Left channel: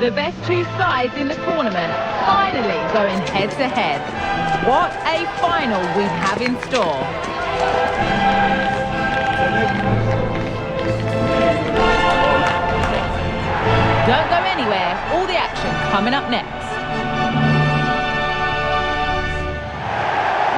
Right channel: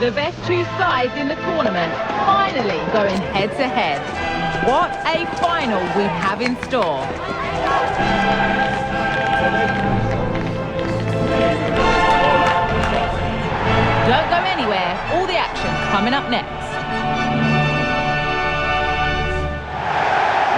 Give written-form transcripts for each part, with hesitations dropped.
The best two sides in the tournament finally going head-to-head. What a final we have in store. Don't go anywhere, all the action coming up next.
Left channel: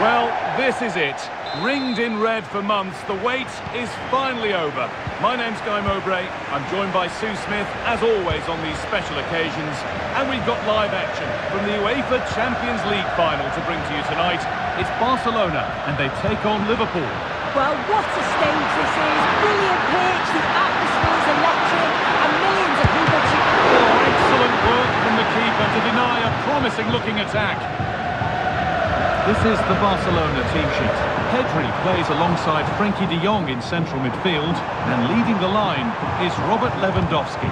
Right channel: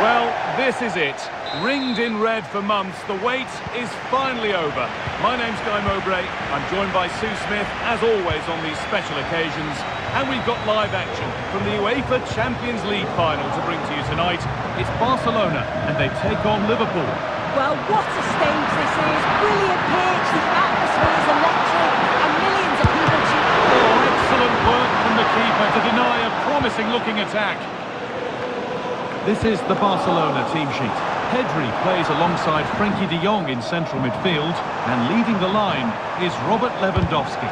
Well, this is it. Ringed in red for months, the wait is finally over. My name's Guy Mowbray. I'm joined by Sue Smith, as always on these special occasions. And we've got live action from the UEFA Champions League final to bring to you tonight. It's Barcelona, and they take on Liverpool. Well, what a stage this is. Brilliant pitch, the atmosphere is electric, and millions of people cheering. Oh, excellent work from the keeper to deny a promising-looking attack. This is the Barcelona team sheet. Pedri plays alongside Frenkie de Jong in central midfield, and leading the line is Robert Lewandowski.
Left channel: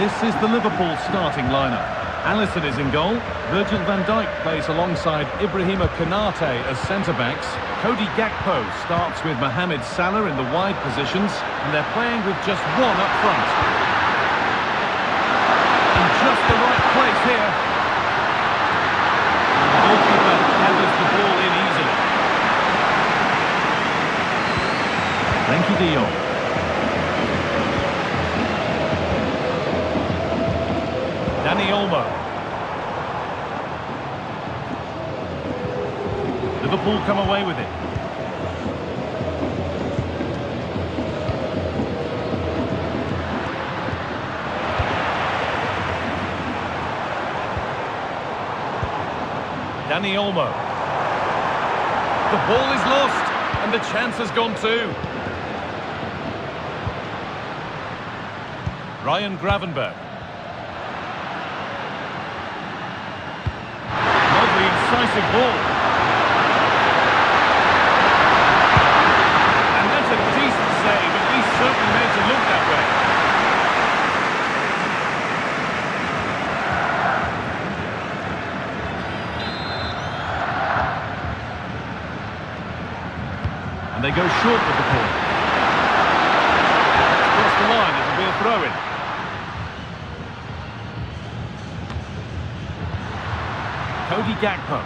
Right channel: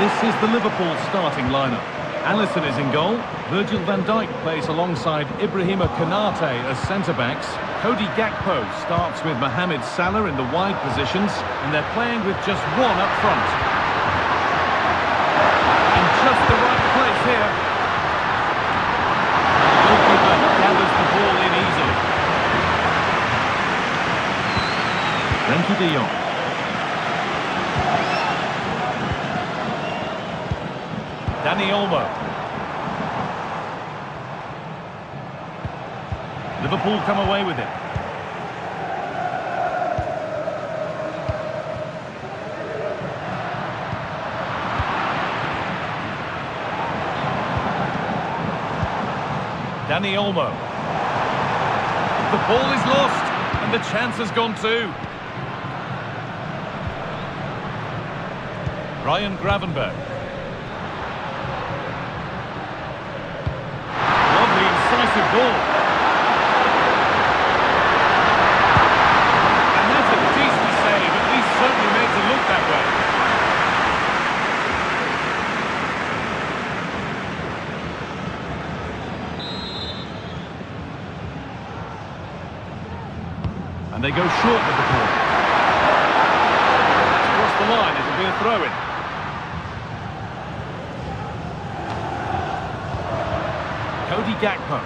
This is the Liverpool starting lineup. Alisson is in goal. Virgil van Dijk plays alongside Ibrahima Konate as centre-backs. Cody Gakpo starts with Mohamed Salah in the wide positions, and they're playing with just one up front. In just the right place here. And the goalkeeper gathers the ball in easily. Frenkie de Jong. Dani Olmo. Liverpool come away with it. Dani Olmo. The ball is lost, and the chance has gone too. Ryan Gravenberch. Lovely, incisive ball. And that's a decent save, at least certainly made to look that way. And they go short with the ball. the line, it'll be a throw-in. Cody Gakpo.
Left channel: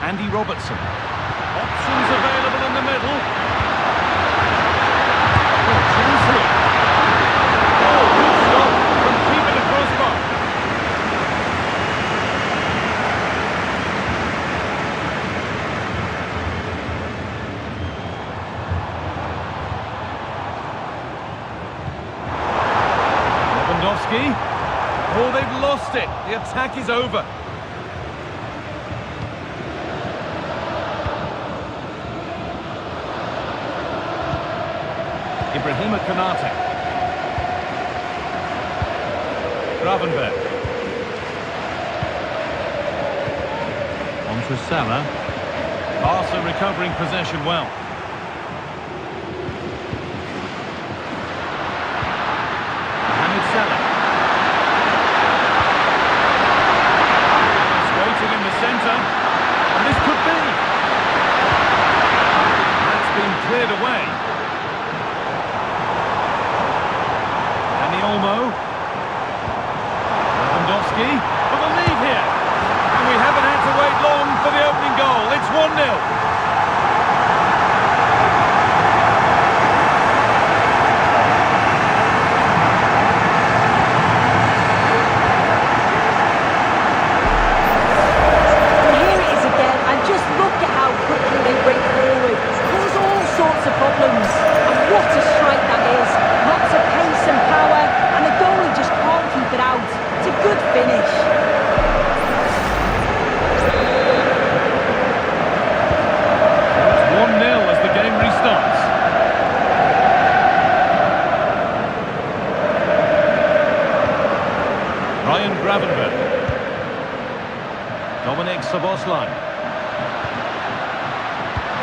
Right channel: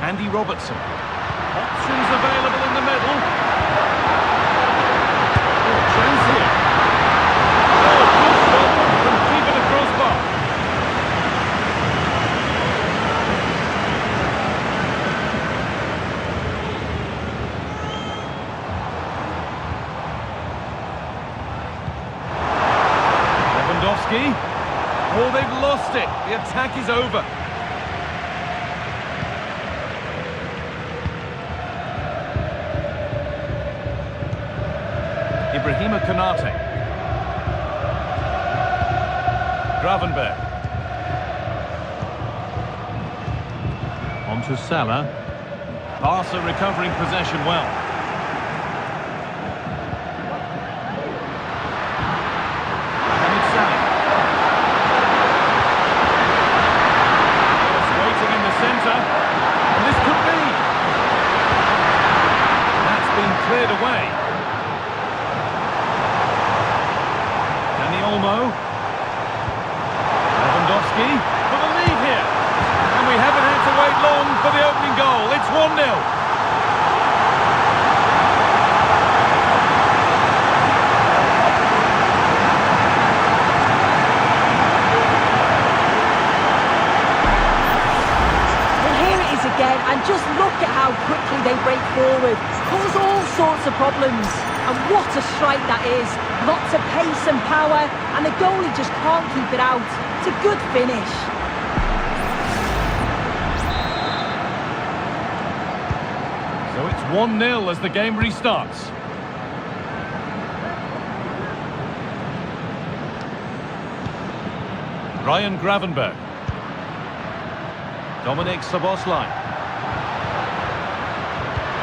Andy Robertson. Options available in the middle. Oh, chance here. Oh, good stop from keeper to crossbar. Lewandowski. Oh, they've lost it. The attack is over. Ibrahima Konate. Gravenberg. On to Salah. Barca recovering possession well. Mohamed Salah. Yes, waiting in the centre. And this could be. And that's been cleared away. Dani Olmo. Lewandowski for the lead here. And we haven't had to wait long for the opening goal. It's 1-0. And just look at how quickly they break forward, cause all sorts of problems. And what a strike that is. Lots of pace and power, and the goalie just can't keep it out. It's a good finish. So it's 1-0 as the game restarts. Ryan Gravenberg. Dominic Szoboszlai.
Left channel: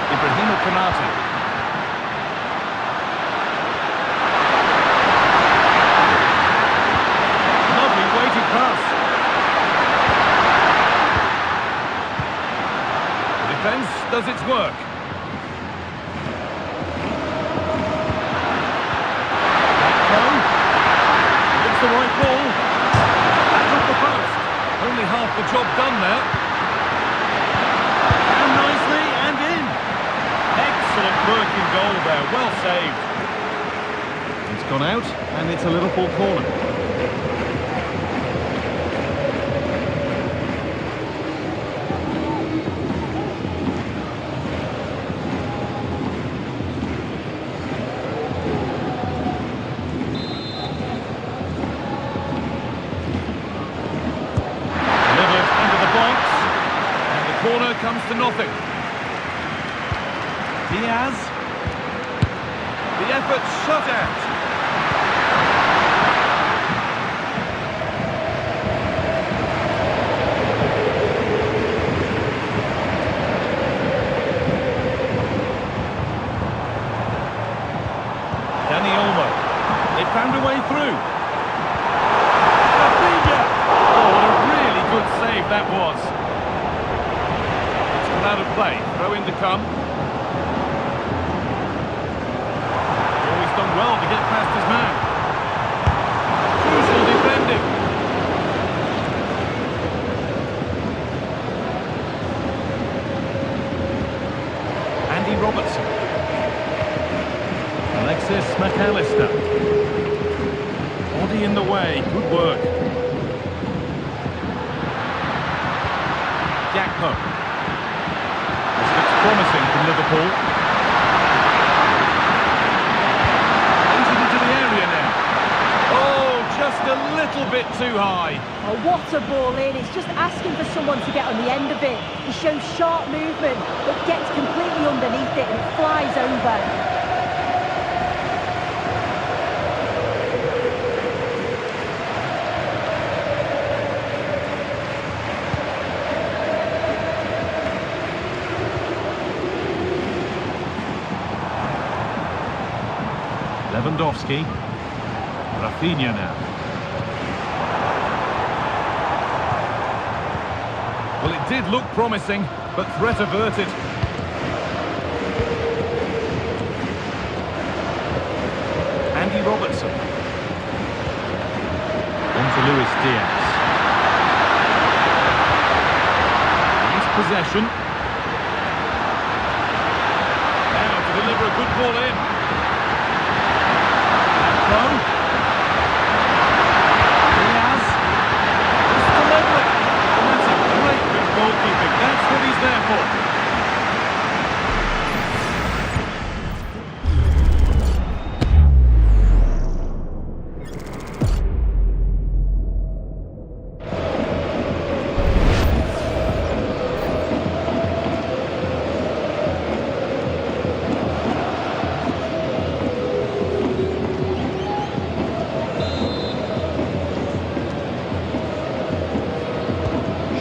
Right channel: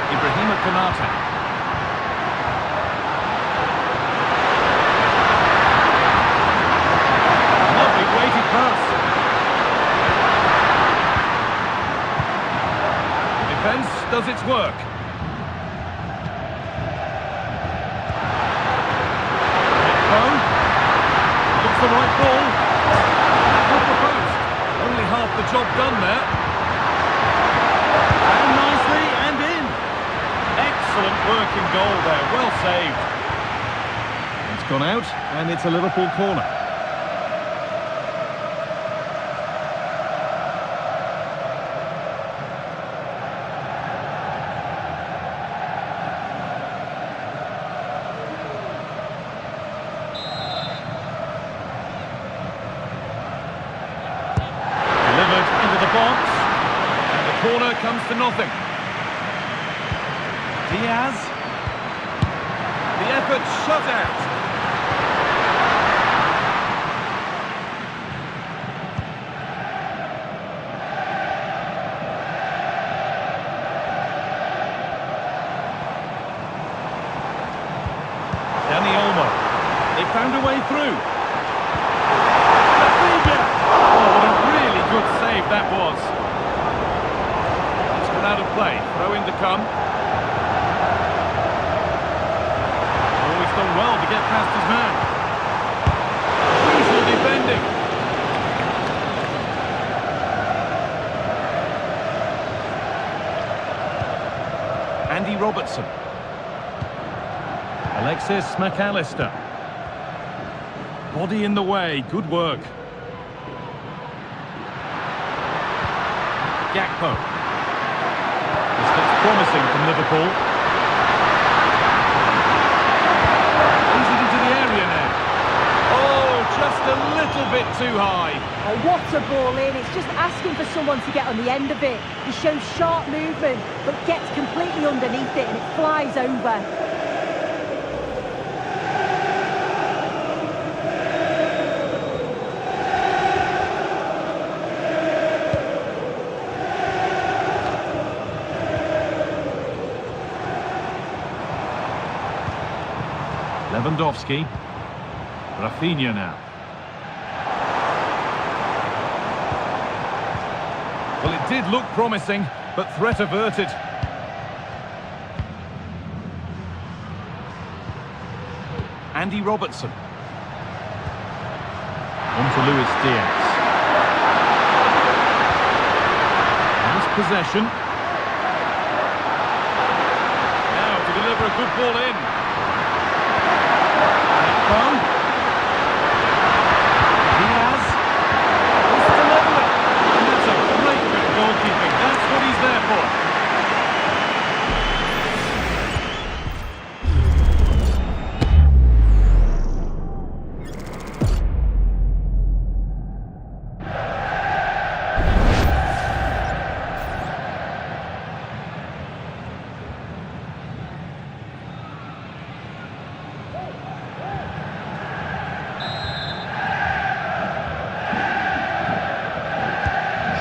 Ibrahima Konate. Lovely weighted pass. The defence does its work. Gakpo. Looks the right ball. Back up the post. Only half the job done there. Found nicely and in. Excellent work in goal there, well saved. It's gone out and it's a Liverpool corner. Delivered into the box and the corner comes to nothing. Diaz. The effort shut out. Dani Olmo. They found a way through. Rafinha. Oh, what a really good save that was. It's gone out of play. Throw in to come. Done well to get past his man. Crucial defending. Andy Robertson. Alexis McAllister. Body in the way. Good work. Gakpo. This looks promising from Liverpool. Into the area now. Oh, just a little bit too high. Oh, what a ball in. It's just asking for someone to get on the end of it. He shows sharp movement, but gets completely underneath it and it flies over. Lewandowski. Rafinha now. Well, it did look promising, but threat averted. Andy Robertson. On to Luis Diaz. Nice possession. Now to deliver a good ball in. Akpo. Diaz. Just to level it. And that's a great bit of goalkeeping. That's what he's there for.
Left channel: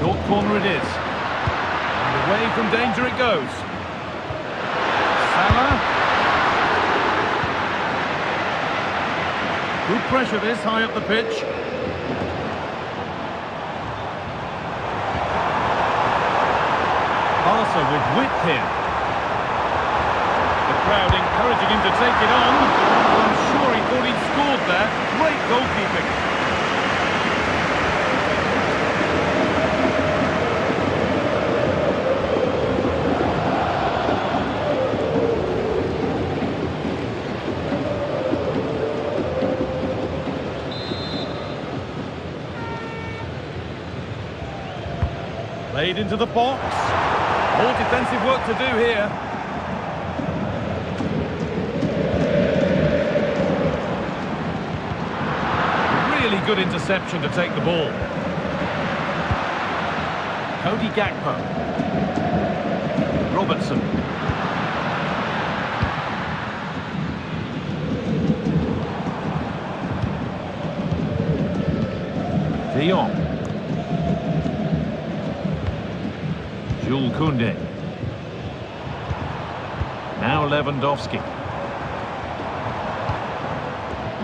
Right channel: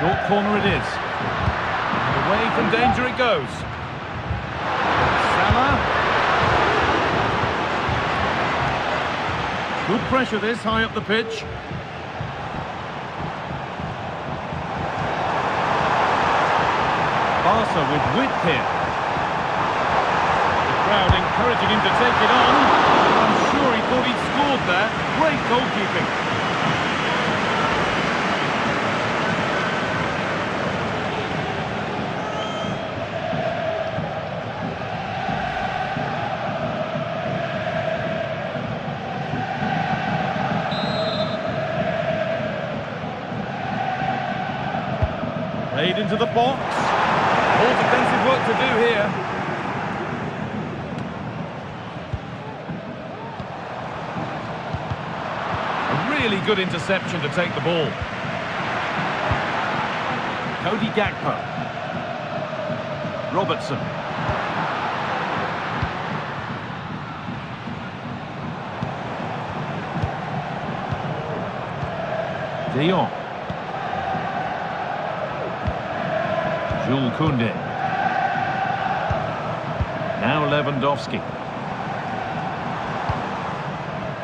Short corner it is. And away from danger it goes. Salah. Good pressure this, high up the pitch. Barca with width here. The crowd encouraging him to take it on. Well, I'm sure he thought he'd scored there. Great goalkeeping. Played into the box. More defensive work to do here. A really good interception to take the ball. Cody Gakpo. Robertson. De Jong. Jules Koundé. Now Lewandowski.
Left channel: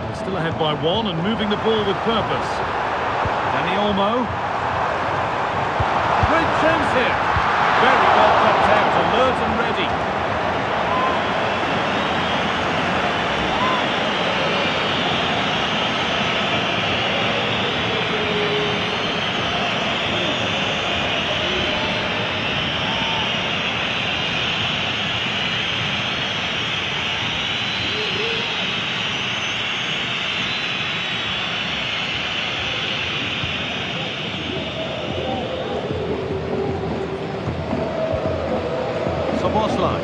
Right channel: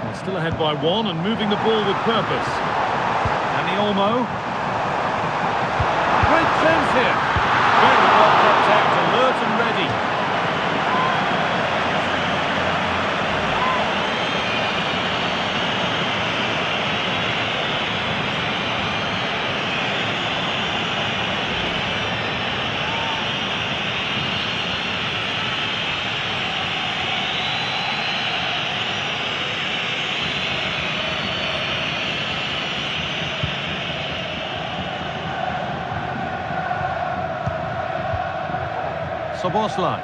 Well, still ahead by one and moving the ball with purpose. Dani Olmo. Great chance here. Very well kept out, alert and ready. Soboslai.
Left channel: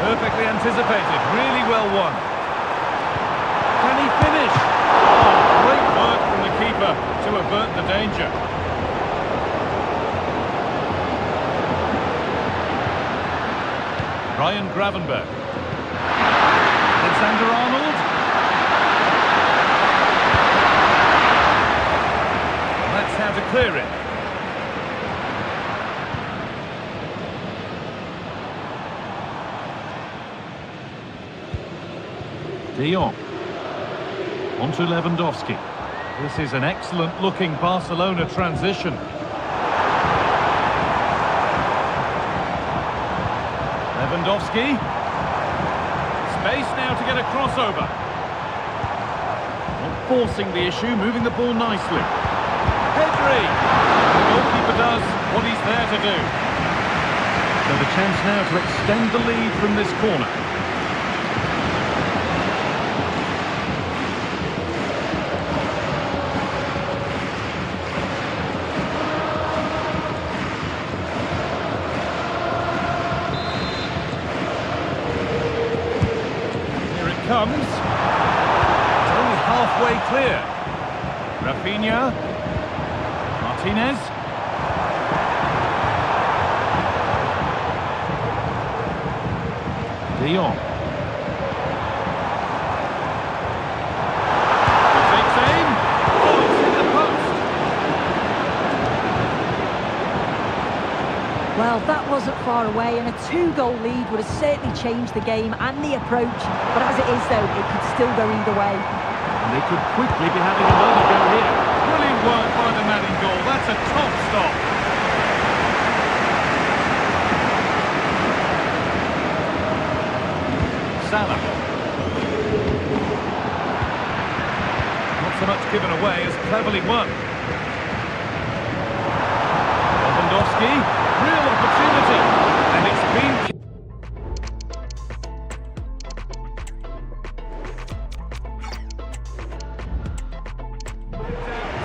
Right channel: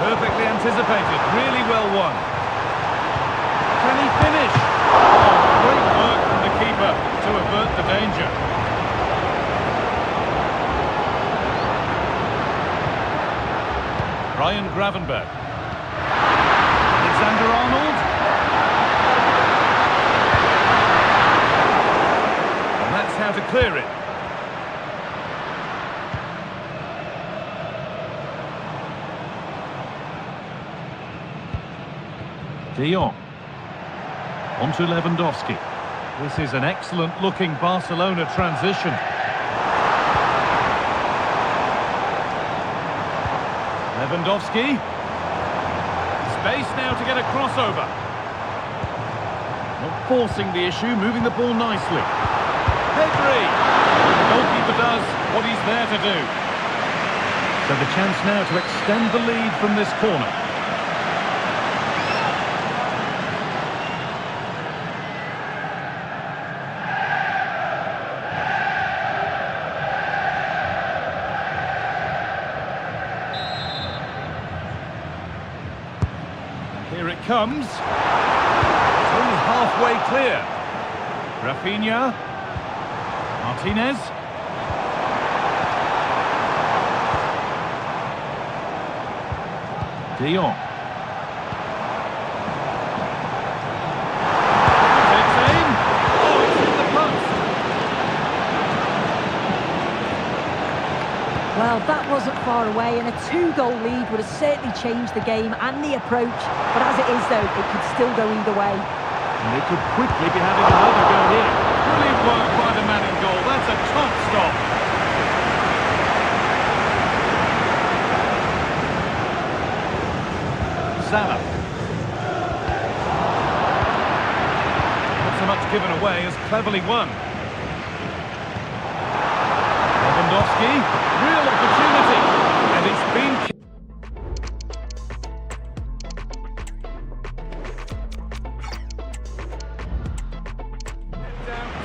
Perfectly anticipated, really well won. Can he finish? Oh, great work from the keeper to avert the danger. Ryan Gravenberch. Alexander-Arnold. Well, that's how to clear it. De Jong. On to Lewandowski. This is an excellent-looking Barcelona transition. Lewandowski. Space now to get a crossover. Not forcing the issue, moving the ball nicely. Pedri! And the goalkeeper does what he's there to do. So the chance now to extend the lead from this corner. Comes. It's only halfway clear. Rafinha. Martinez. De Jong. He takes aim. Oh, it's hit the post. Well, that wasn't far away, and a 2-goal lead would have certainly changed the game and the approach. But as it is, though, it could still go either way. And they could quickly be having another go here. Brilliant work by the man in goal. That's a top stop. Salah. so much given away as cleverly won. Lewandowski, real opportunity, and it's been...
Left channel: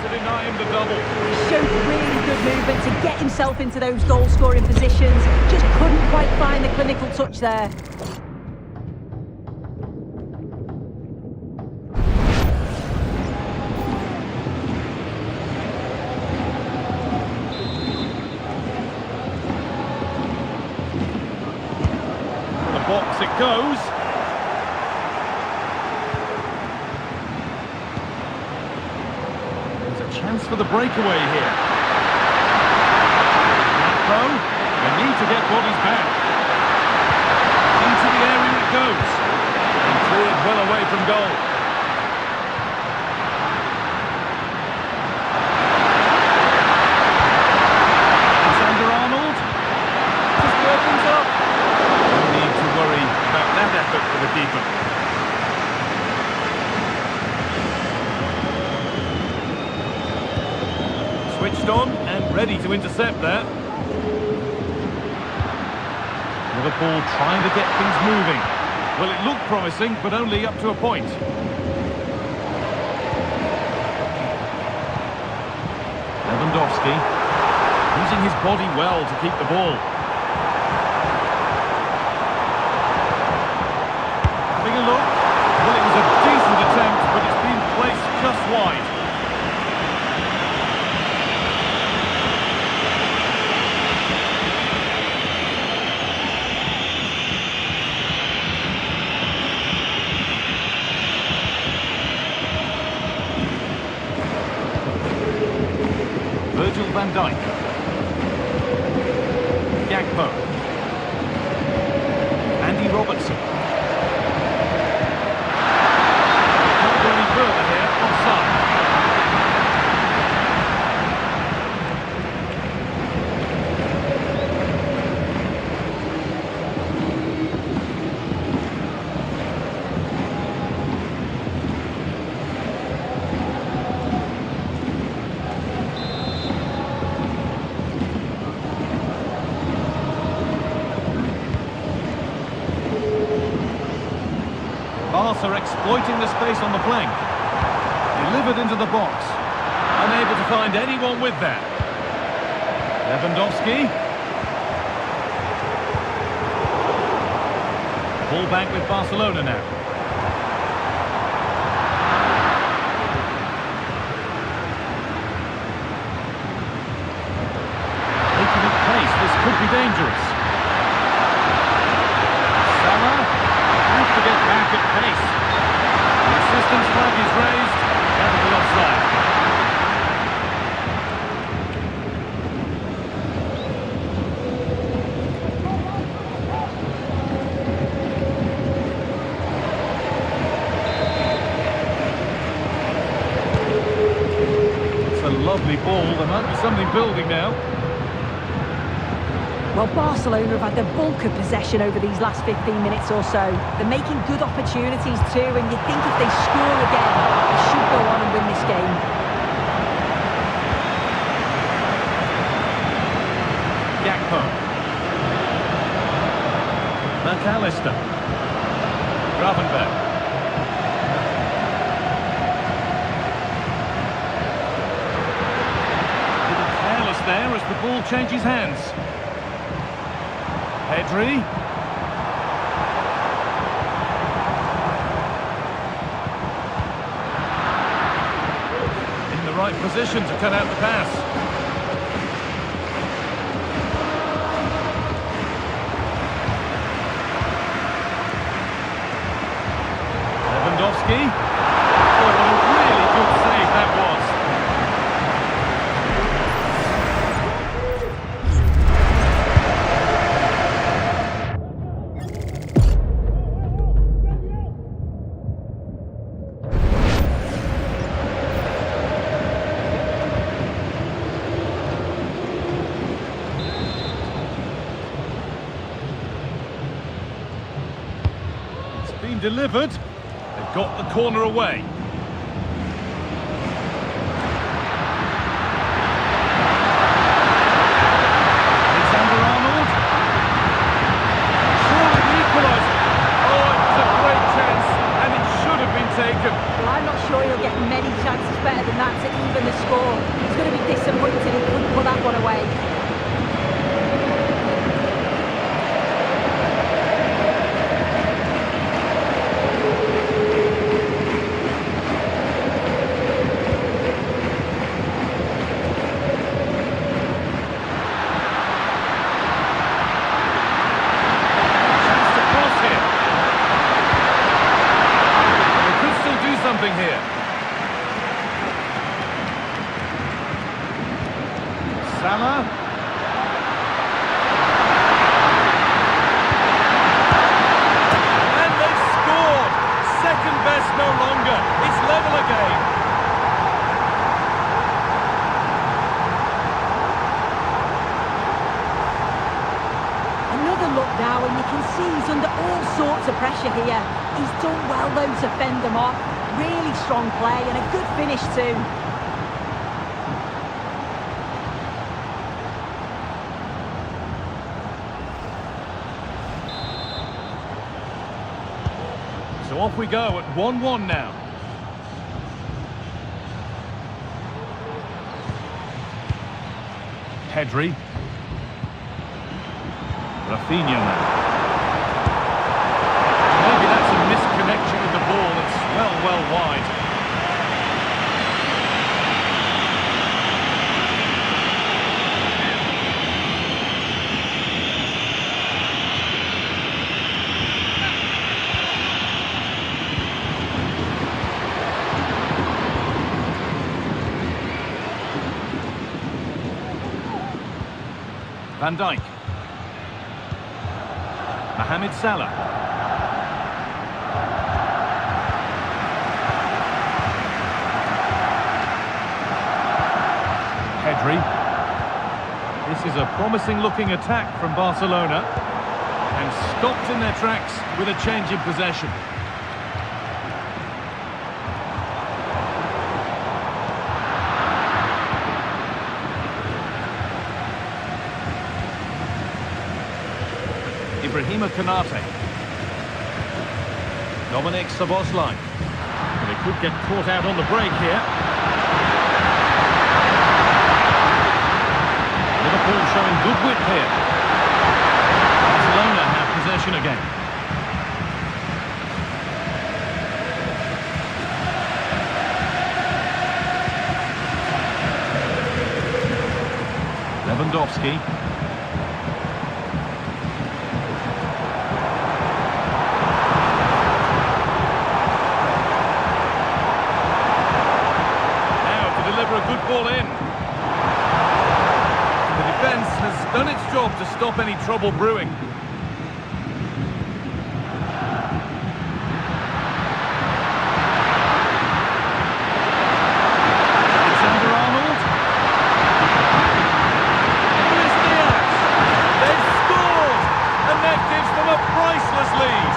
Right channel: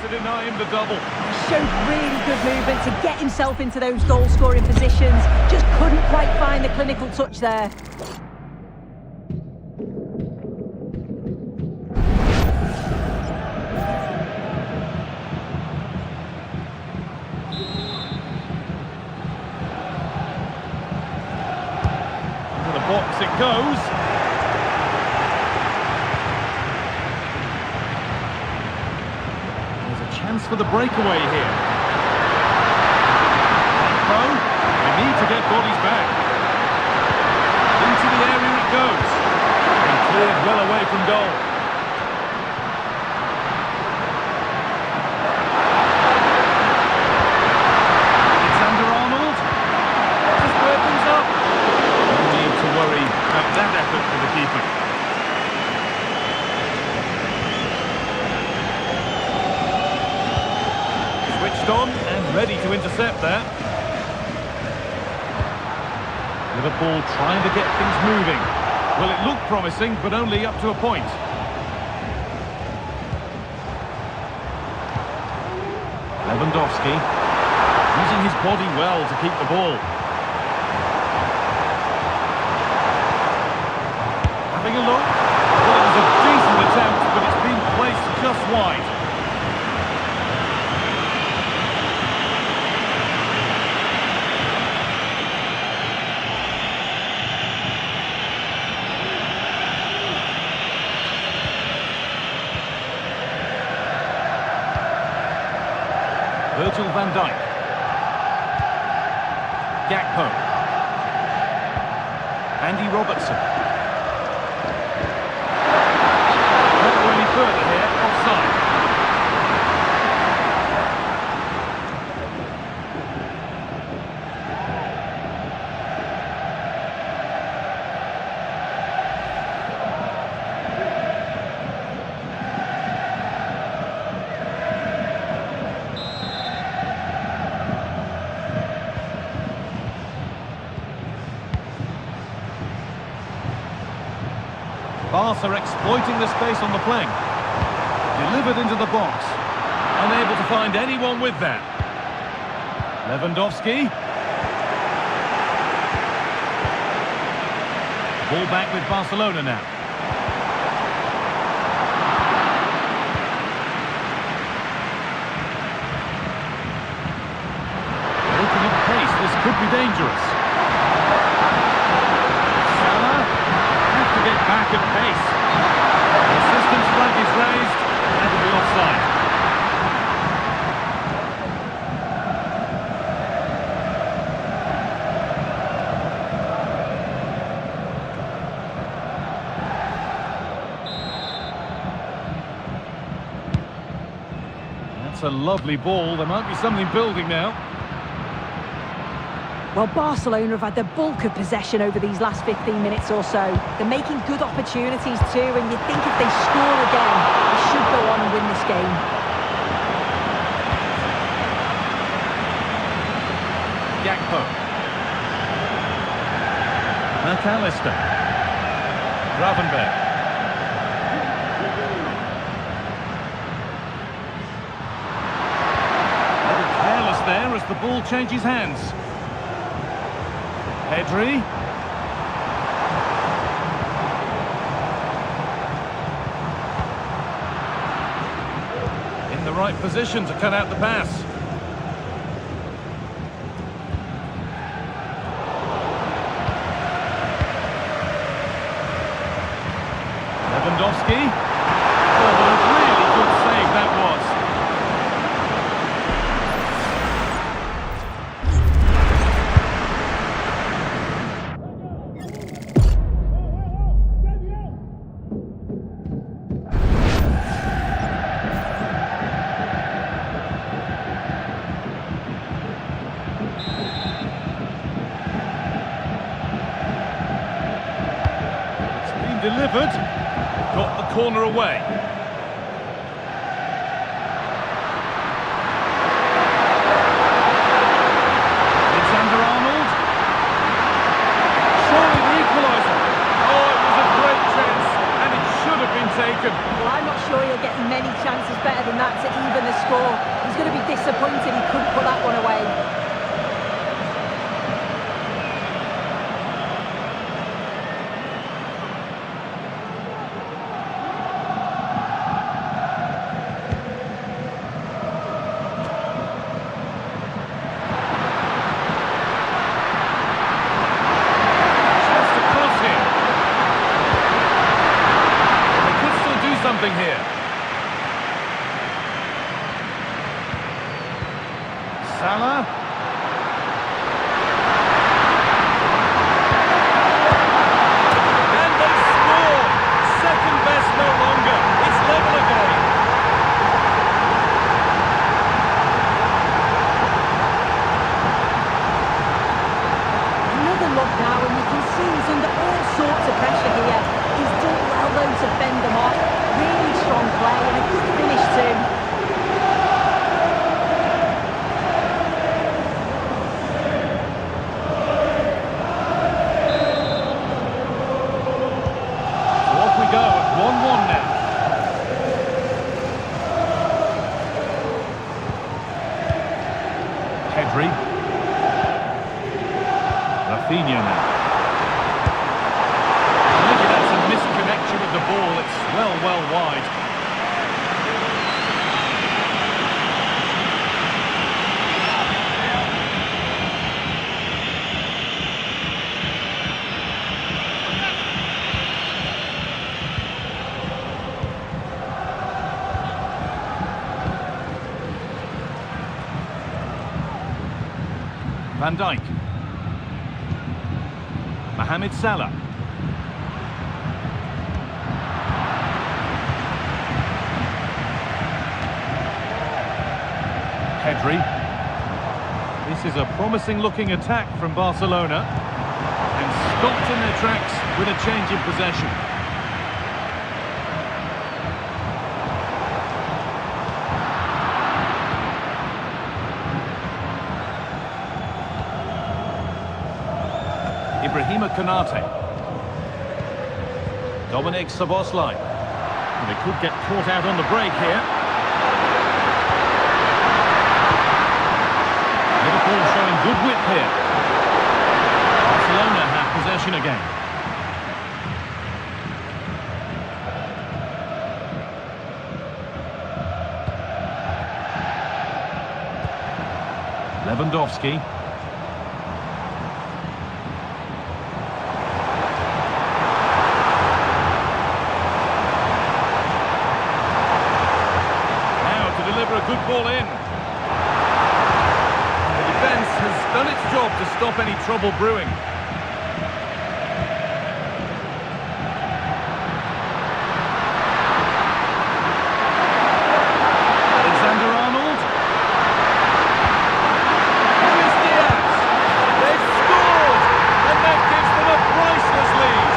to deny him the double. He showed really good movement to get himself into those goal-scoring positions. Just couldn't quite find the clinical touch there. To the box it goes. Chance for the breakaway here. Gakpo, they need to get bodies back. Into the area it goes. And cleared well away from goal. Alexander-Arnold. To square things up. No need to worry about that effort for the keeper. Switched on and ready to intercept that. Liverpool trying to get things moving. Well, it looked promising, but only up to a point. Lewandowski using his body well to keep the ball. Having a look. Well, it was a decent attempt, but it's been placed just wide. Virgil van Dijk. Gakpo. Andy Robertson. They can't go any further here, offside. Barca exploiting the space on the flank. Delivered into the box. Unable to find anyone with that. Lewandowski. Ball back with Barcelona now. Breaking at pace, this could be dangerous. Salah. Have to get back at pace. The assistance flag is raised. That'll be offside. That's a lovely ball. There might be something building now. Well, Barcelona have had the bulk of possession over these last 15 minutes or so. They're making good opportunities too, and you think if they score again, they should go on and win this game. Gakpo. McAllister. Gravenberg. A little careless there as the ball changes hands. Pedri. In the right position to cut out the pass. Lewandowski. Oh, what a really good save that was. Delivered. They've got the corner away. Well, I'm not sure he'll get many chances better than that to even the score. He's going to be disappointed he couldn't put that one away. Something here. Salah. And they've scored. Second best no longer. It's level again. Another look now, and you can see he's under all sorts of pressure here. He's done well though to fend them off. Really strong play and a good finish too. So off we go at 1-1 now. Pedri. Rafinha now. Maybe that's a misconnection with the ball. It's well wide. Van Dijk. Mohamed Salah. Pedri. This is a promising-looking attack from Barcelona, and stopped in their tracks with a change in possession. Ibrahima Konate. Dominic Szoboszlai. They could get caught out on the break here. Liverpool showing good width here. Barcelona have possession again. Lewandowski. Now to deliver a good ball in. The defence has done its job to stop any trouble brewing. Alexander-Arnold. Luis Diaz. They've scored, and that gives them a priceless lead.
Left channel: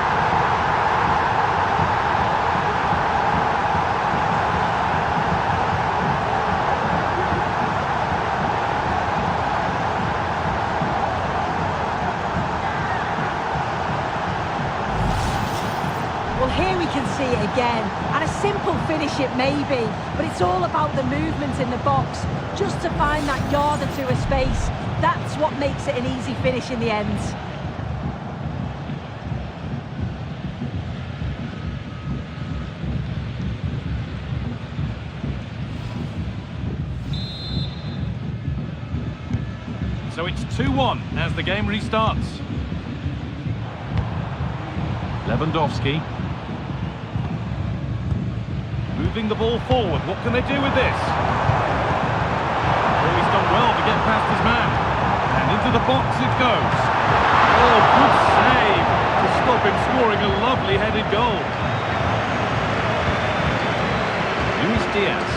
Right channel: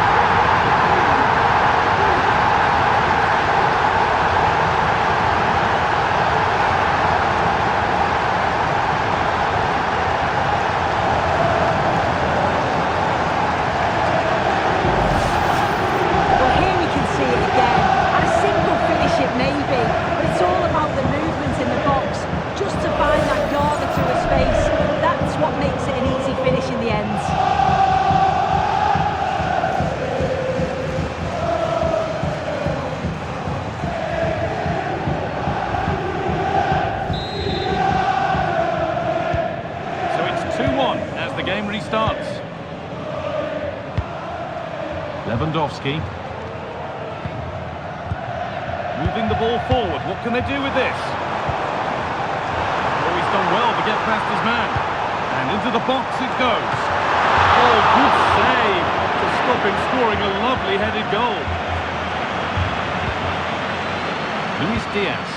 See it again, and a simple finish it may be, but it's all about the movement in the box, just to find that yard or two of space. That's what makes it an easy finish in the end. So it's 2-1 as the game restarts. Lewandowski. Moving the ball forward. What can they do with this? Oh, he's done well to get past his man. And into the box it goes. Oh, good save to stop him scoring a lovely headed goal. Luis Diaz.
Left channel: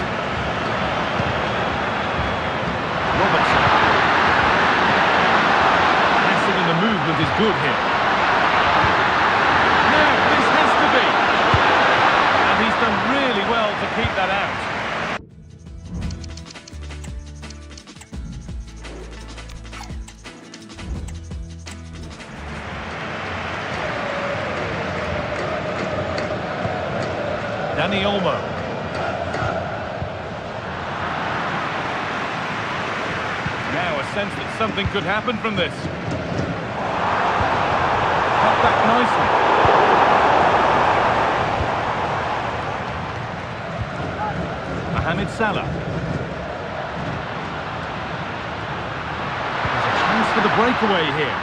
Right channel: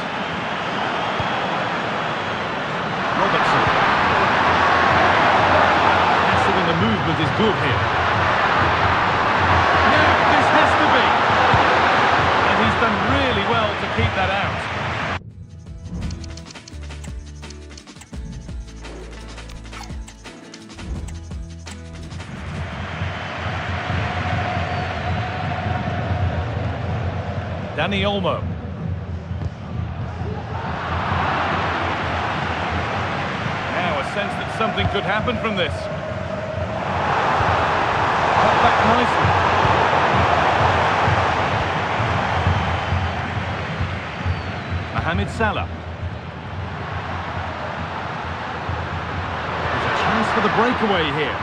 Robertson. Passing and the movement is good here. Now, this has to be. And he's done really well to keep that out. Danny Olmo. Now a sense that something could happen from this. Cut back nicely. Mohamed Salah. There's a chance for the breakaway here.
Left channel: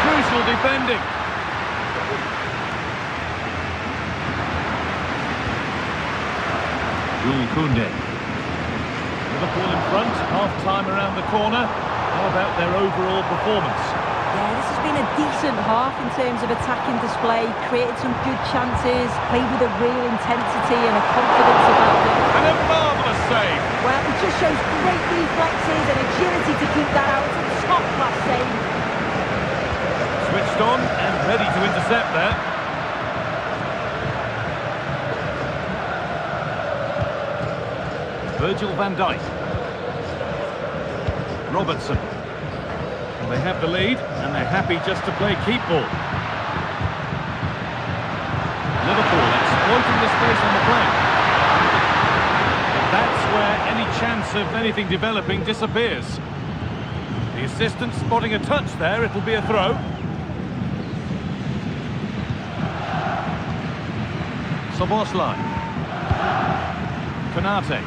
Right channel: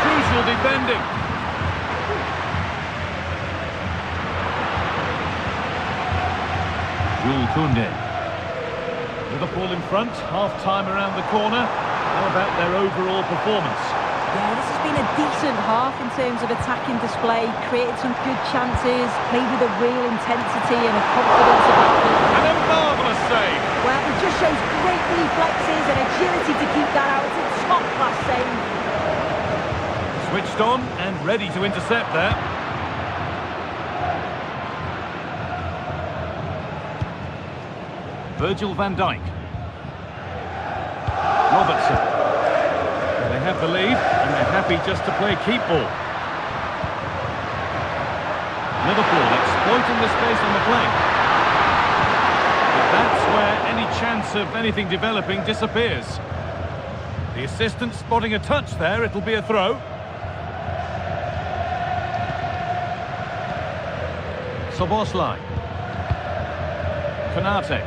Crucial defending. Jules Koundé. Liverpool in front, half-time around the corner. How about their overall performance? Yeah, this has been a decent half in terms of attacking display, created some good chances, played with a real intensity and a confidence about them. And a marvellous save. Well, it just shows great reflexes and agility to keep that out. It's a top-class save. Switched on and ready to intercept there. Virgil van Dijk. Robertson. Well, they have the lead, and they're happy just to play keep ball. Liverpool exploiting the space on the flank. But that's where any chance of anything developing disappears. The assistant spotting a touch there, it'll be a throw. Szoboszlai. Konate.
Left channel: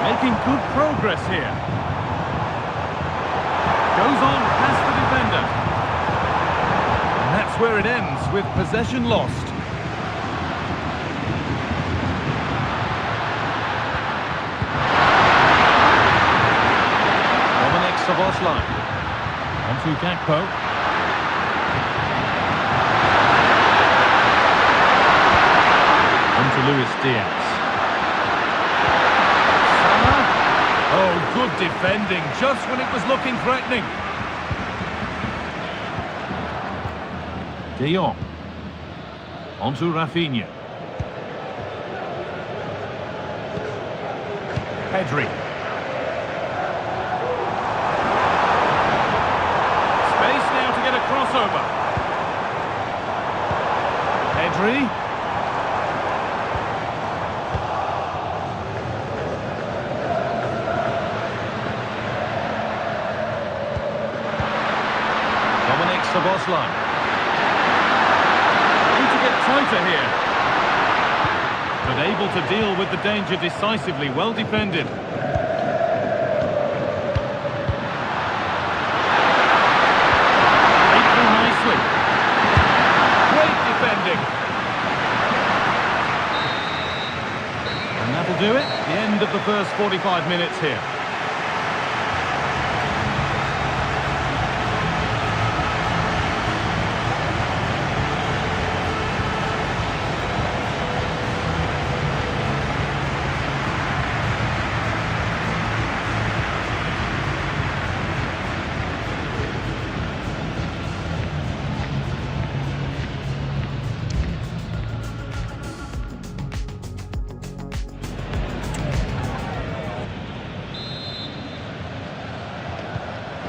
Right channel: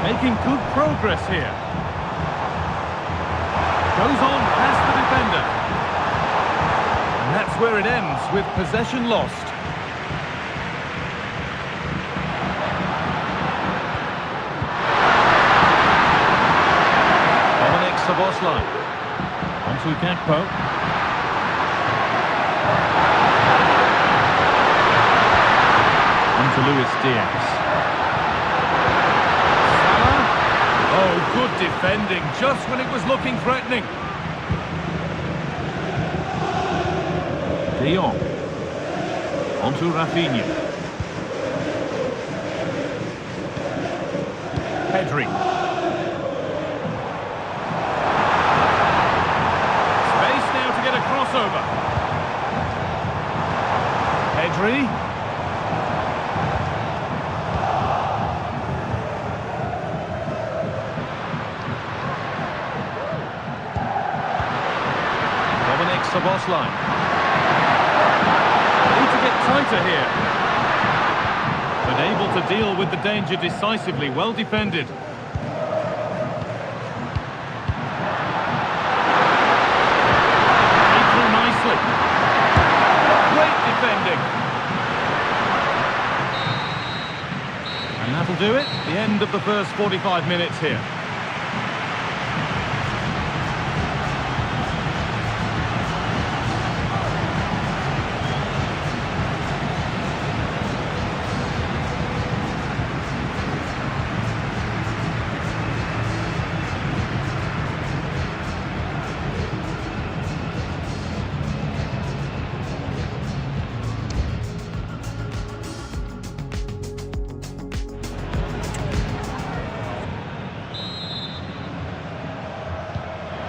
Making good progress here. Goes on past the defender. And that's where it ends, with possession lost. Szoboszlai. Onto Gakpo. Onto Luis Diaz. Salah. Oh, good defending, just when it was looking threatening. De Jong. Onto Rafinha. Pedri. To get a crossover. Pedri. Szoboszlai. Need to get tighter here. But able to deal with the danger decisively. Well defended. Nicely. Great defending. And that'll do it. The end of the first 45 minutes here.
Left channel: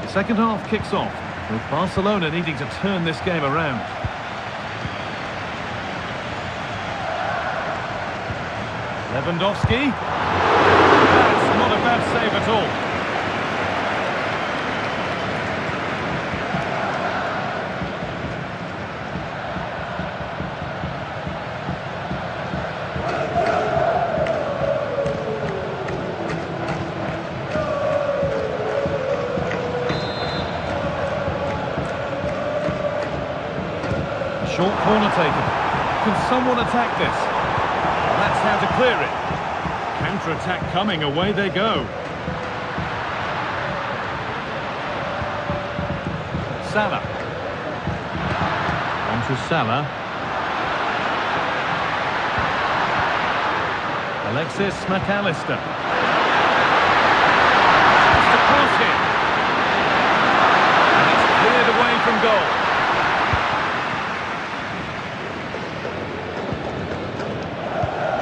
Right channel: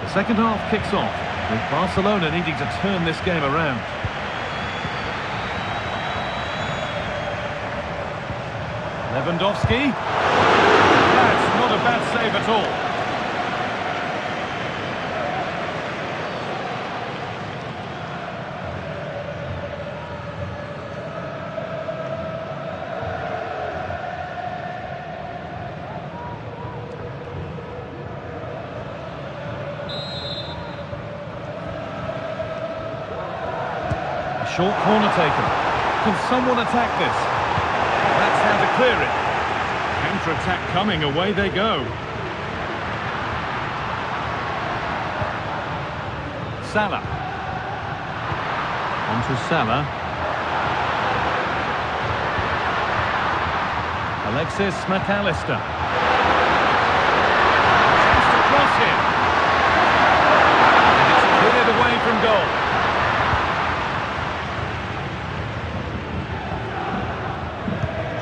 The second half kicks off, with Barcelona needing to turn this game around. Lewandowski. That's not a bad save at all. Short corner taken. Can someone attack this? Well, that's how to clear it. Counter-attack coming, away they go. Salah. Onto Salah. Alexis McAllister. Chance to cross here. And it's cleared away from goal.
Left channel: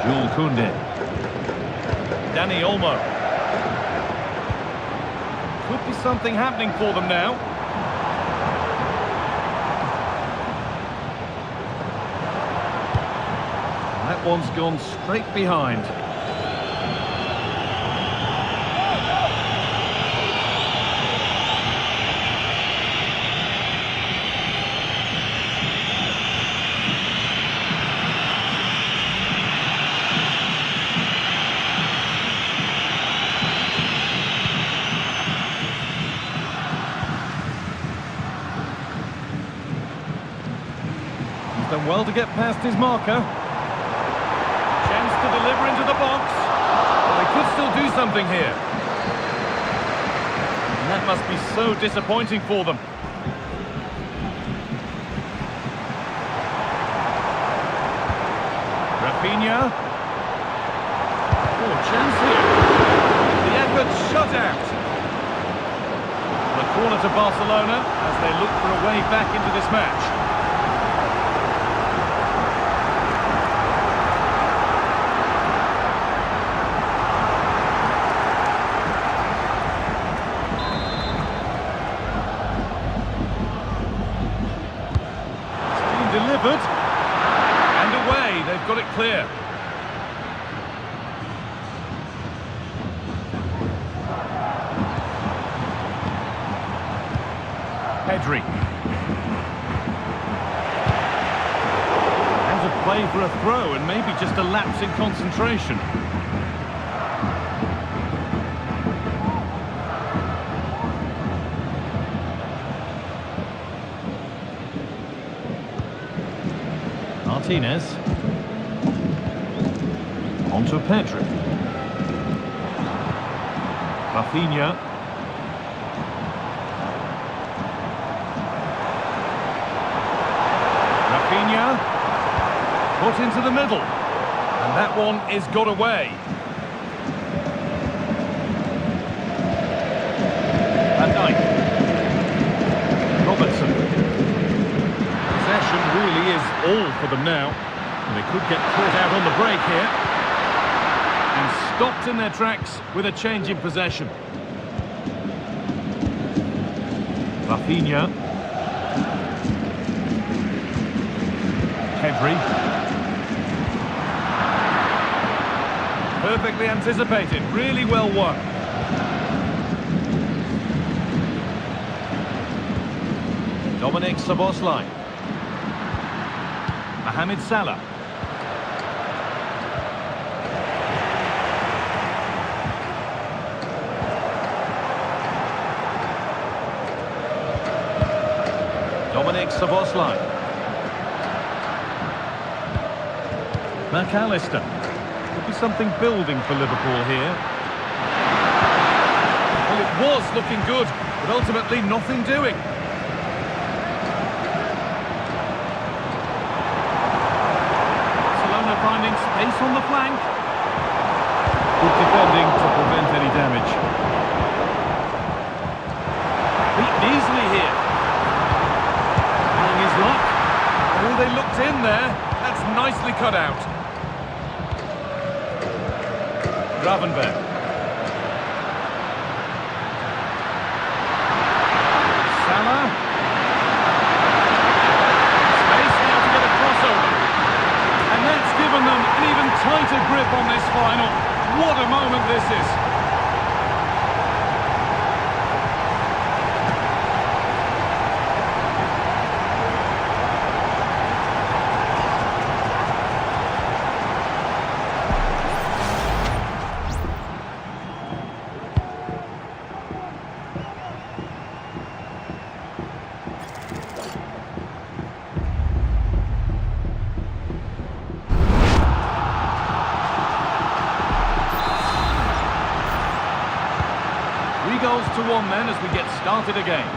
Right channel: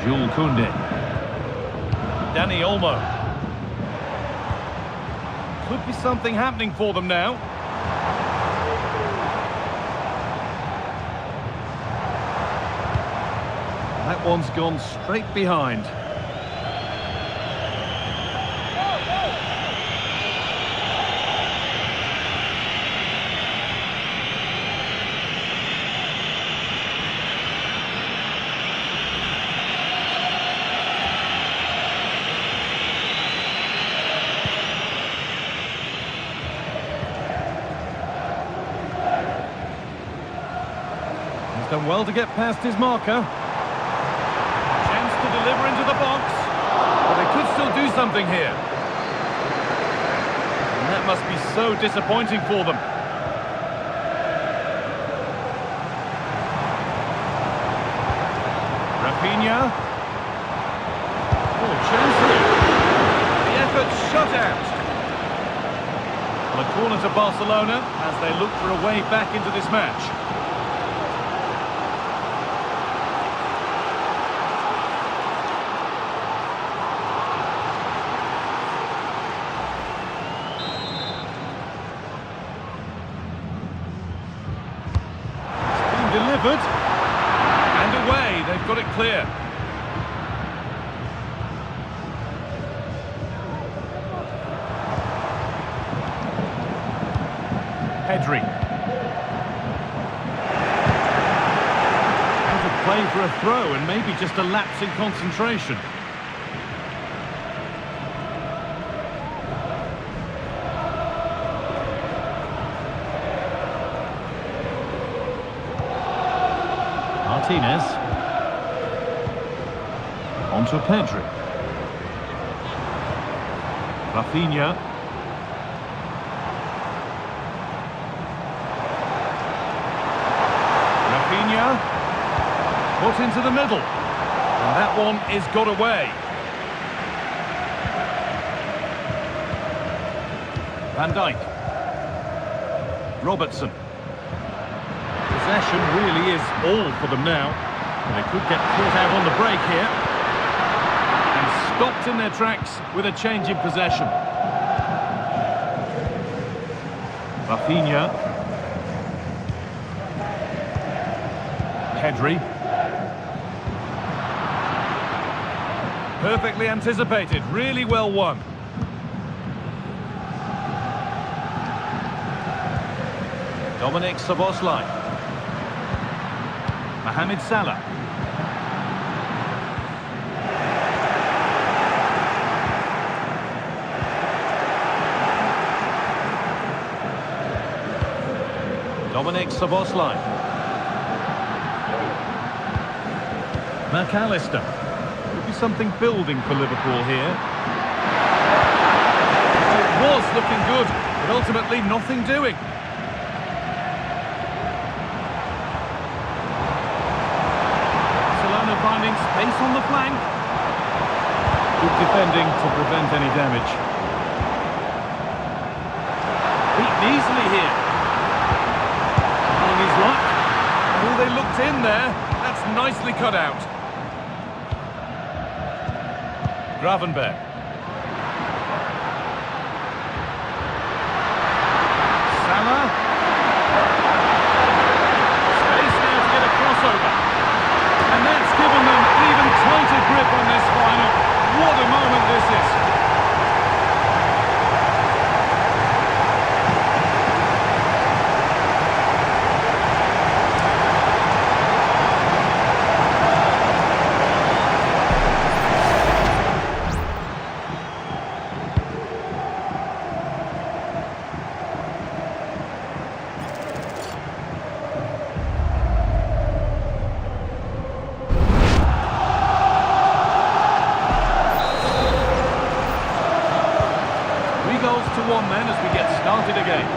Jules Koundé. Danny Olmo. Could be something happening for them now. That one's gone straight behind. He's done well to get past his marker. Chance to deliver into the box. Well, they could still do something here. And that must be so disappointing for them. Rafinha. Oh, chance here. The effort shut out. Well, a corner to Barcelona as they look for a way back into this match. Delivered, and away, they've got it clear. Pedri. Out of play for a throw, and maybe just a lapse in concentration. Martinez. On to Pedri. Rafinha. Rafinha. Put into the middle. And that one is got away. Van Dijk. Robertson. Possession really is all for them now. And they could get caught out on the break here. And stopped in their tracks with a change in possession. Rafinha. Pedri. Perfectly anticipated, really well won. Dominic Szoboszlai. Mohamed Salah. Dominic Szoboszlai. McAllister. Could be something building for Liverpool here. Well, it was looking good, but ultimately nothing doing. Barcelona finding space on the flank. Good defending to prevent any damage. Beaten easily here. Trying his luck. Oh, they looked in there. That's nicely cut out. Gravenberg. Salah. Space now to get a crossover. And that's given them an even tighter grip on this final. What a moment this is. Goals to one then as we get started again.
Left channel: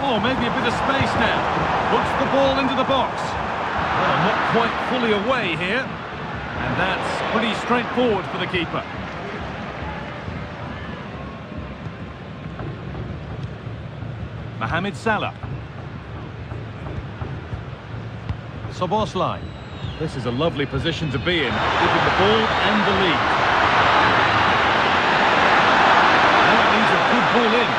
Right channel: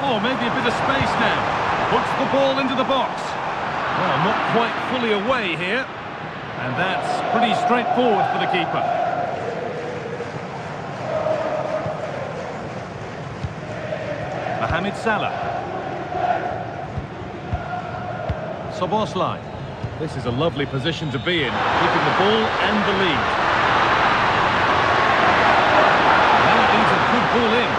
Oh, maybe a bit of space now. Puts the ball into the box. Well, not quite fully away here. And that's pretty straightforward for the keeper. Mohamed Salah. Szoboszlai. This is a lovely position to be in, keeping the ball and the lead. Now it needs a good ball in.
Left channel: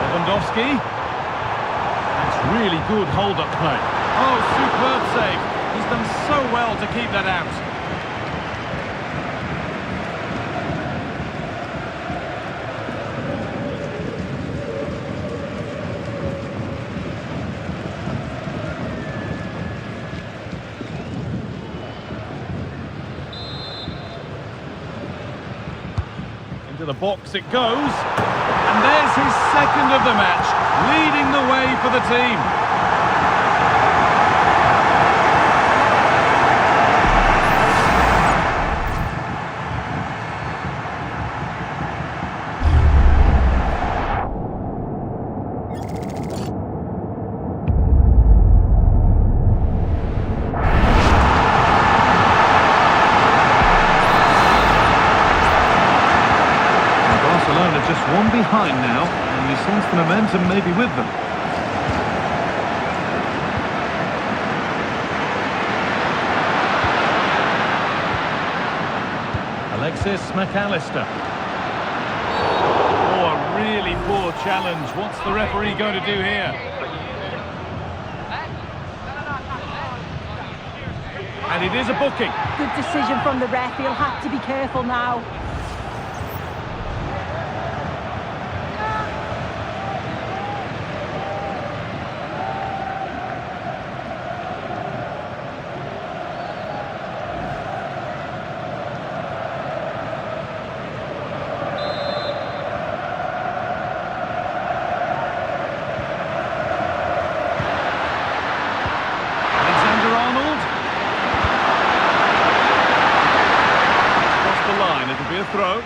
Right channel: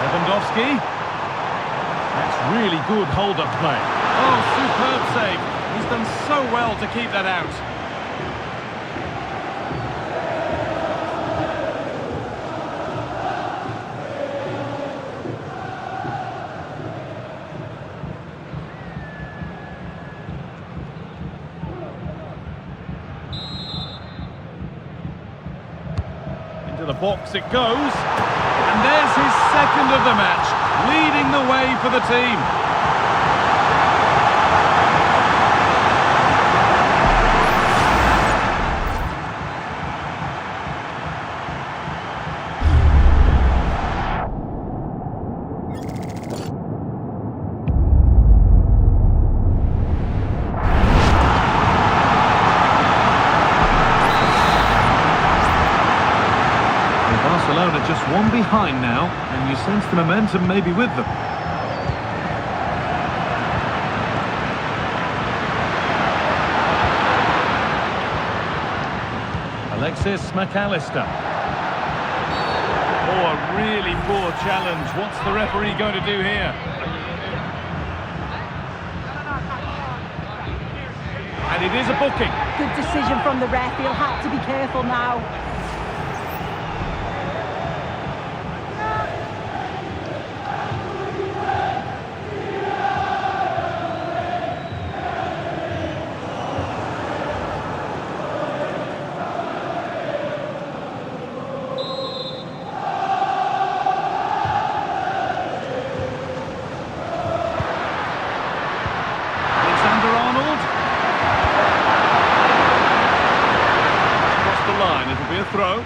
Lewandowski. That's really good hold-up play. Oh, superb save. He's done so well to keep that out. Into the box it goes. And there's his second of the match, leading the way for the team. Barcelona just one behind now, and you sense the momentum may be with them. Alexis McAllister. Oh, a really poor challenge. What's the referee going to do here? And it is a booking. Good decision from the ref. He'll have to be careful now. The line, it'll be a throw.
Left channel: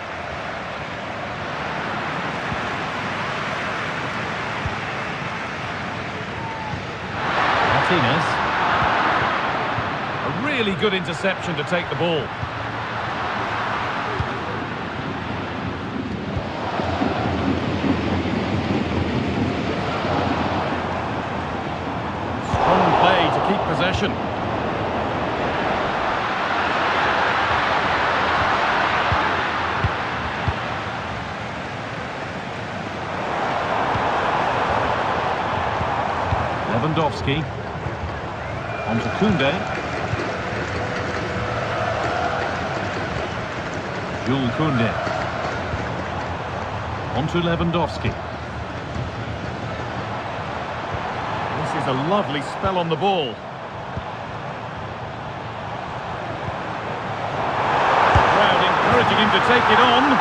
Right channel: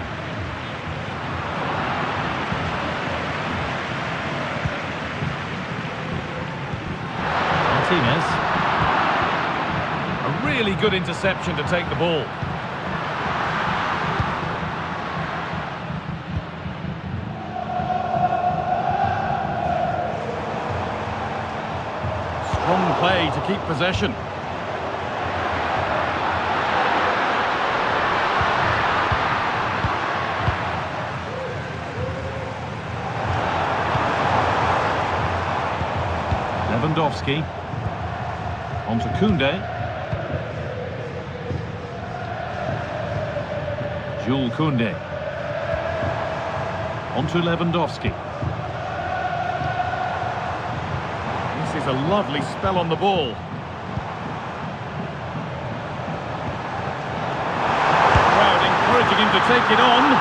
Martinez. A really good interception to take the ball. Strong play to keep possession. Lewandowski. On to Koundé. Jules Koundé. On to Lewandowski. This is a lovely spell on the ball. The crowd encouraging him to take it on.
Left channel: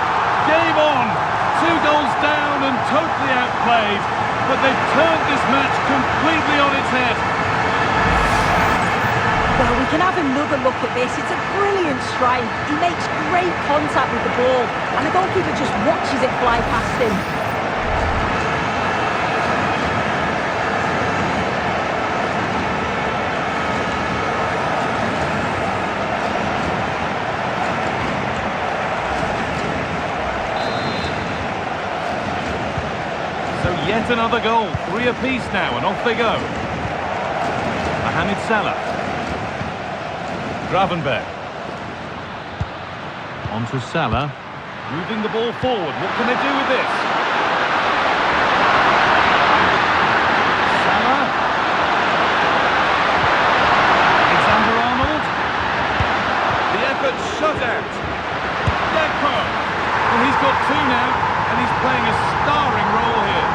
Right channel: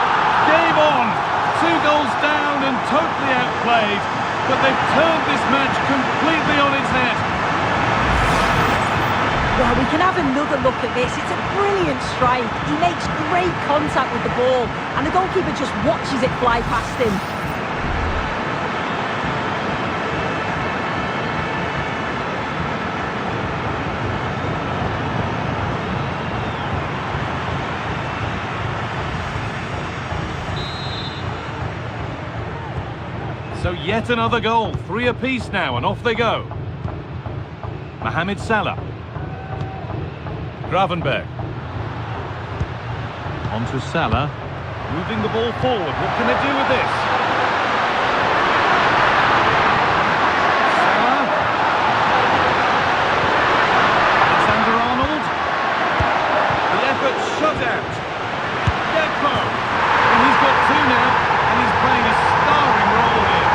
Game on! 2 goals down and totally outplayed. But they've turned this match completely on its head. Well, we can have another look at this. It's a brilliant strike. He makes great contact with the ball, and the goalkeeper just watches it fly past him. So yet another goal, 3 apiece now, and off they go. Mohamed Salah. Gravenberg. On to Salah. Moving the ball forward. What can they do with this? Salah. Alexander-Arnold. The effort shut out. Deco. Well, he's got 2 now, and he's playing a starring role here.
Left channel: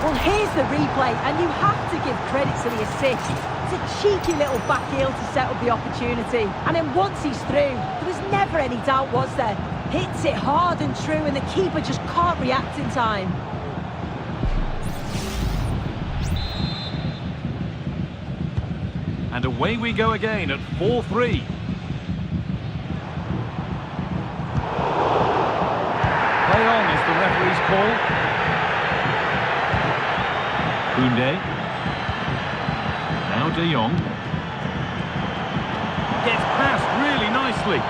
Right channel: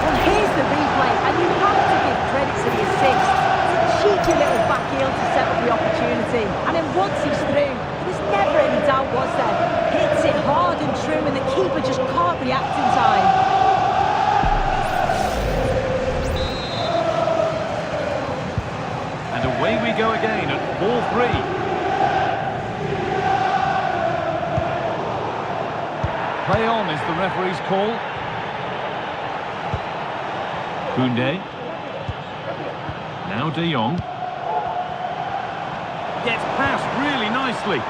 Well, here's the replay, and you have to give credit to the assist. It's a cheeky little back heel to set up the opportunity. And then once he's through, there was never any doubt, was there? Hits it hard and true, and the keeper just can't react in time. And away we go again at 4-3. Play on is the referee's call. Koundé. Now De Jong. Gets past really nicely.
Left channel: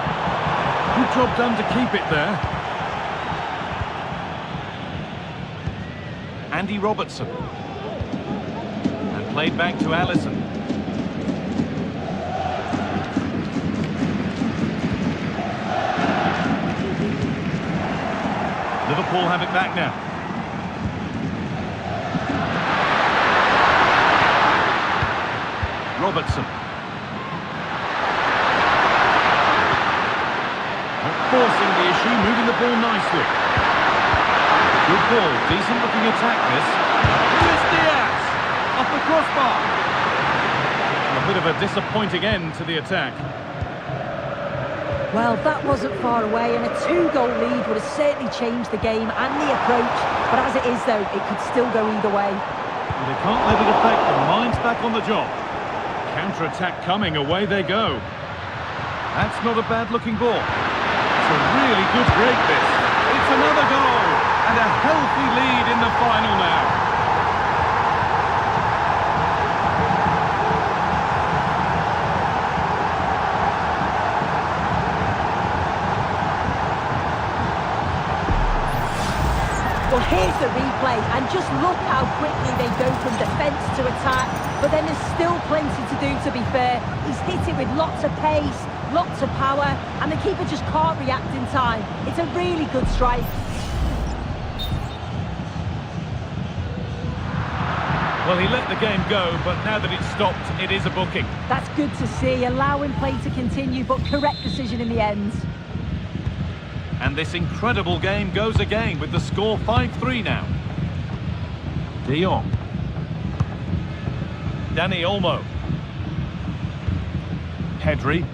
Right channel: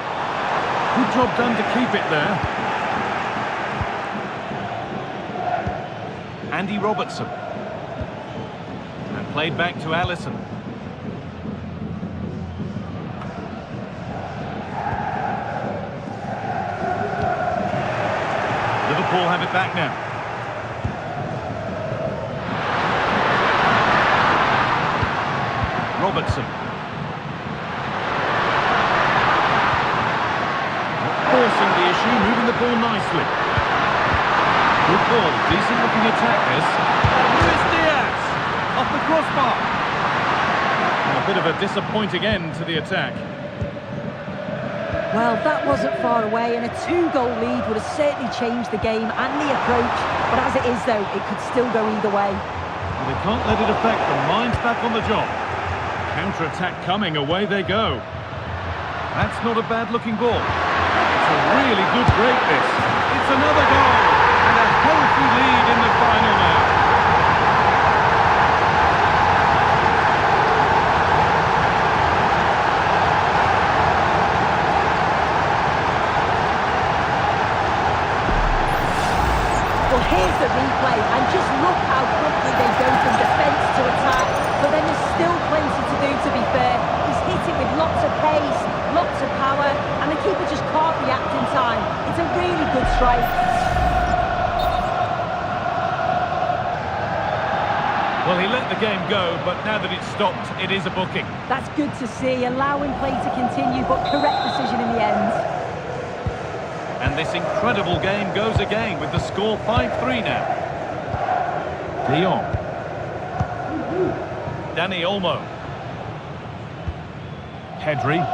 Good job done to keep it there. Andy Robertson. And played back to Alisson. Liverpool have it back now. Robertson. Not forcing the issue, moving the ball nicely. Good ball, decent looking attack this. Luis Diaz, off the crossbar. And a bit of a disappointing end to the attack. Well, that wasn't far away, and a 2-goal lead would have certainly changed the game and the approach. But as it is, though, it could still go either way. Well, they can't let it affect them. Mind's back on the job. Counter-attack coming, away they go. That's not a bad-looking ball. It's a really good break, this. It's another goal, and a healthy lead in the final now. Well, here's the replay, and just look how quickly they go from defence to attack. But then there's still plenty to do, to be fair. He's hit it with lots of pace, lots of power, and the keeper just can't react in time. It's a really good strike. Well, he let the game go, but now that it's stopped, it is a booking. That's good to see, allowing play to continue, but correct decision in the end. And this incredible game goes again with the score 5-3 now. De Jong. Dani Olmo. Pedri.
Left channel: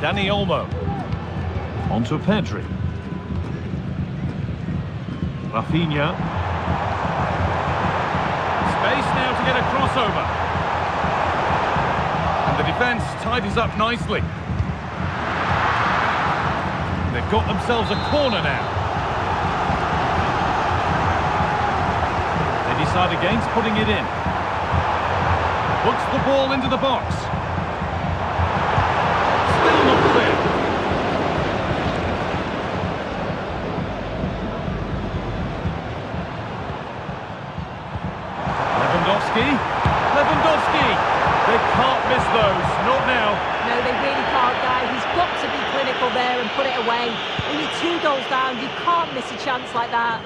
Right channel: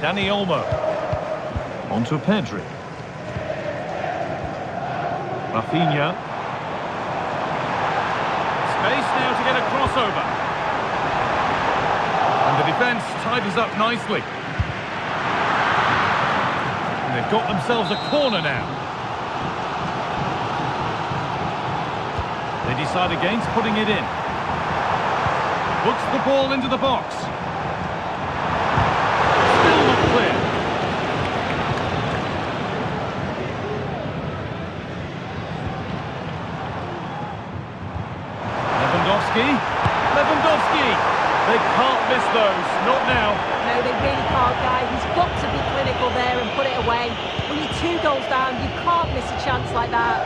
Dani Olmo. Onto Pedri. Rafinha. Space now to get a crossover. And the defence tidies up nicely. And they've got themselves a corner now. They decide against putting it in. Hooks the ball into the box. Still not clear. Lewandowski. They can't miss those. Not now. No, they really can't, Guy. He's got to be clinical there and put it away. When you're 2 goals down, you can't miss a chance like that.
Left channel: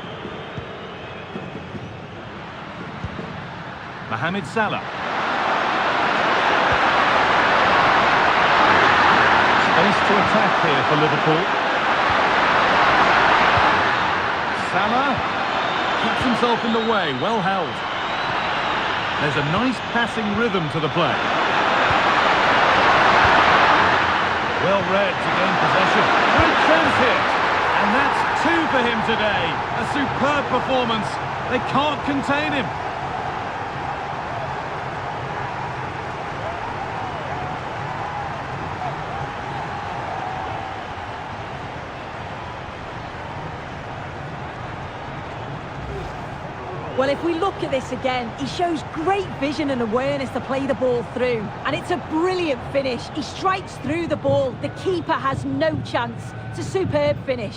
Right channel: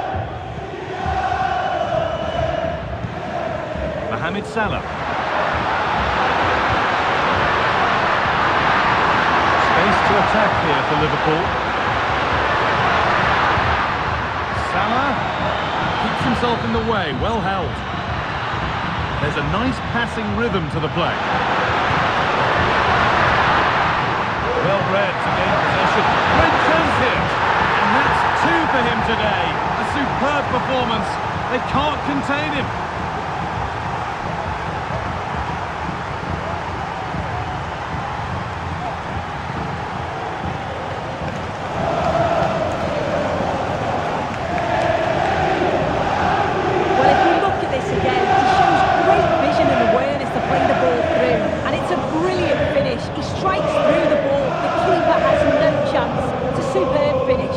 Mohamed Salah. Space to attack here for Liverpool. Salah keeps himself in the way, well held. There's a nice passing rhythm to the play. Well read to gain possession. Great chance here. And that's 2 for him today. A superb performance. They can't contain him. Well, if we look at this again, he shows great vision and awareness to play the ball through. And it's a brilliant finish. He strikes through the ball. The keeper has no chance. It's a superb finish.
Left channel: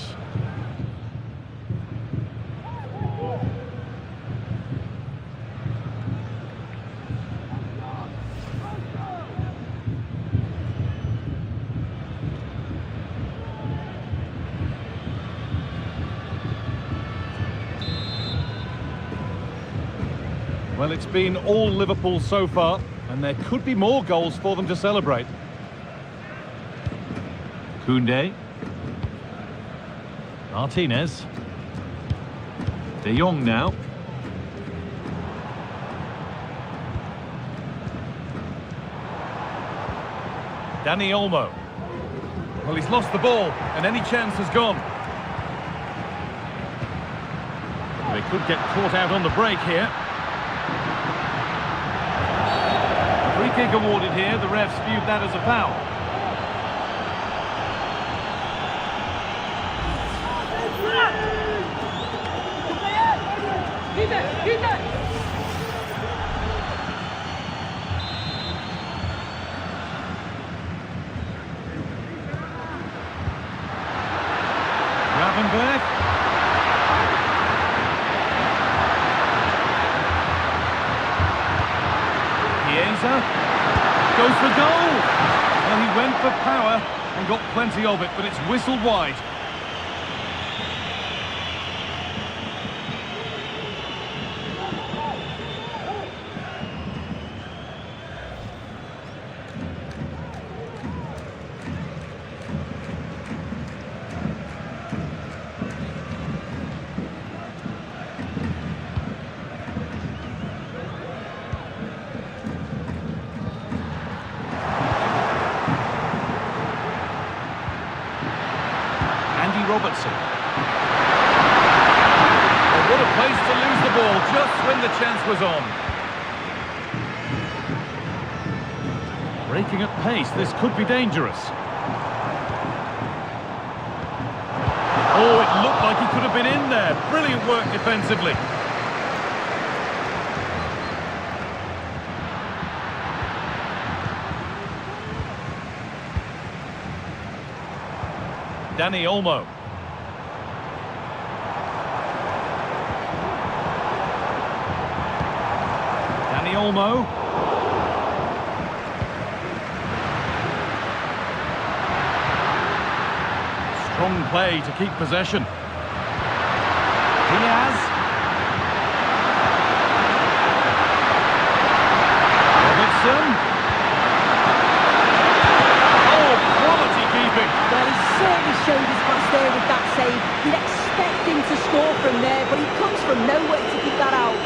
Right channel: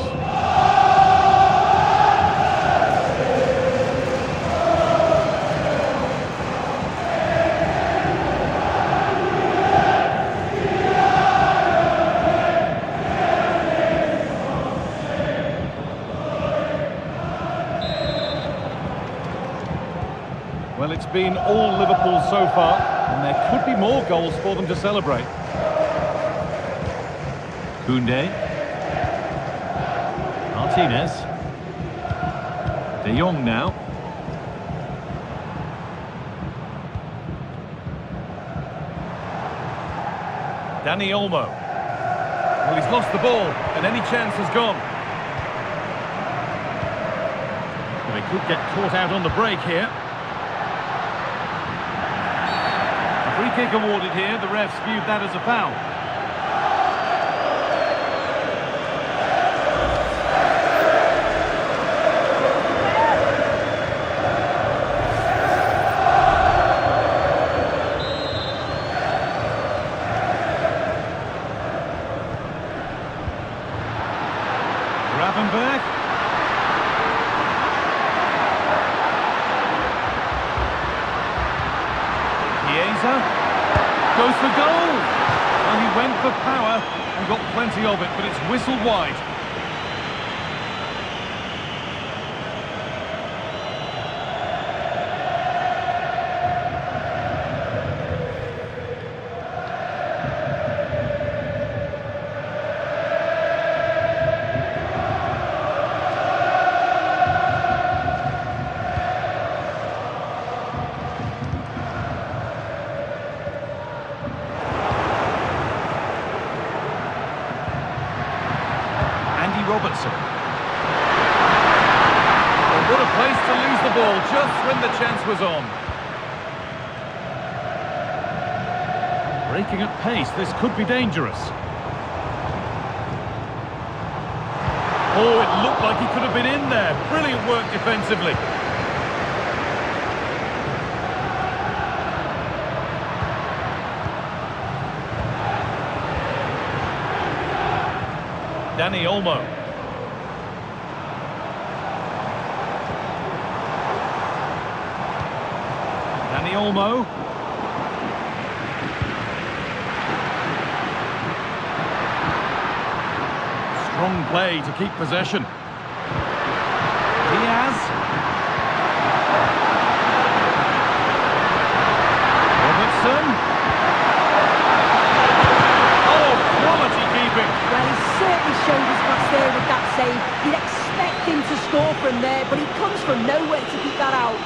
Well, it's been all Liverpool so far, and there could be more goals for them to celebrate. Koundé. Martinez. De Jong now. Dani Olmo. Well, he's lost the ball, and any chance has gone. Well, they could get caught out on the break here. Free kick awarded here. The refs viewed that as a foul. Chiesa goes for goal. Well, he went for power and got plenty of it, but it's whistled wide. Robertson. Oh, what a place to lose the ball just when the chance was on. Breaking at pace, this could be dangerous. Oh, it looked like he could have been in there. Brilliant work defensively. Dani Olmo. Dani Olmo. Strong play to keep possession. Diaz. Robertson. Oh, quality keeping. Well, he certainly showed his class there with that save. You'd expect him to score from there, but he comes from nowhere to keep that out.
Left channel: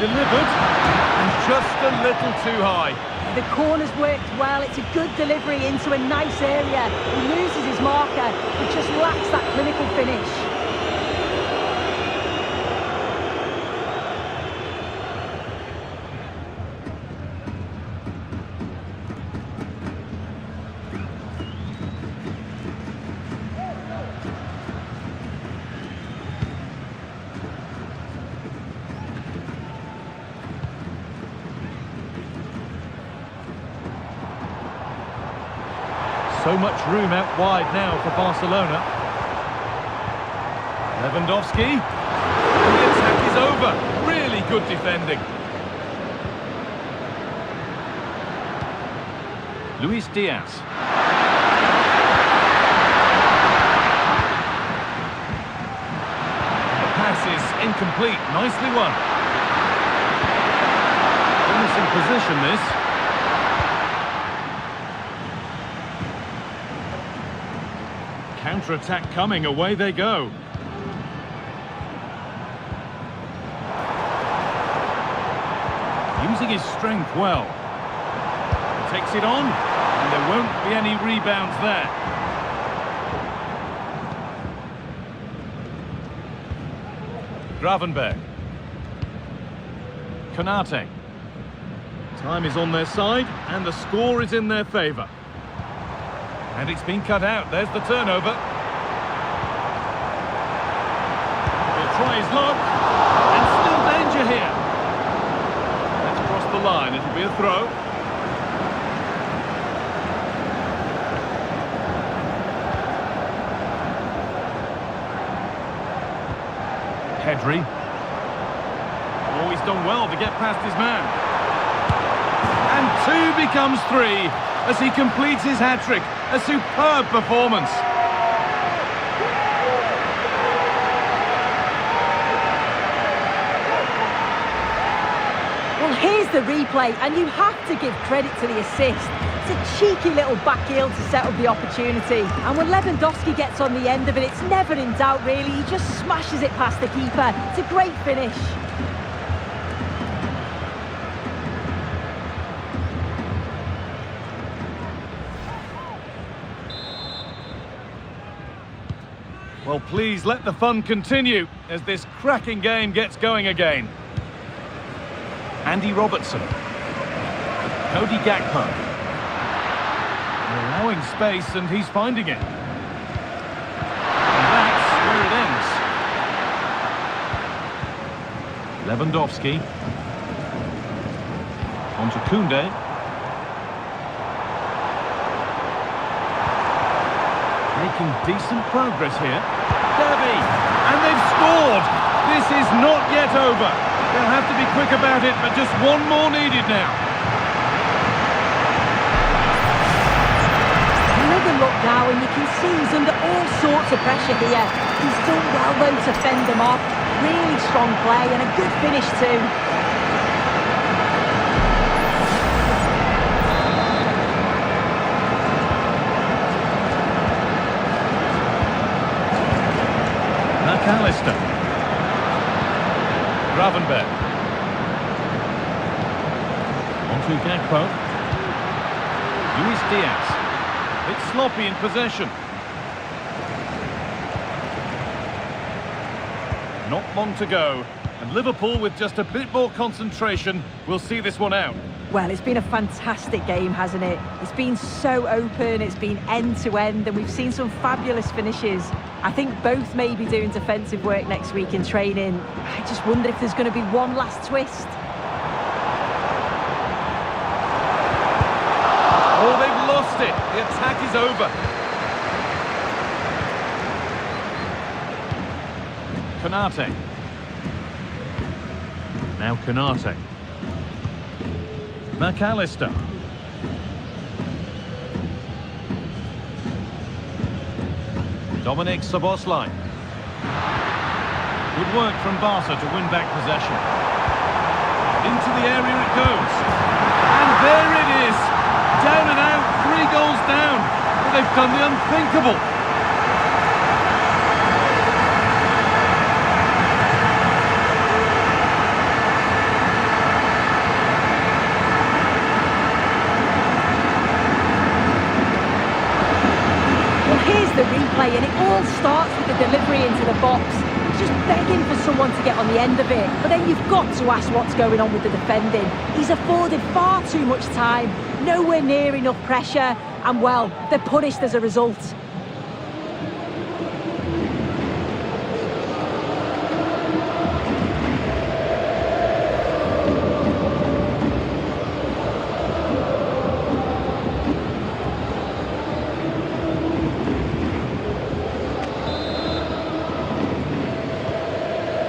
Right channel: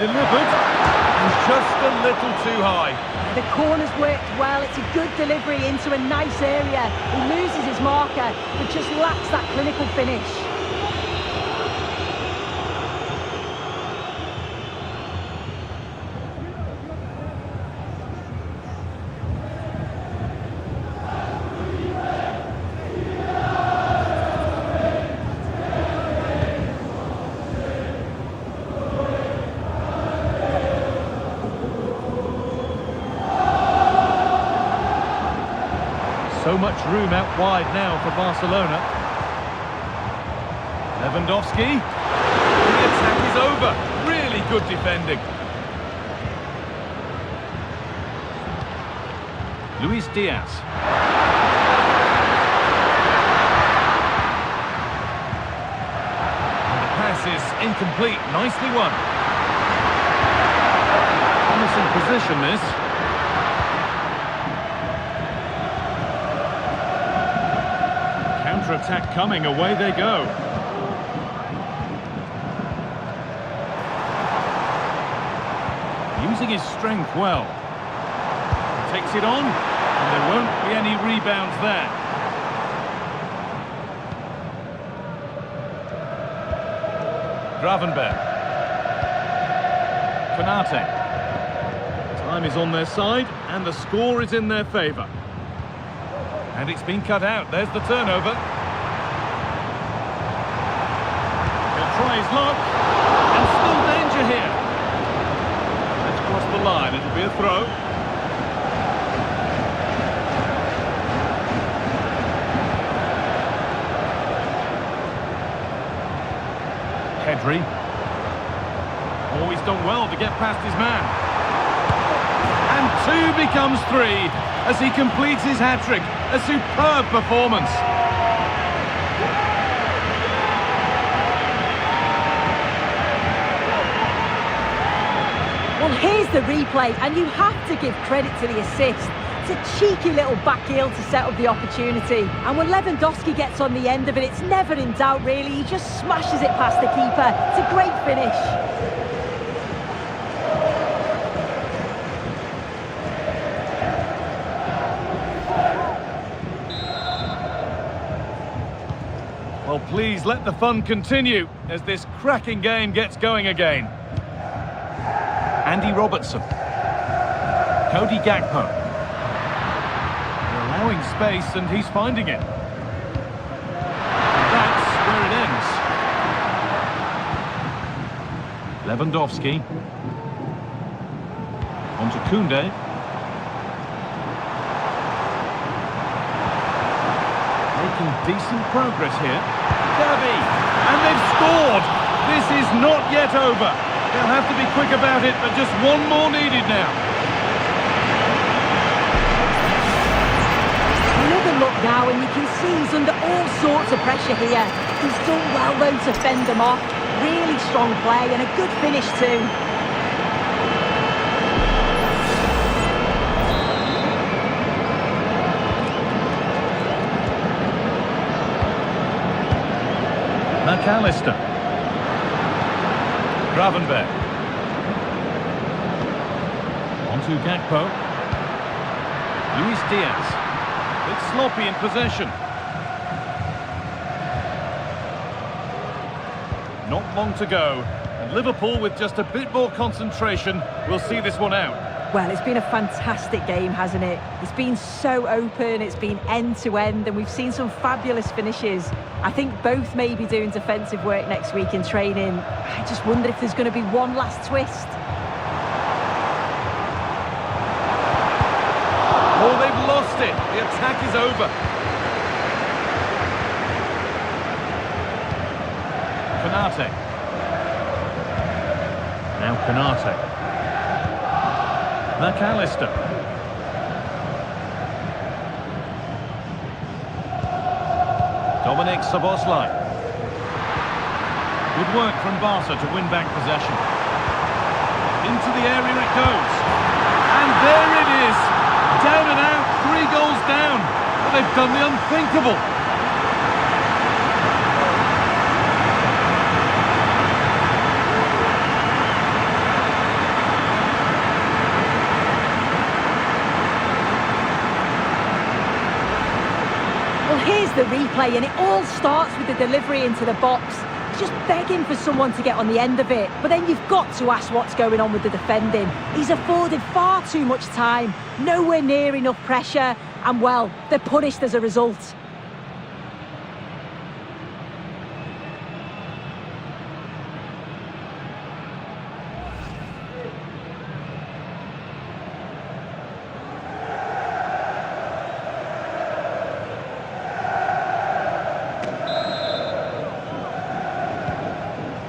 Delivered, and just a little too high. Yeah, the corner's worked well. It's a good delivery into a nice area. He loses his marker, but just lacks that clinical finish. So much room out wide now for Barcelona. Lewandowski. And the attack is over. Really good defending. Luis Diaz. And the pass is incomplete. Nicely won. Promising position, this. Counter-attack coming, away they go. Using his strength well. He takes it on, and there won't be any rebounds there. Gravenberg. Konate. Time is on their side, and the score is in their favour. And it's been cut out. There's the turnover. He'll try his luck. And still danger here. Let's cross the line. It'll be a throw. Pedri. Oh, he's done well to get past his man. And 2 becomes 3 as he completes his hat-trick. A superb performance. Well, here's the replay, and you have to give credit to the assist. It's a cheeky little back heel to set up the opportunity. And when Lewandowski gets on the end of it, it's never in doubt, really. He just smashes it past the keeper. It's a great finish. Well, please let the fun continue as this cracking game gets going again. Andy Robertson. Cody Gakpo. They're allowing space and he's finding it. And that's where it ends. Lewandowski. On to Koundé. Making decent progress here. Davy, and they've scored! This is not yet over. They'll have to be quick about it, but just one more needed now. Another look now, and you can see he's under all sorts of pressure here. He's done well, though, to fend them off. Really strong play, and a good finish, too. McAllister. Gravenberg. Onto Gakpo. Luis Diaz. Bit sloppy in possession. Not long to go, and Liverpool, with just a bit more concentration, will see this one out. Well, it's been a fantastic game, hasn't it? It's been so open, it's been end-to-end, and we've seen some fabulous finishes. I think both may be doing defensive work next week in training. I just wonder if there's going to be one last twist. Oh, they've lost it. The attack is over. Konate. Now Konate. McAllister. Dominic Szoboszlai. Good work from Barca to win back possession. Into the area it goes. And there it is. Down and out, 3 goals down. But they've done the unthinkable. Well, here's the replay, and it all starts with the delivery into the box. Just begging for someone to get on the end of it. But then you've got to ask what's going on with the defending. He's afforded far too much time, nowhere near enough pressure, and well, they're punished as a result.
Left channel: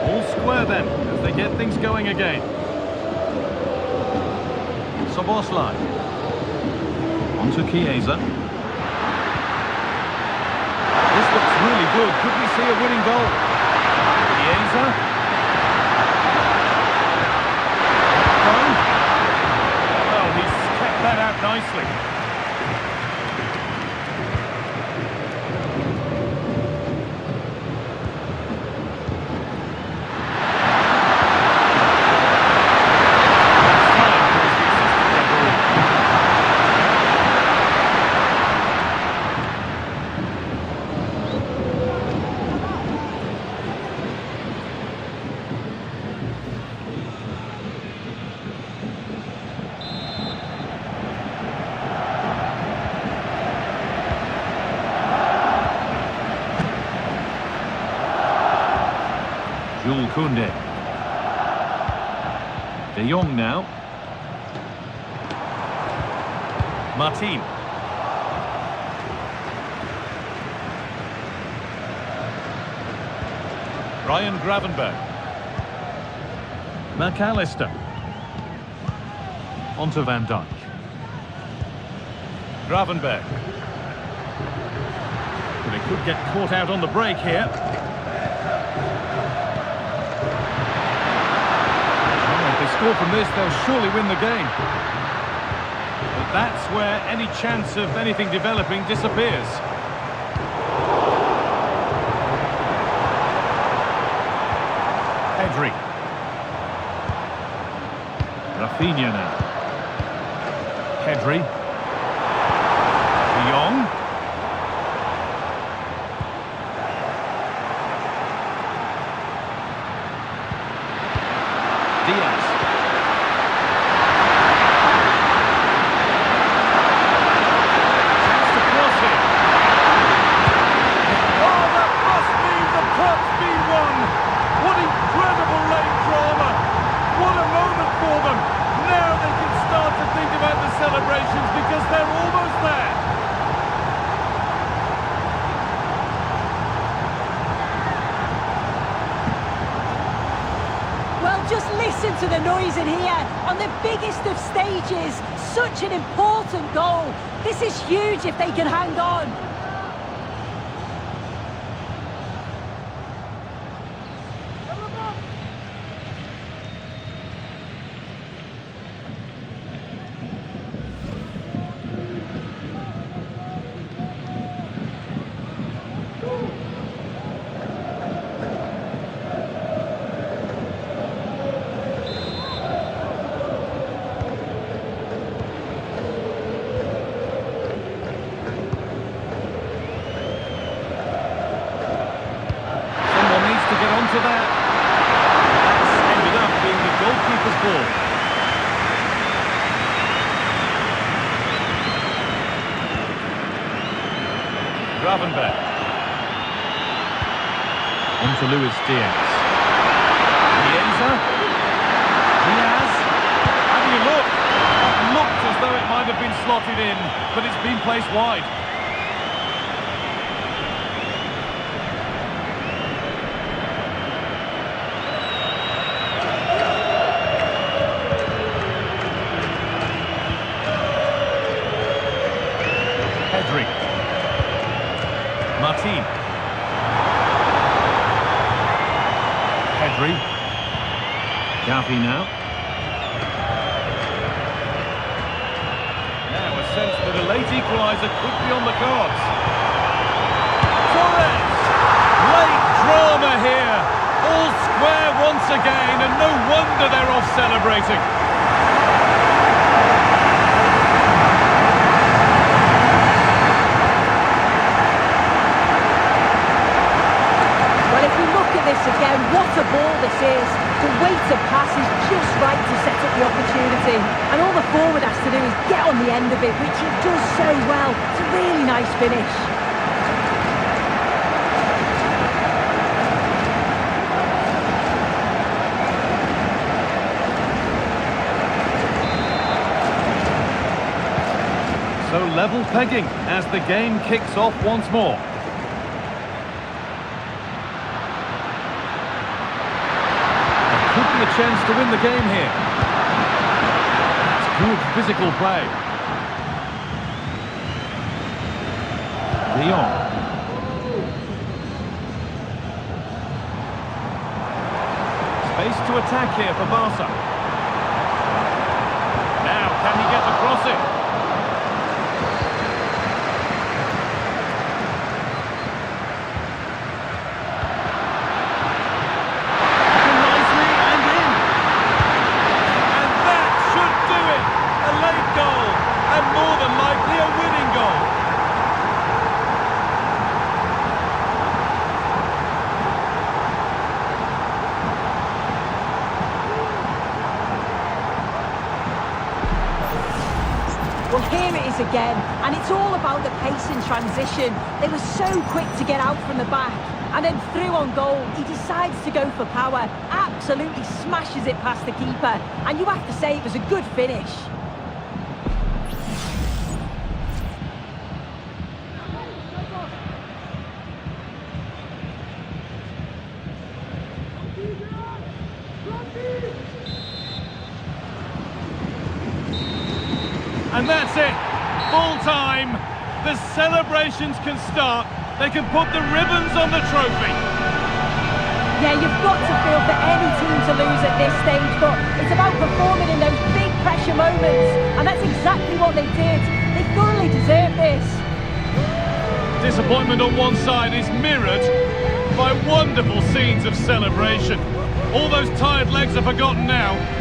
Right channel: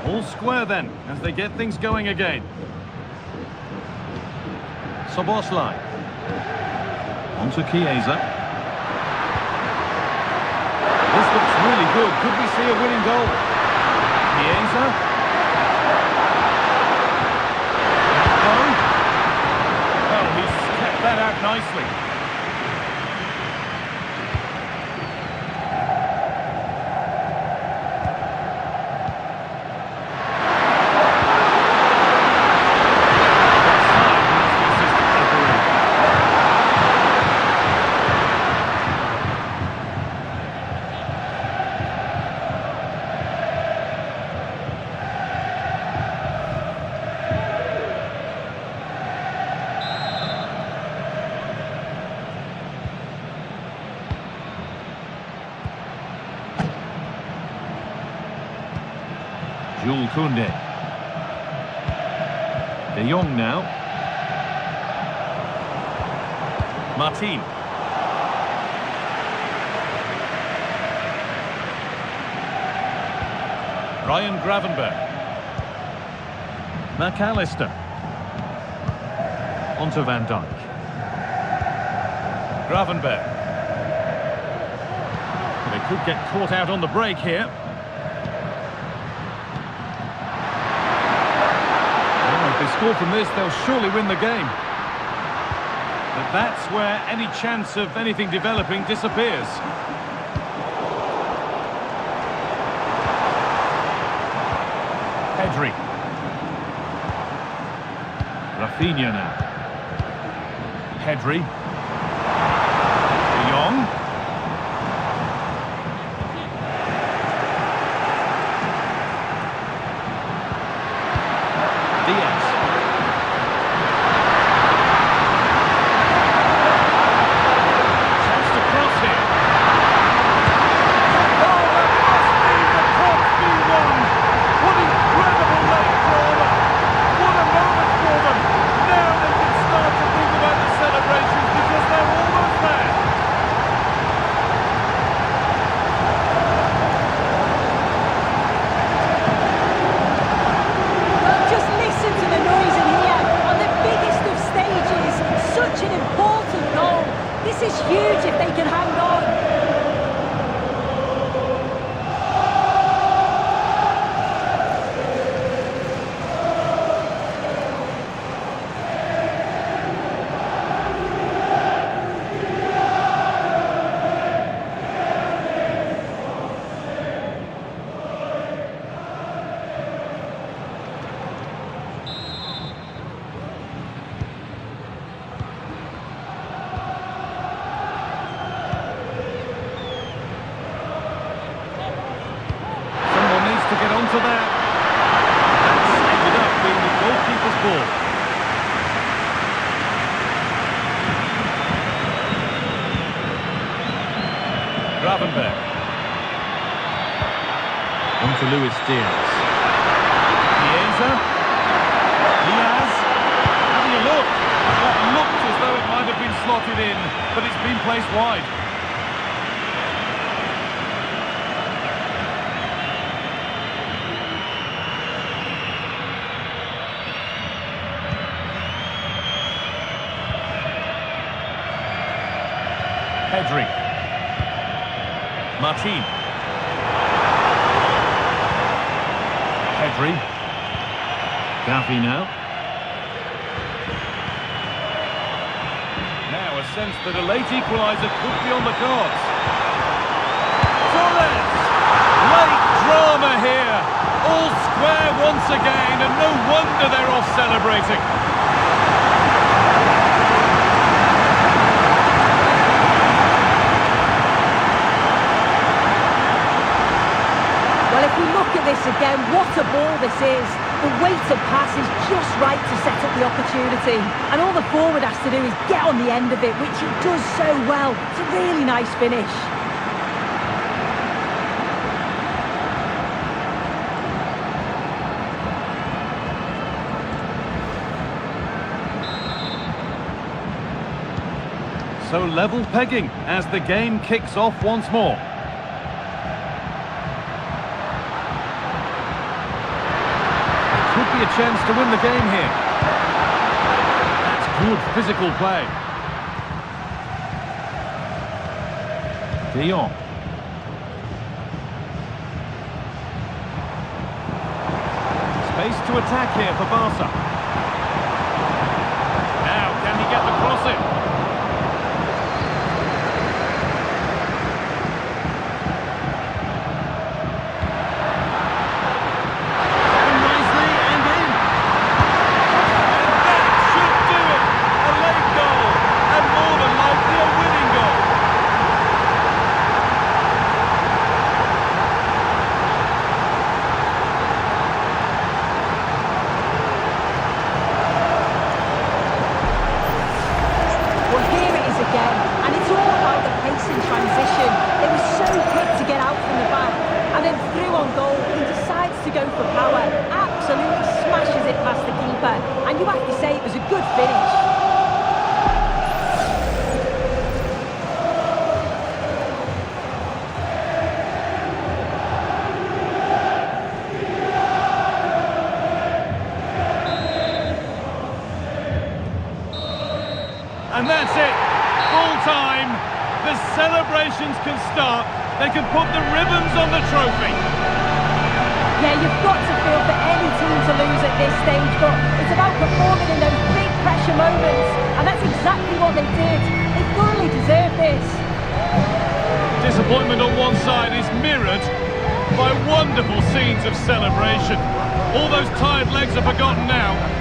All square then, as they get things going again. Szoboszlai. Onto Chiesa. This looks really good. Could we see a winning goal? Chiesa. Gakpo. Well, he's kept that out nicely. Jules Koundé. De Jong now. Martin. Ryan Gravenberg. McAllister. Onto Van Dijk. Gravenberg. Well, they could get caught out on the break here. If they score from this, they'll surely win the game. But that's where any chance of anything developing disappears. Pedri. Rafinha now. Pedri. De Jong. Diaz. Chance to cross here. Oh, that must mean the cup's been won. What incredible late drama. What a moment for them. Now they can start to think about the celebrations such an important goal. This is huge if they can hang on. Someone needs to get onto that. That's ended up being the goalkeeper's ball. Gravenberg. On to Luis Diaz. Chiesa. Diaz. Have you look? That looked as though it might have been slotted in, but it's been placed wide. Pedri. Martin. Pedri. Gavi now. Now a sense that a late equaliser could be on the cards. Torres! Late drama here. All square once again, and no wonder they're off celebrating. Well, if we look at this again, what a ball this is. The weighted pass is just right to set up the opportunity. And all the forward has to do is get on the end of it, which he does so well. It's a really nice finish. So level pegging as the game kicks off once more. Could be a chance to win the game here. That's good physical play. De Jong. Space to attack here for Barca. Now, can he get the cross in? Likely a winning goal. Well, here it is again, and it's all about the pace in transition. They were so quick to get out from the back, and then through on goal, he decides to go for power, absolutely smashes it past the keeper, and you have to say it was a good finish. And that's it, full time. The celebrations can start. They can put the ribbons on the trophy. Yeah, you've got to feel for any team to lose at this stage, but it's about performing in those big pressure moments, and that's exactly what they did. They thoroughly deserve this. Disappointment on one side is mirrored by wonderful scenes of celebration. All those tired legs are forgotten now.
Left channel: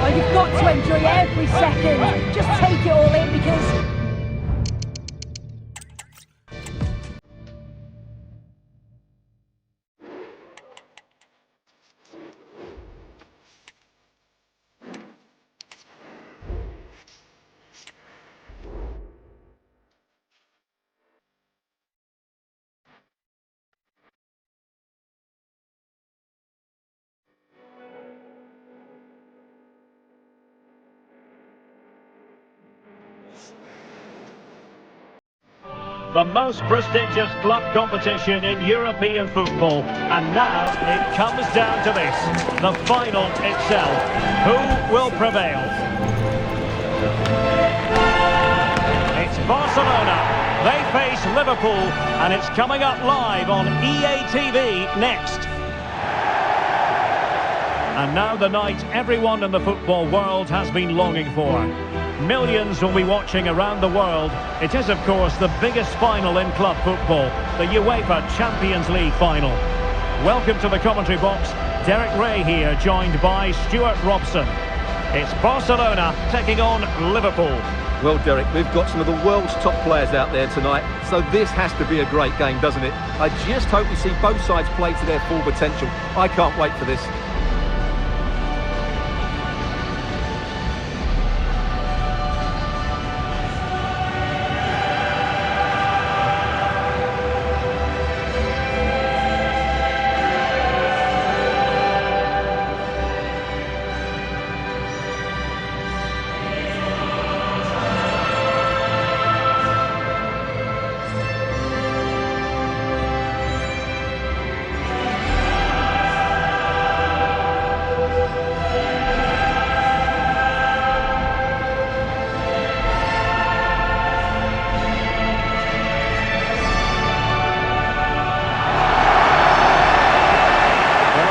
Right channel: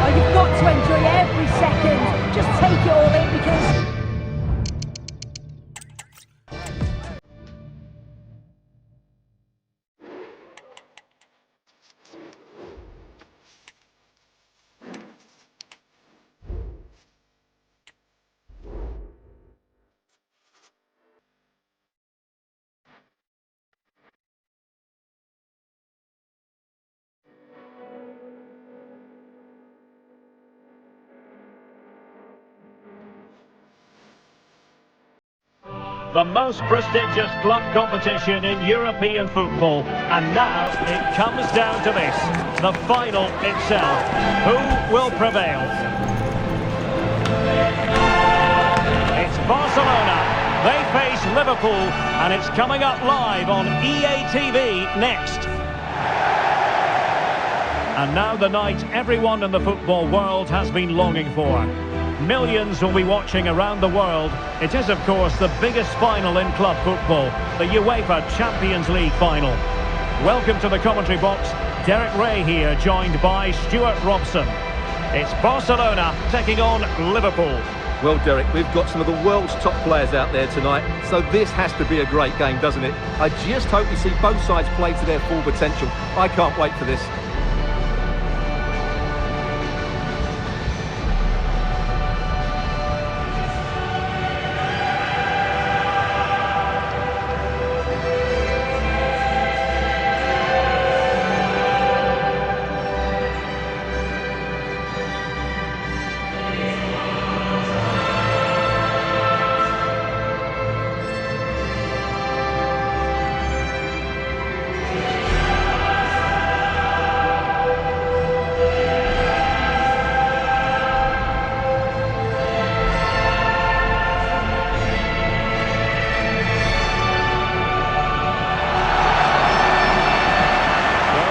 Oh, you've got to enjoy every second. Just take it all in because... The most prestigious club competition in European football, and now it comes down to this, the final itself. Who will prevail? Barcelona. They face Liverpool, and it's coming up live on EA TV next. And now the night everyone in the football world has been longing for. Millions will be watching around the world. It is, of course, the biggest final in club football, the UEFA Champions League final. Welcome to the commentary box. Derek Ray here, joined by Stuart Robson. It's Barcelona taking on Liverpool. Well, Derek, we've got some of the world's top players out there tonight, so this has to be a great game, doesn't it? I just hope we see both sides play to their full potential. I can't wait for this.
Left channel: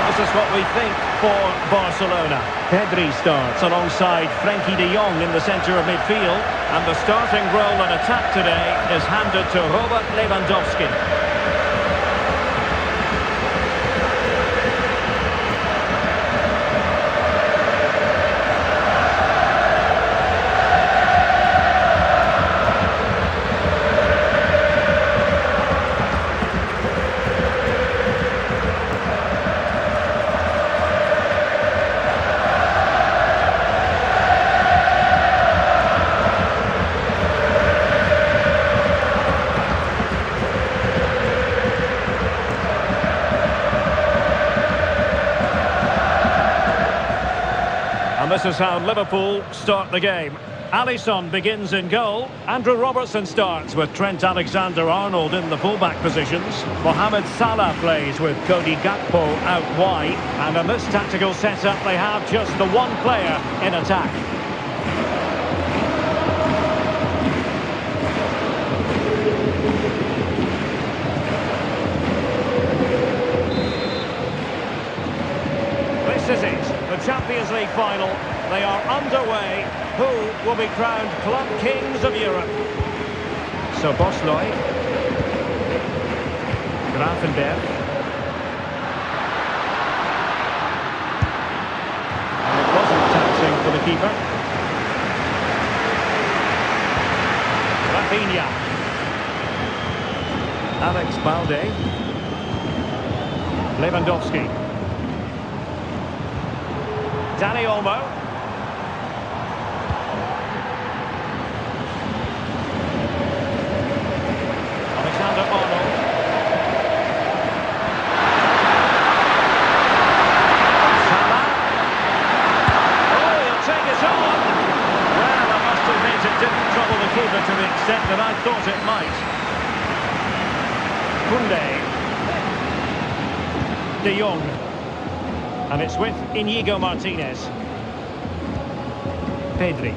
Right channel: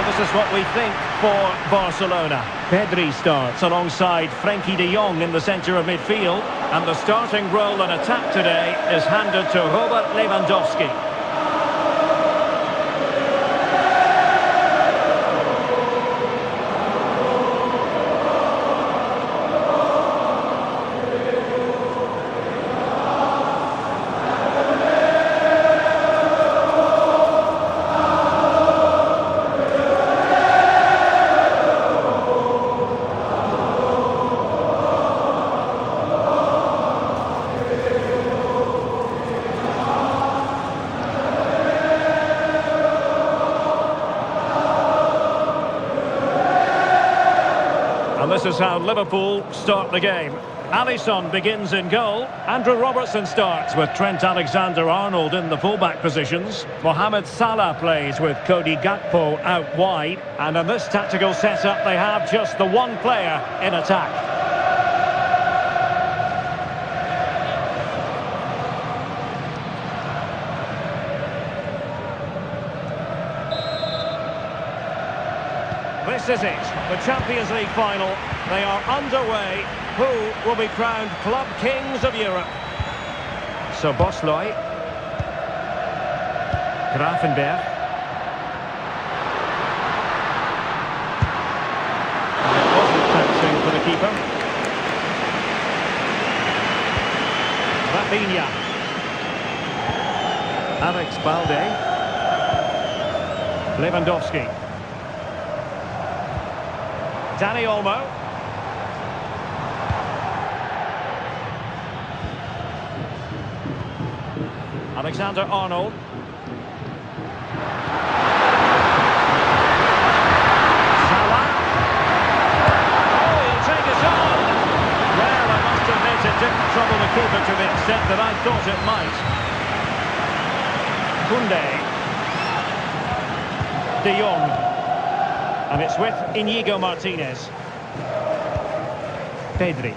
This is what we think for Barcelona. Pedri starts alongside Frenkie de Jong in the centre of midfield. And the starting role in attack today is handed to Robert Lewandowski. And this is how Liverpool start the game. Alisson begins in goal. Andrew Robertson starts with Trent Alexander-Arnold in the fullback positions. Mohamed Salah plays with Cody Gakpo out wide. And in this tactical setup, they have just the one player in attack. This is it, the Champions League final. They are underway. Who will be crowned club kings of Europe? So Bosley, Grafenberg, and it wasn't taxing for the keeper. Rafinha, Alex Balde, Lewandowski. Dani Olmo. Alexander-Arnold. Salah. Oh, he'll take it on. Well, I must admit it didn't trouble the keeper to the extent that I thought it might. Koundé. De Jong. And it's with Inigo Martinez. Pedri.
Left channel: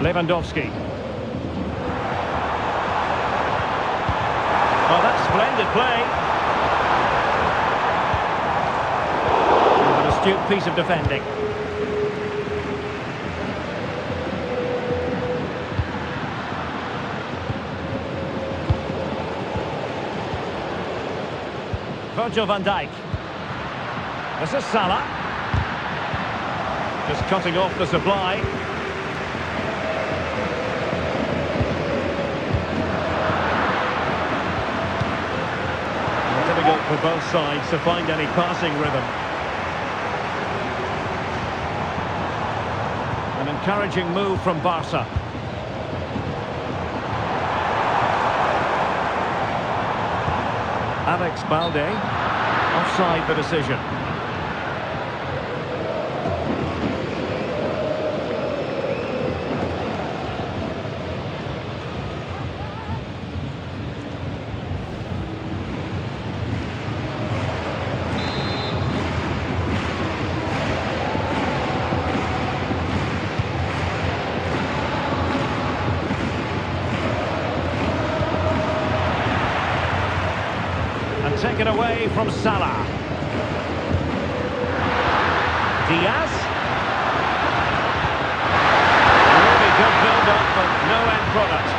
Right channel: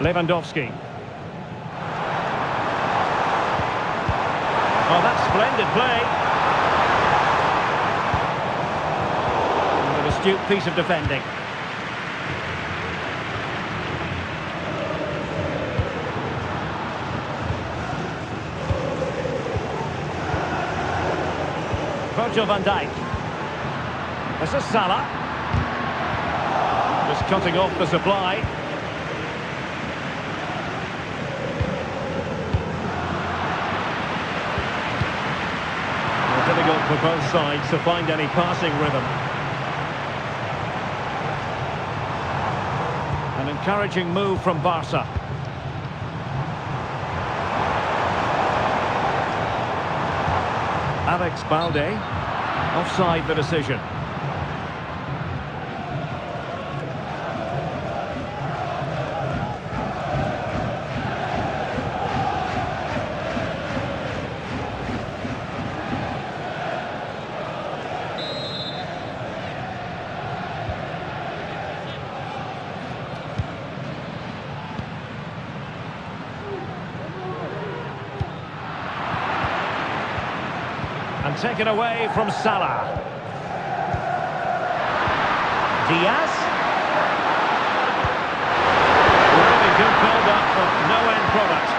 Lewandowski. Oh, that's splendid play. And an astute piece of defending. Virgil van Dijk. This is Salah. Just cutting off the supply. Well, difficult for both sides to find any passing rhythm. An encouraging move from Barca. Alex Balde, offside the decision. And taken away from Salah. Diaz. Really good build-up, but no end product.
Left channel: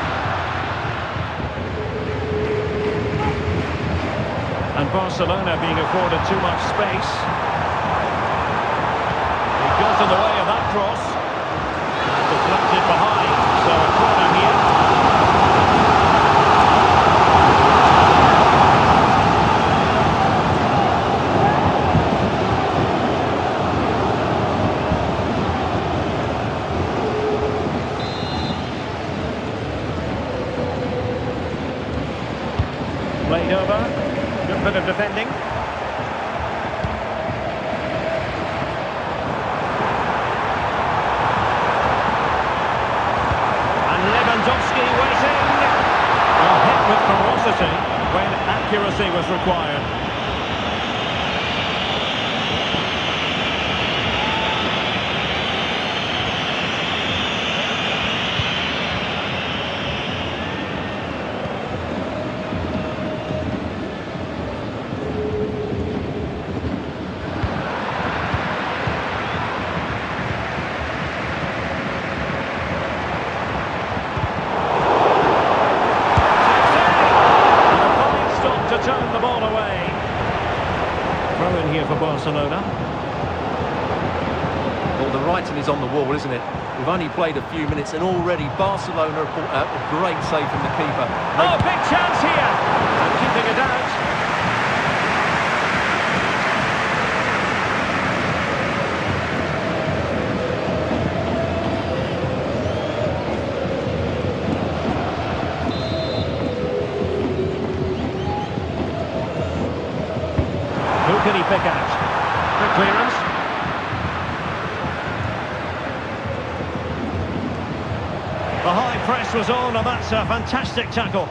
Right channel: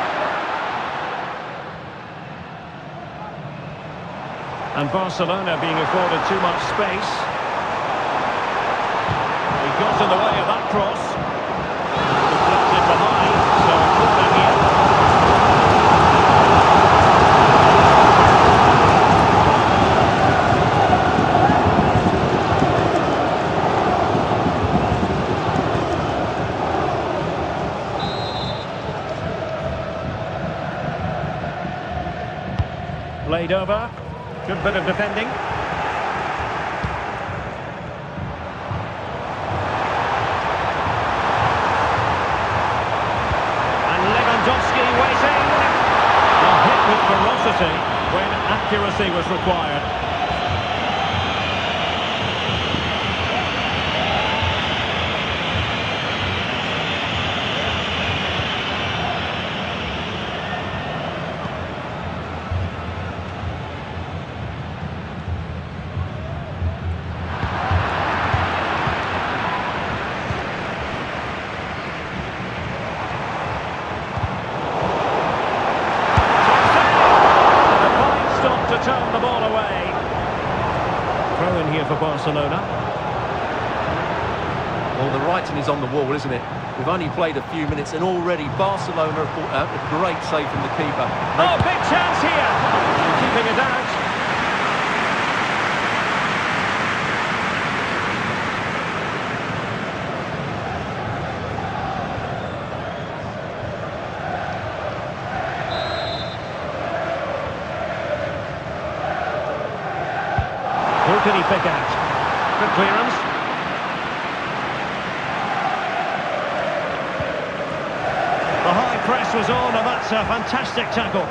And Barcelona being afforded too much space. He got in the way of that cross. And deflected behind, so a corner here. Played over. Good bit of defending. And Lewandowski waiting. Well, hit with ferocity when accuracy was required. To turn the ball away. Throw in here for Barcelona. Well, the writing is on the wall, isn't it? We've only played a few minutes and already Barcelona have brought out a great save from the keeper. Oh, big chance here! And keeping it out. Who can he pick out? Good clearance. The high press was on, and that's a fantastic tackle.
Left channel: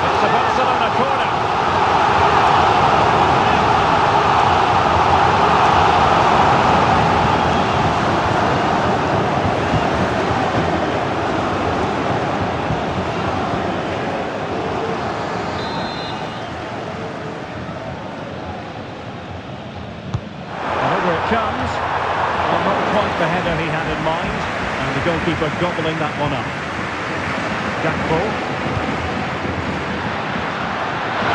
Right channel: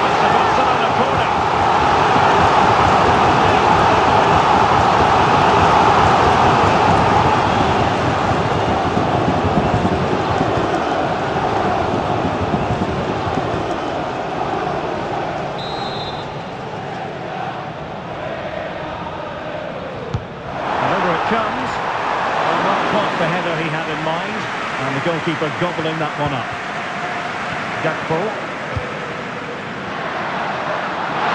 It's a Barcelona corner. Comes. Well, not quite the header he had in mind, and the goalkeeper gobbling that one up. Gakpo.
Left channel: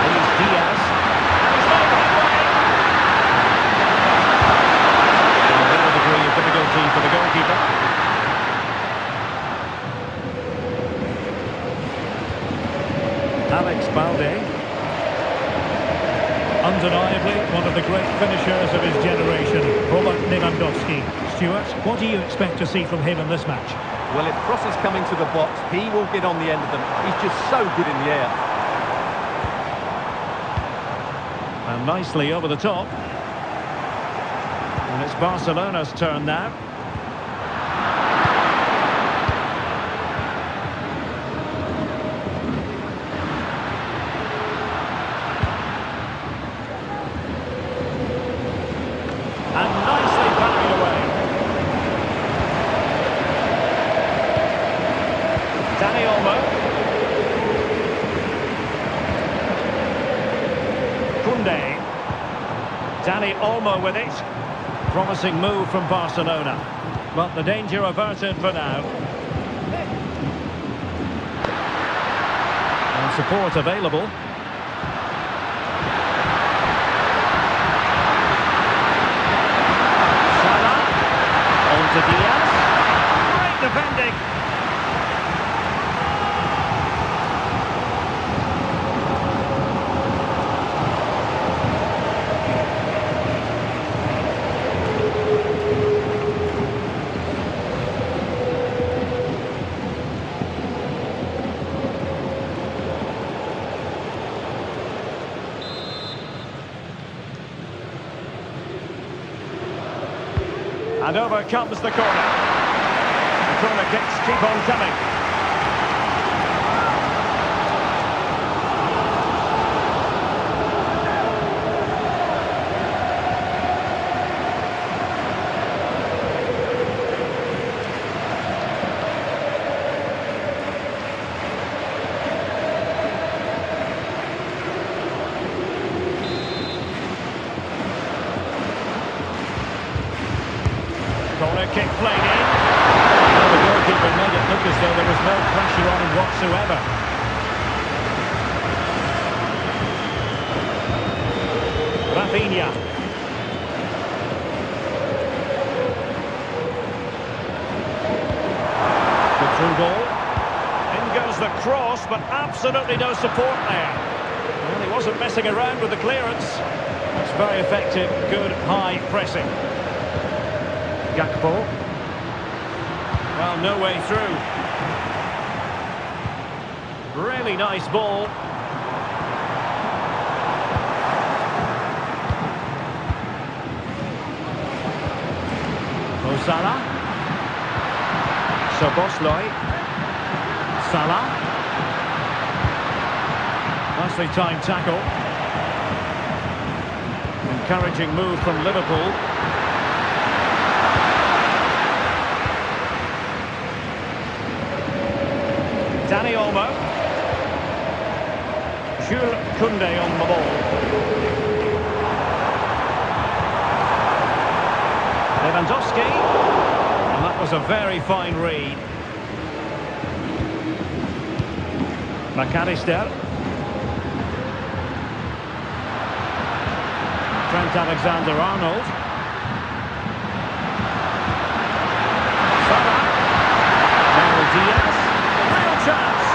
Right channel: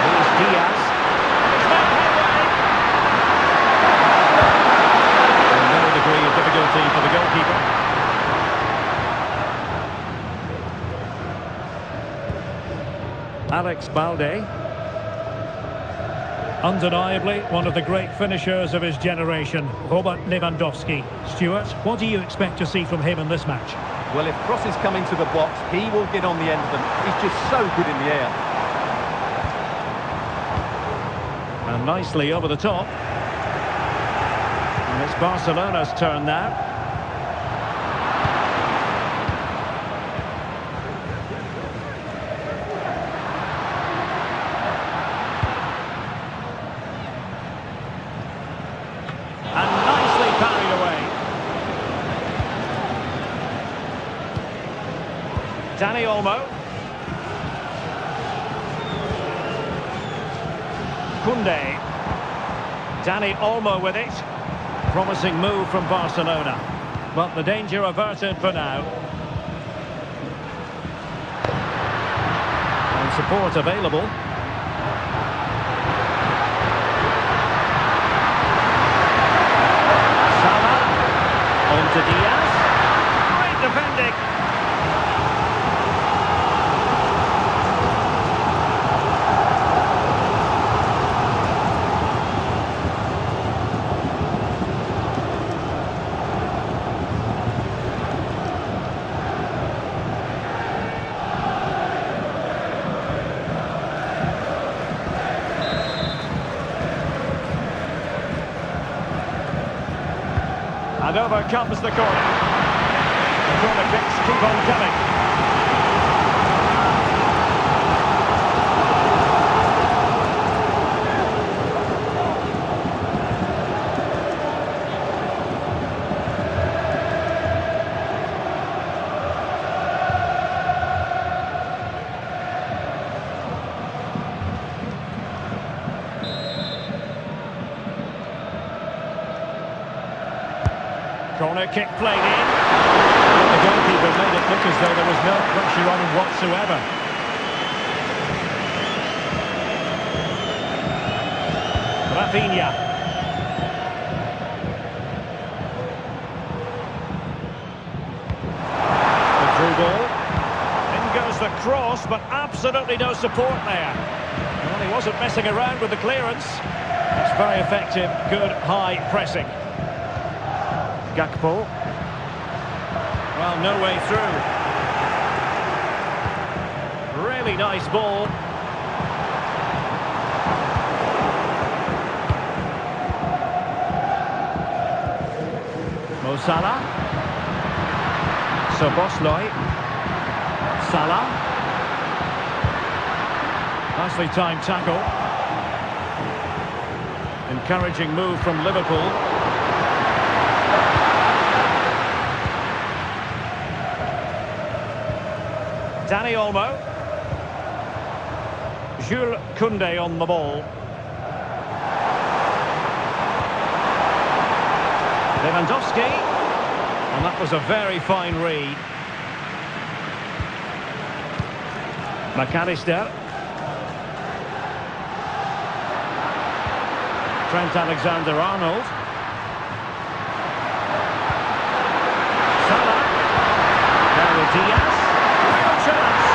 Here's Diaz, and he's made headway. And no degree of difficulty for the goalkeeper. Alex Balde. Undeniably one of the great finishers of his generation, Robert Lewandowski. Stuart, what do you expect to see from him in this match? Well, if crosses come into the box, he will get on the end of them. He's just so good in the air. And nicely over the top. And it's Barcelona's turn now. And nicely parried away. Dani Olmo. Koundé. Dani Olmo with it. Promising move from Barcelona. But the danger averted for now. And support available. Salah, on to Diaz, great defending. And over comes the corner. The corner kicks keep on coming. Corner kick played in. Well, the goalkeeper made it look as though there was no pressure on him whatsoever. Rafinha. The through ball. In goes the cross, but absolutely no support there. Well, he wasn't messing around with the clearance. That's very effective, good high pressing. Gakpo. Well, no way through. Really nice ball. Mo Salah. Szoboszlai. Salah. Nicely timed tackle. Encouraging move from Liverpool. Dani Olmo. Jules Koundé on the ball. Lewandowski. And that was a very fine read. McAllister. Trent Alexander-Arnold. Salah. Now with Diaz. Real chance.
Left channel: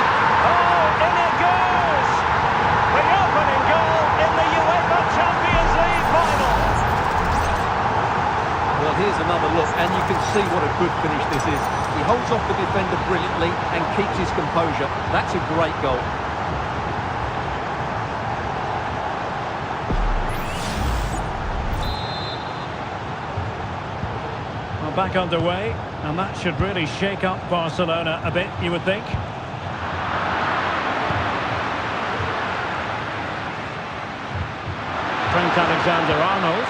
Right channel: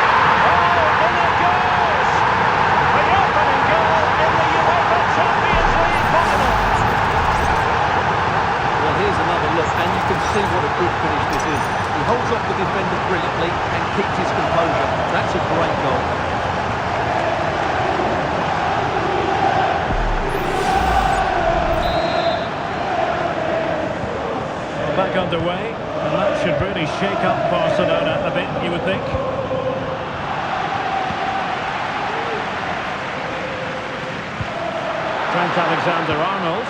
Oh, in it goes! The opening goal in the UEFA Champions League final. Well, here's another look, and you can see what a good finish this is. He holds off the defender brilliantly and keeps his composure. That's a great goal. Well, back underway, and that should really shake up Barcelona a bit, you would think. Trent Alexander-Arnold.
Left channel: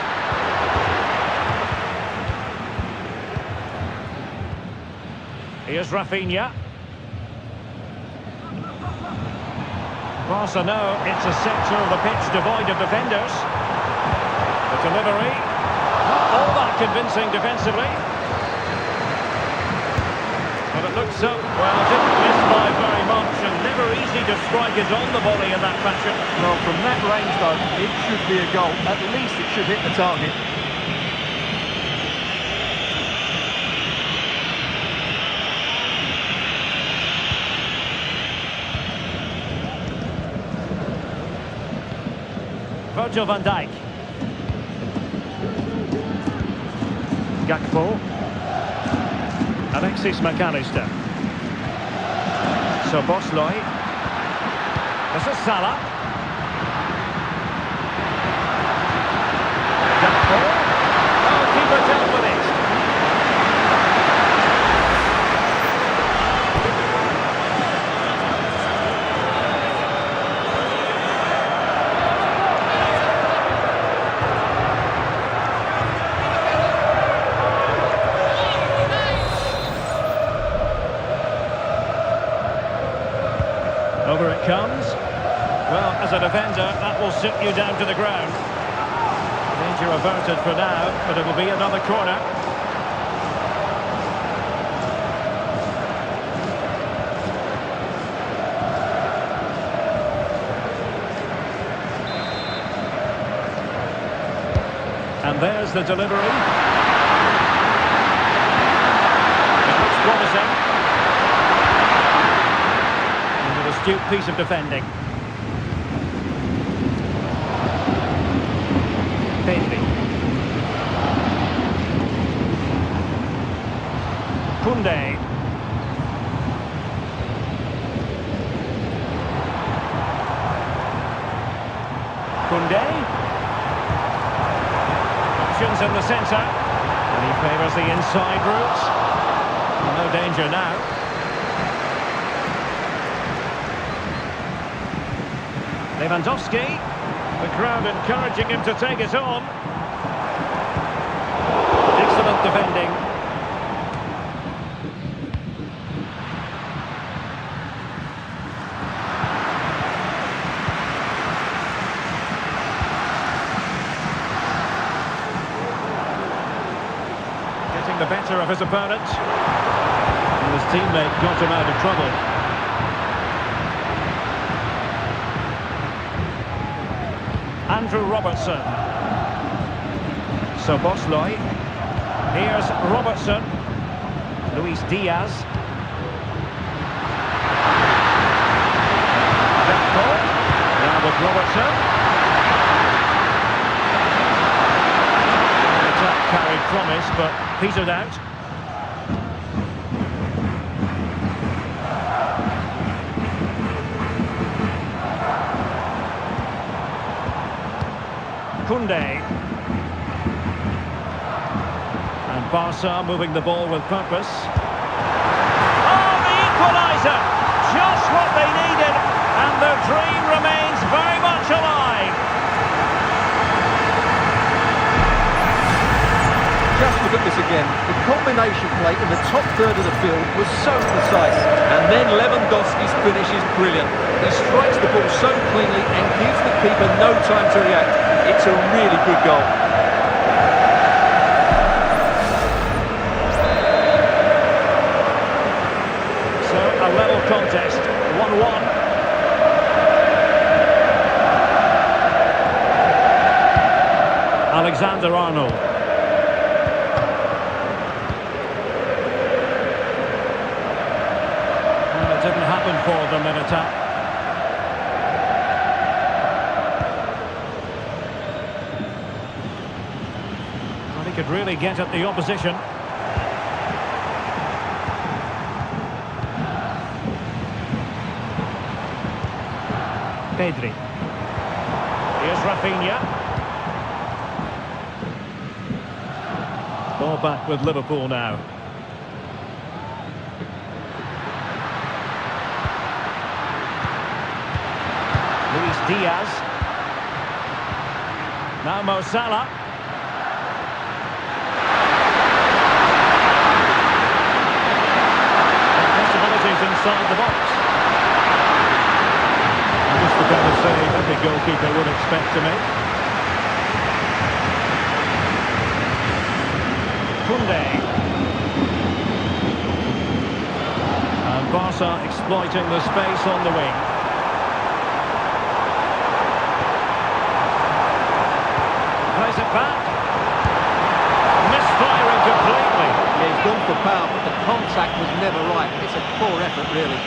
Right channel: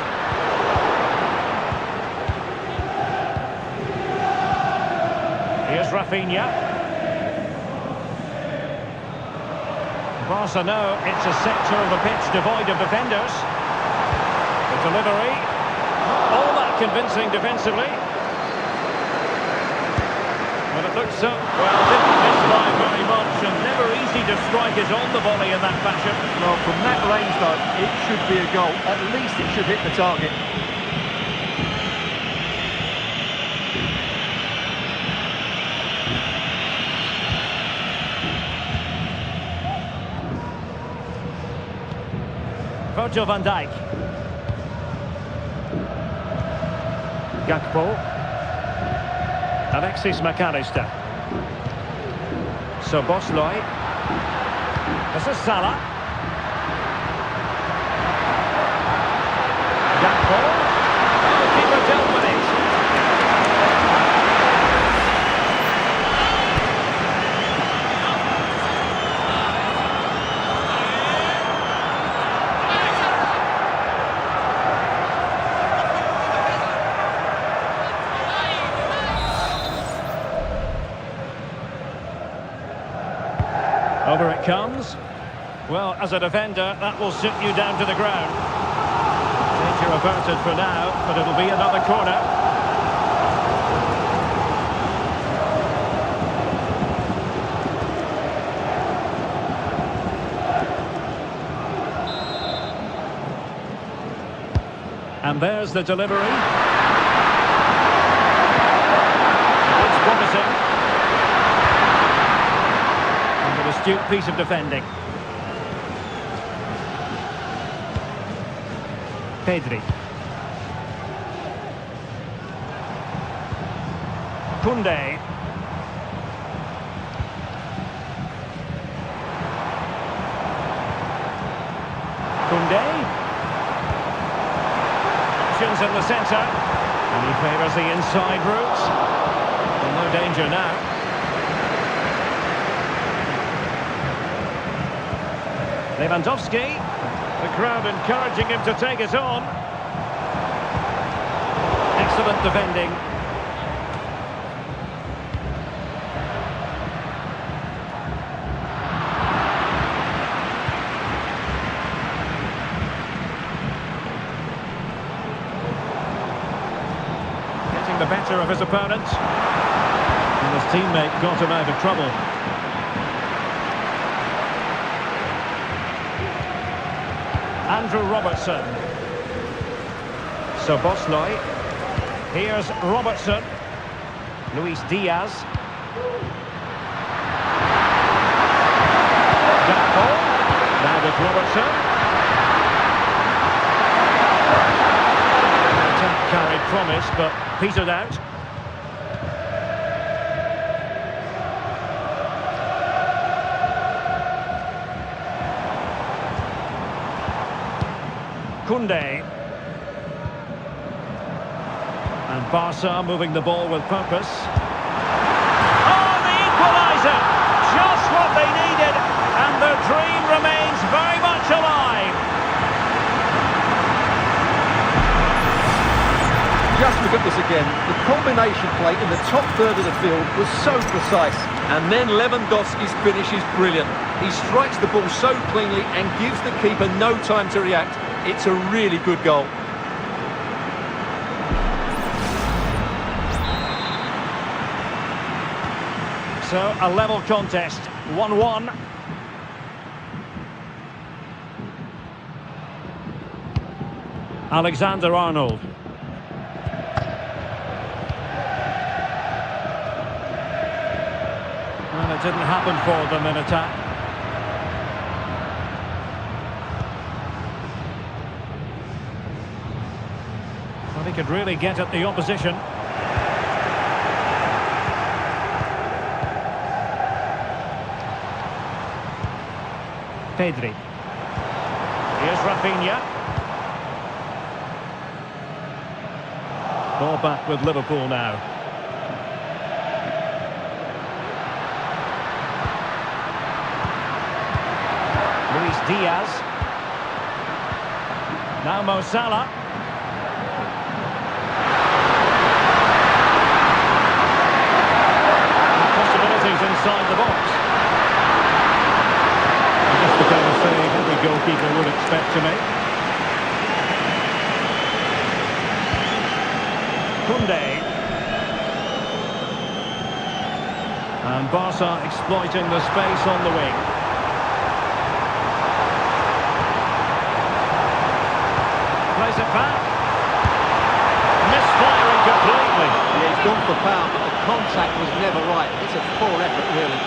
Here's Rafinha. Barca know it's a sector of the pitch devoid of defenders. The delivery, not all that convincing defensively. But it looks so, well, didn't miss by very much, and never easy to strike it on the volley in that fashion. Well, from that range, though, it should be a goal. At least it should hit the target. Virgil van Dijk. Gakpo. Alexis McAllister. Szoboszlai. This is Salah. Gakpo. Oh, keeper dealt with it. Over it comes. Well, as a defender, that will sit you down to the ground. Danger averted for now, but it'll be another corner. And there's the delivery. It looks promising. An astute piece of defending. Pedri. Koundé. Koundé. Options in the centre. And he favours the inside route. Well, no danger now. Lewandowski, the crowd encouraging him to take it on. Excellent defending. getting the better of his opponent. And his teammate got him out of trouble. Andrew Robertson. So Bosley. Here's Robertson. Luis Diaz. Gakpo. Now with Robertson. The attack carried promise, but petered out. Koundé. And Barca moving the ball with purpose. Oh, the equaliser! Just what they needed, and their dream remains very much alive. Just look at this again. The combination play in the top third of the field was so precise. And then Lewandowski's finish is brilliant. He strikes the ball so cleanly and gives the keeper no time to react. It's a really good goal. So, a level contest, 1-1. Alexander-Arnold. Well, it didn't happen for them in attack. Well, he could really get at the opposition. Pedri. Here's Rafinha. Ball back with Liverpool now. Luis Diaz. Now Mo Salah. And possibilities inside the box. Just the kind of save every goalkeeper would expect to make. Koundé. And Barca exploiting the space on the wing. Plays it back. Misfiring completely. Yeah, he's gone for power, but the contact was never right. It's a poor effort, really.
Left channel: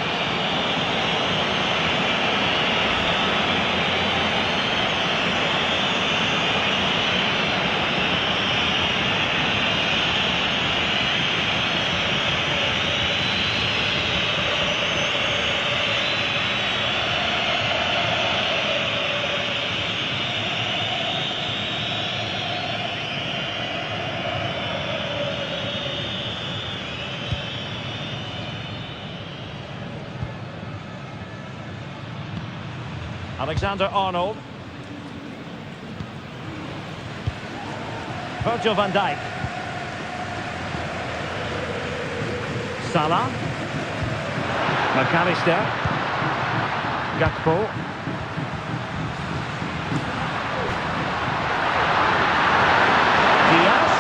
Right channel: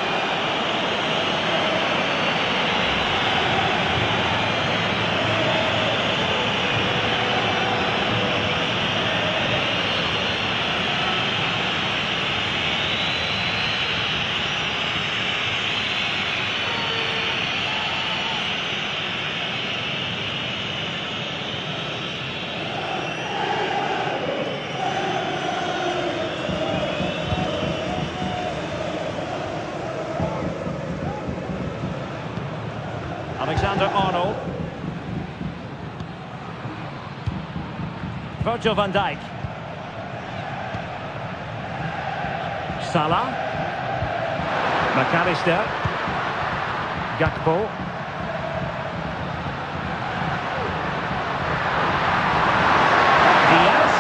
Alexander-Arnold. Virgil van Dijk. Salah. McAllister. Gakpo. Diaz.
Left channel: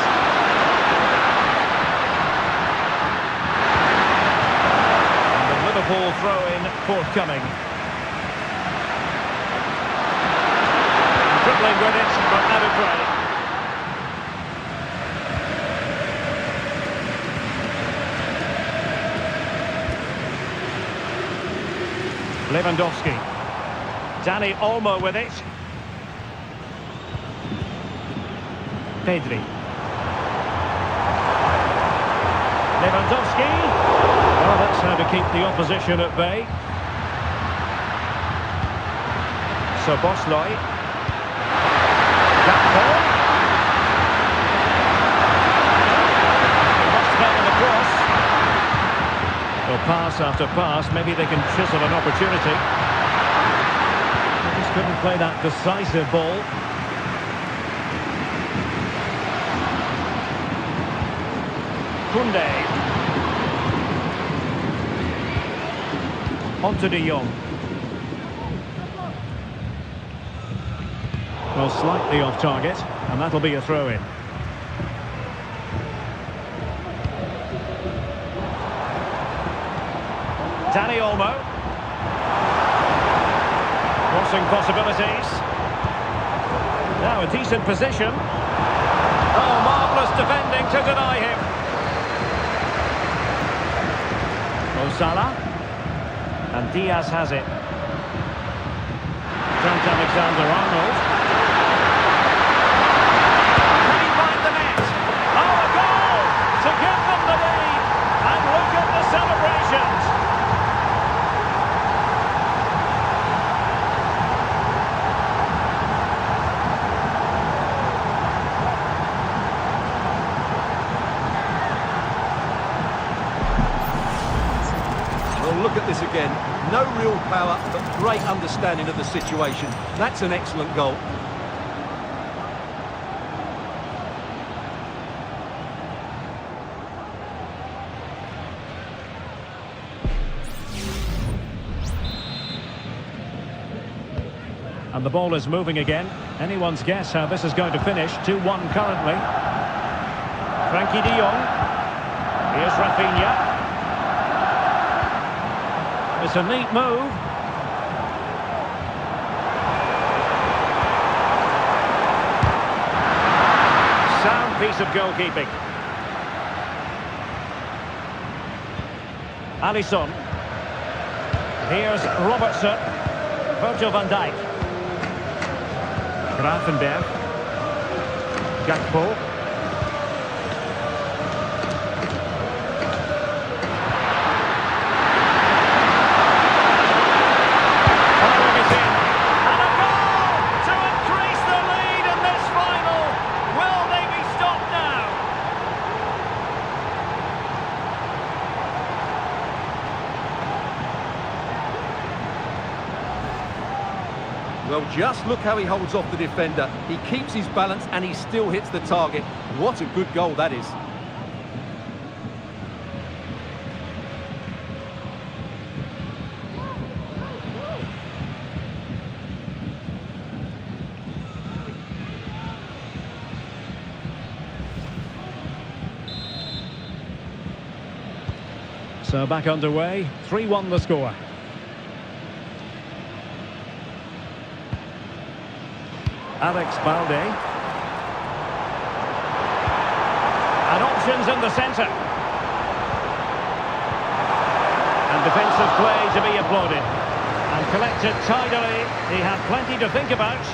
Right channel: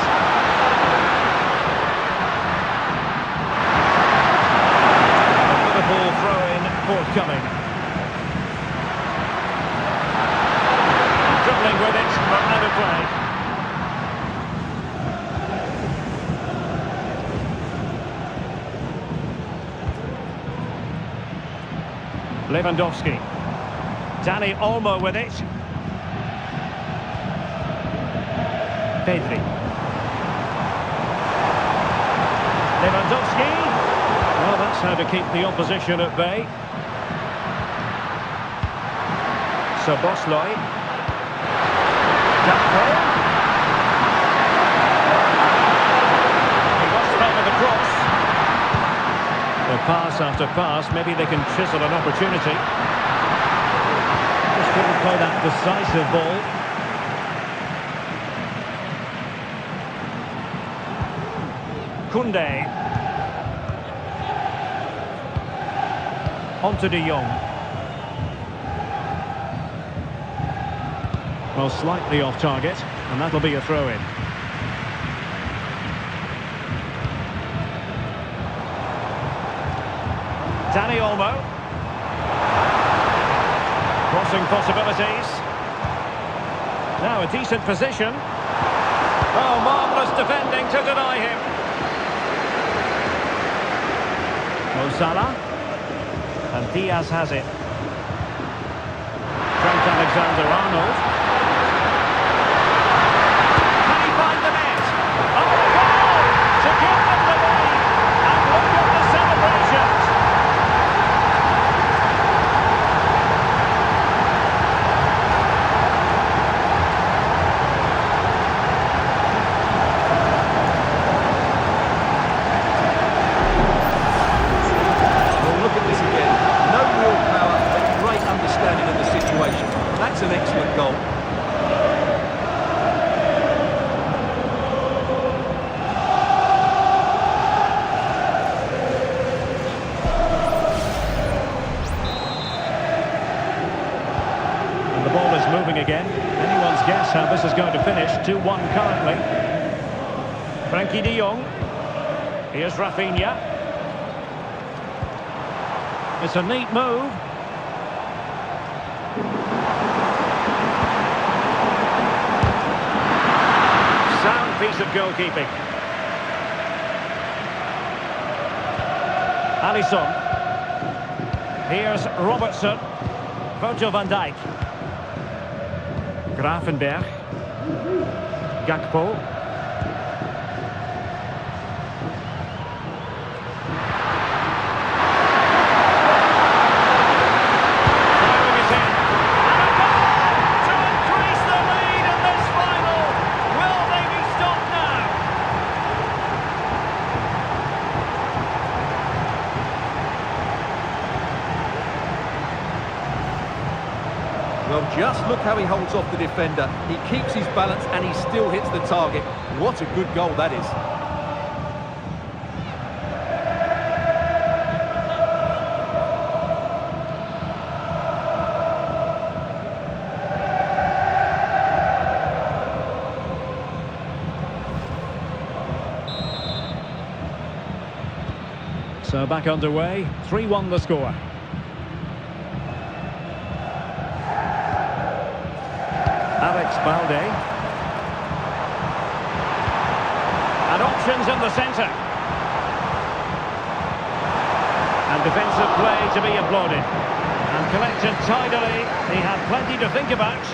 And the Liverpool throw-in forthcoming. Dribbling with it, but out of play. Lewandowski. Dani Olmo with it. Pedri. Lewandowski. Well, that's how to keep the opposition at bay. So Bosley. Gakpo. He must favor the cross. Well, pass after pass, maybe they can chisel an opportunity. Just couldn't play that decisive ball. Koundé. On to De Jong. Well, slightly off target, and that'll be a throw-in. Dani Olmo. Crossing possibilities. Now a decent position. Oh, marvellous defending to deny him. Mo Salah. And Diaz has it. Trent Alexander-Arnold. Can he find the net? Oh, a goal to give them the lead. And look at the celebrations. Well, look at this again. No real power, but great understanding of the situation. That's an excellent goal. And the ball is moving again. Anyone's guess how this is going to finish. 2-1 currently. Frankie de Jong. Here's Rafinha. It's a neat move. Sound piece of goalkeeping. Alisson. Here's Robertson. Virgil van Dijk. Gravenberg. Gakpo. Firing it in. And a goal to increase the lead in this final. Will they be stopped now? Well, just look how he holds off the defender. He keeps his balance and he still hits the target. What a good goal that is. So back underway. 3-1 the score. Alex Balde. And options in the centre. And defensive play to be applauded. And collected tidily. He had plenty to think about.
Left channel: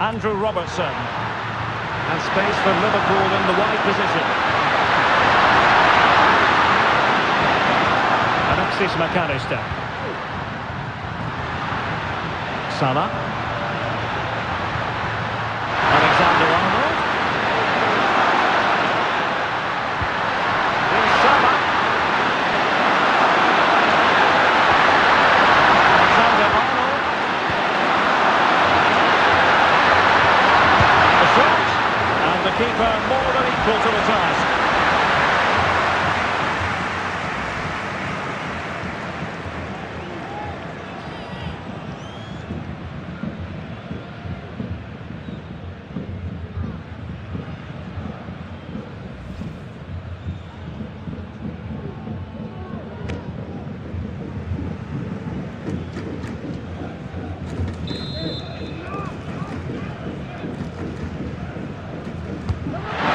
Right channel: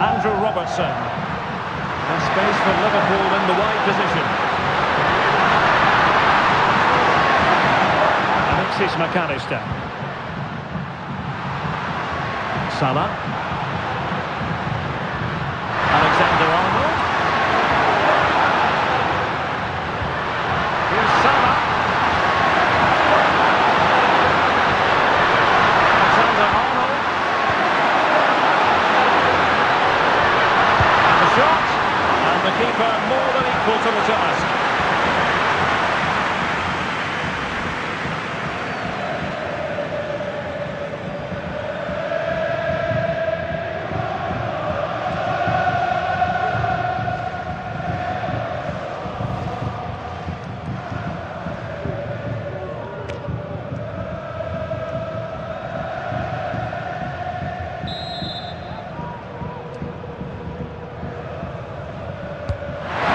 Andrew Robertson. And space for Liverpool in the wide position. Alexis McAllister. Salah. Alexander-Arnold. Here's Salah. Alexander-Arnold. And the shot. And the keeper more than equal to the task.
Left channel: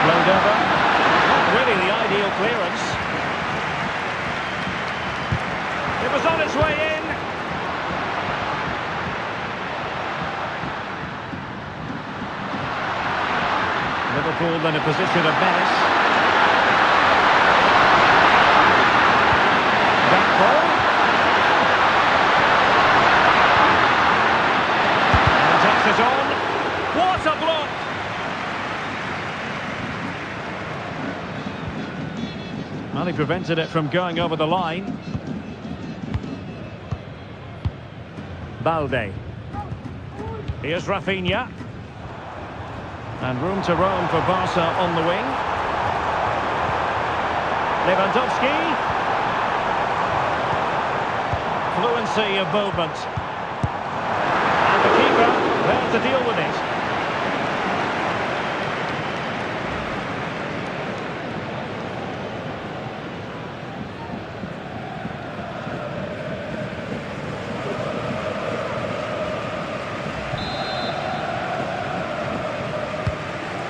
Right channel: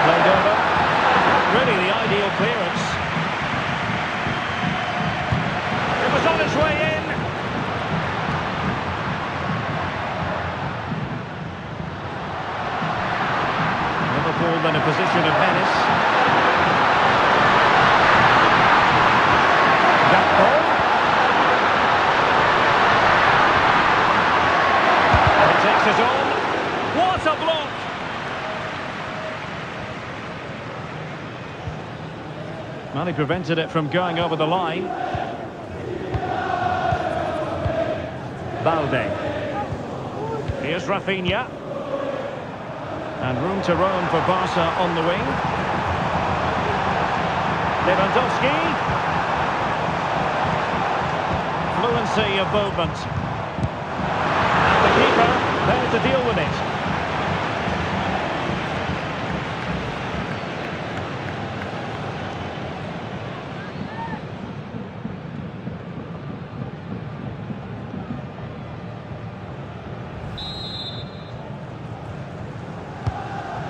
Played over. Not really the ideal clearance. It was on its way in. Liverpool in a position of menace. Gakpo. And he takes it on. What a block! Well, he prevented it from going over the line. Balde. Here's Rafinha. And room to roam for Barca on the wing. Lewandowski. Fluency of movement. And the keeper there to deal with it.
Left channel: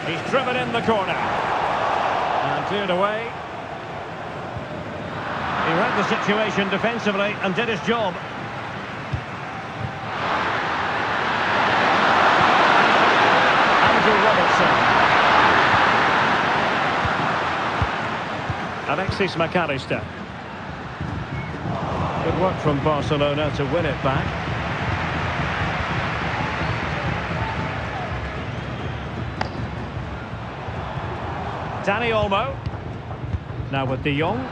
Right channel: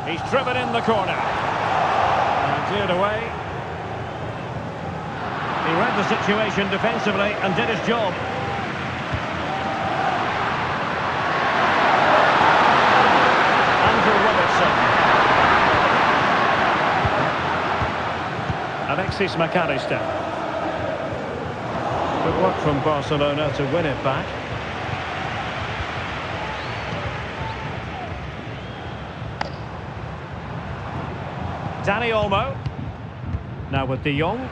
He's driven in the corner. And cleared away. He read the situation defensively and did his job. Andrew Robertson. Alexis McAllister. Good work from Barcelona to win it back. Dani Olmo. Now with De Jong.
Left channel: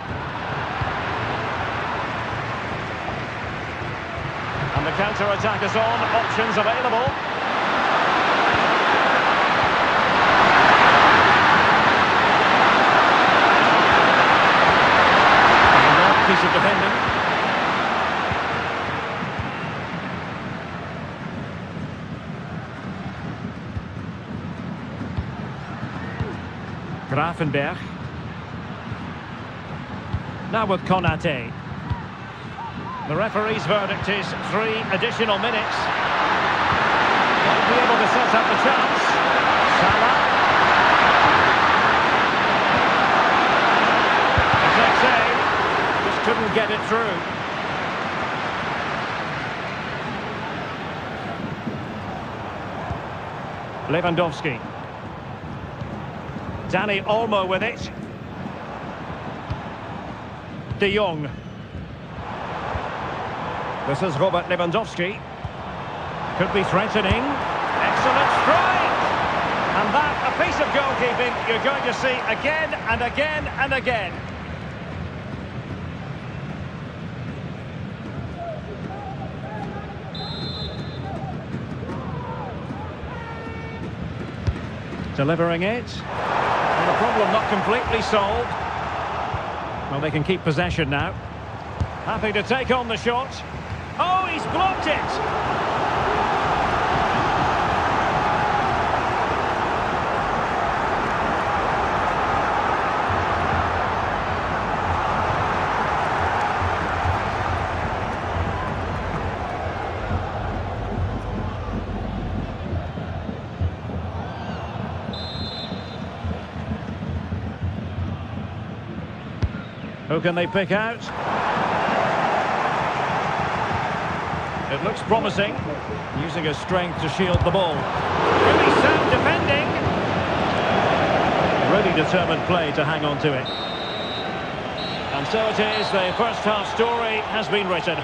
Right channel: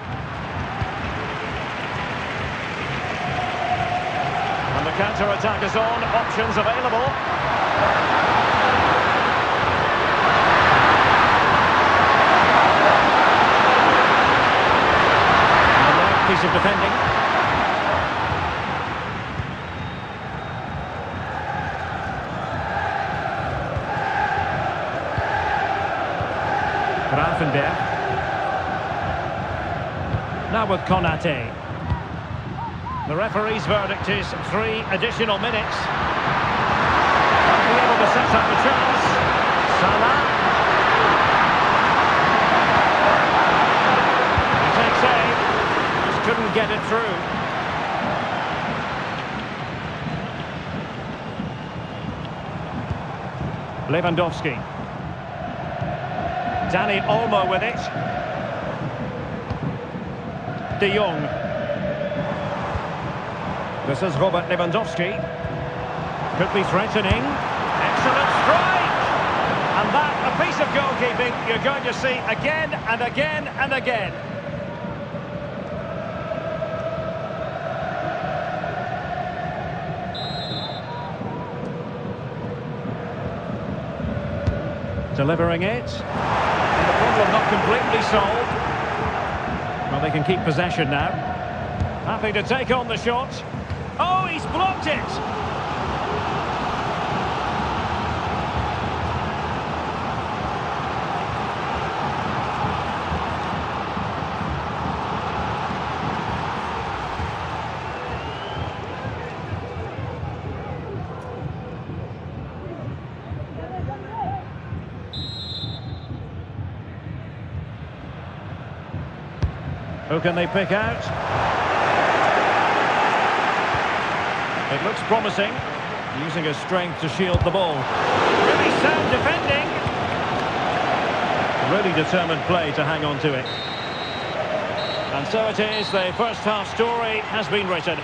And the counter-attack is on. Options available. And another piece of defending. Grafenberg. Now with Konate. The referee's verdict is 3 additional minutes. Might be able to set up the chance. Salah. He takes aim. Just couldn't get it through. Lewandowski. Dani Olmo with it. De Jong. This is Robert Lewandowski. Could be threatening. Excellent strike! And that, a piece of goalkeeping you're going to see again and again and again. Delivering it. And the problem not completely solved. Well, they can keep possession now. Happy to take on the shot. Oh, he's blocked it! Who can they pick out? It looks promising, using his strength to shield the ball. Really sound defending. Really determined play to hang on to it. And so it is, the first half story has been written.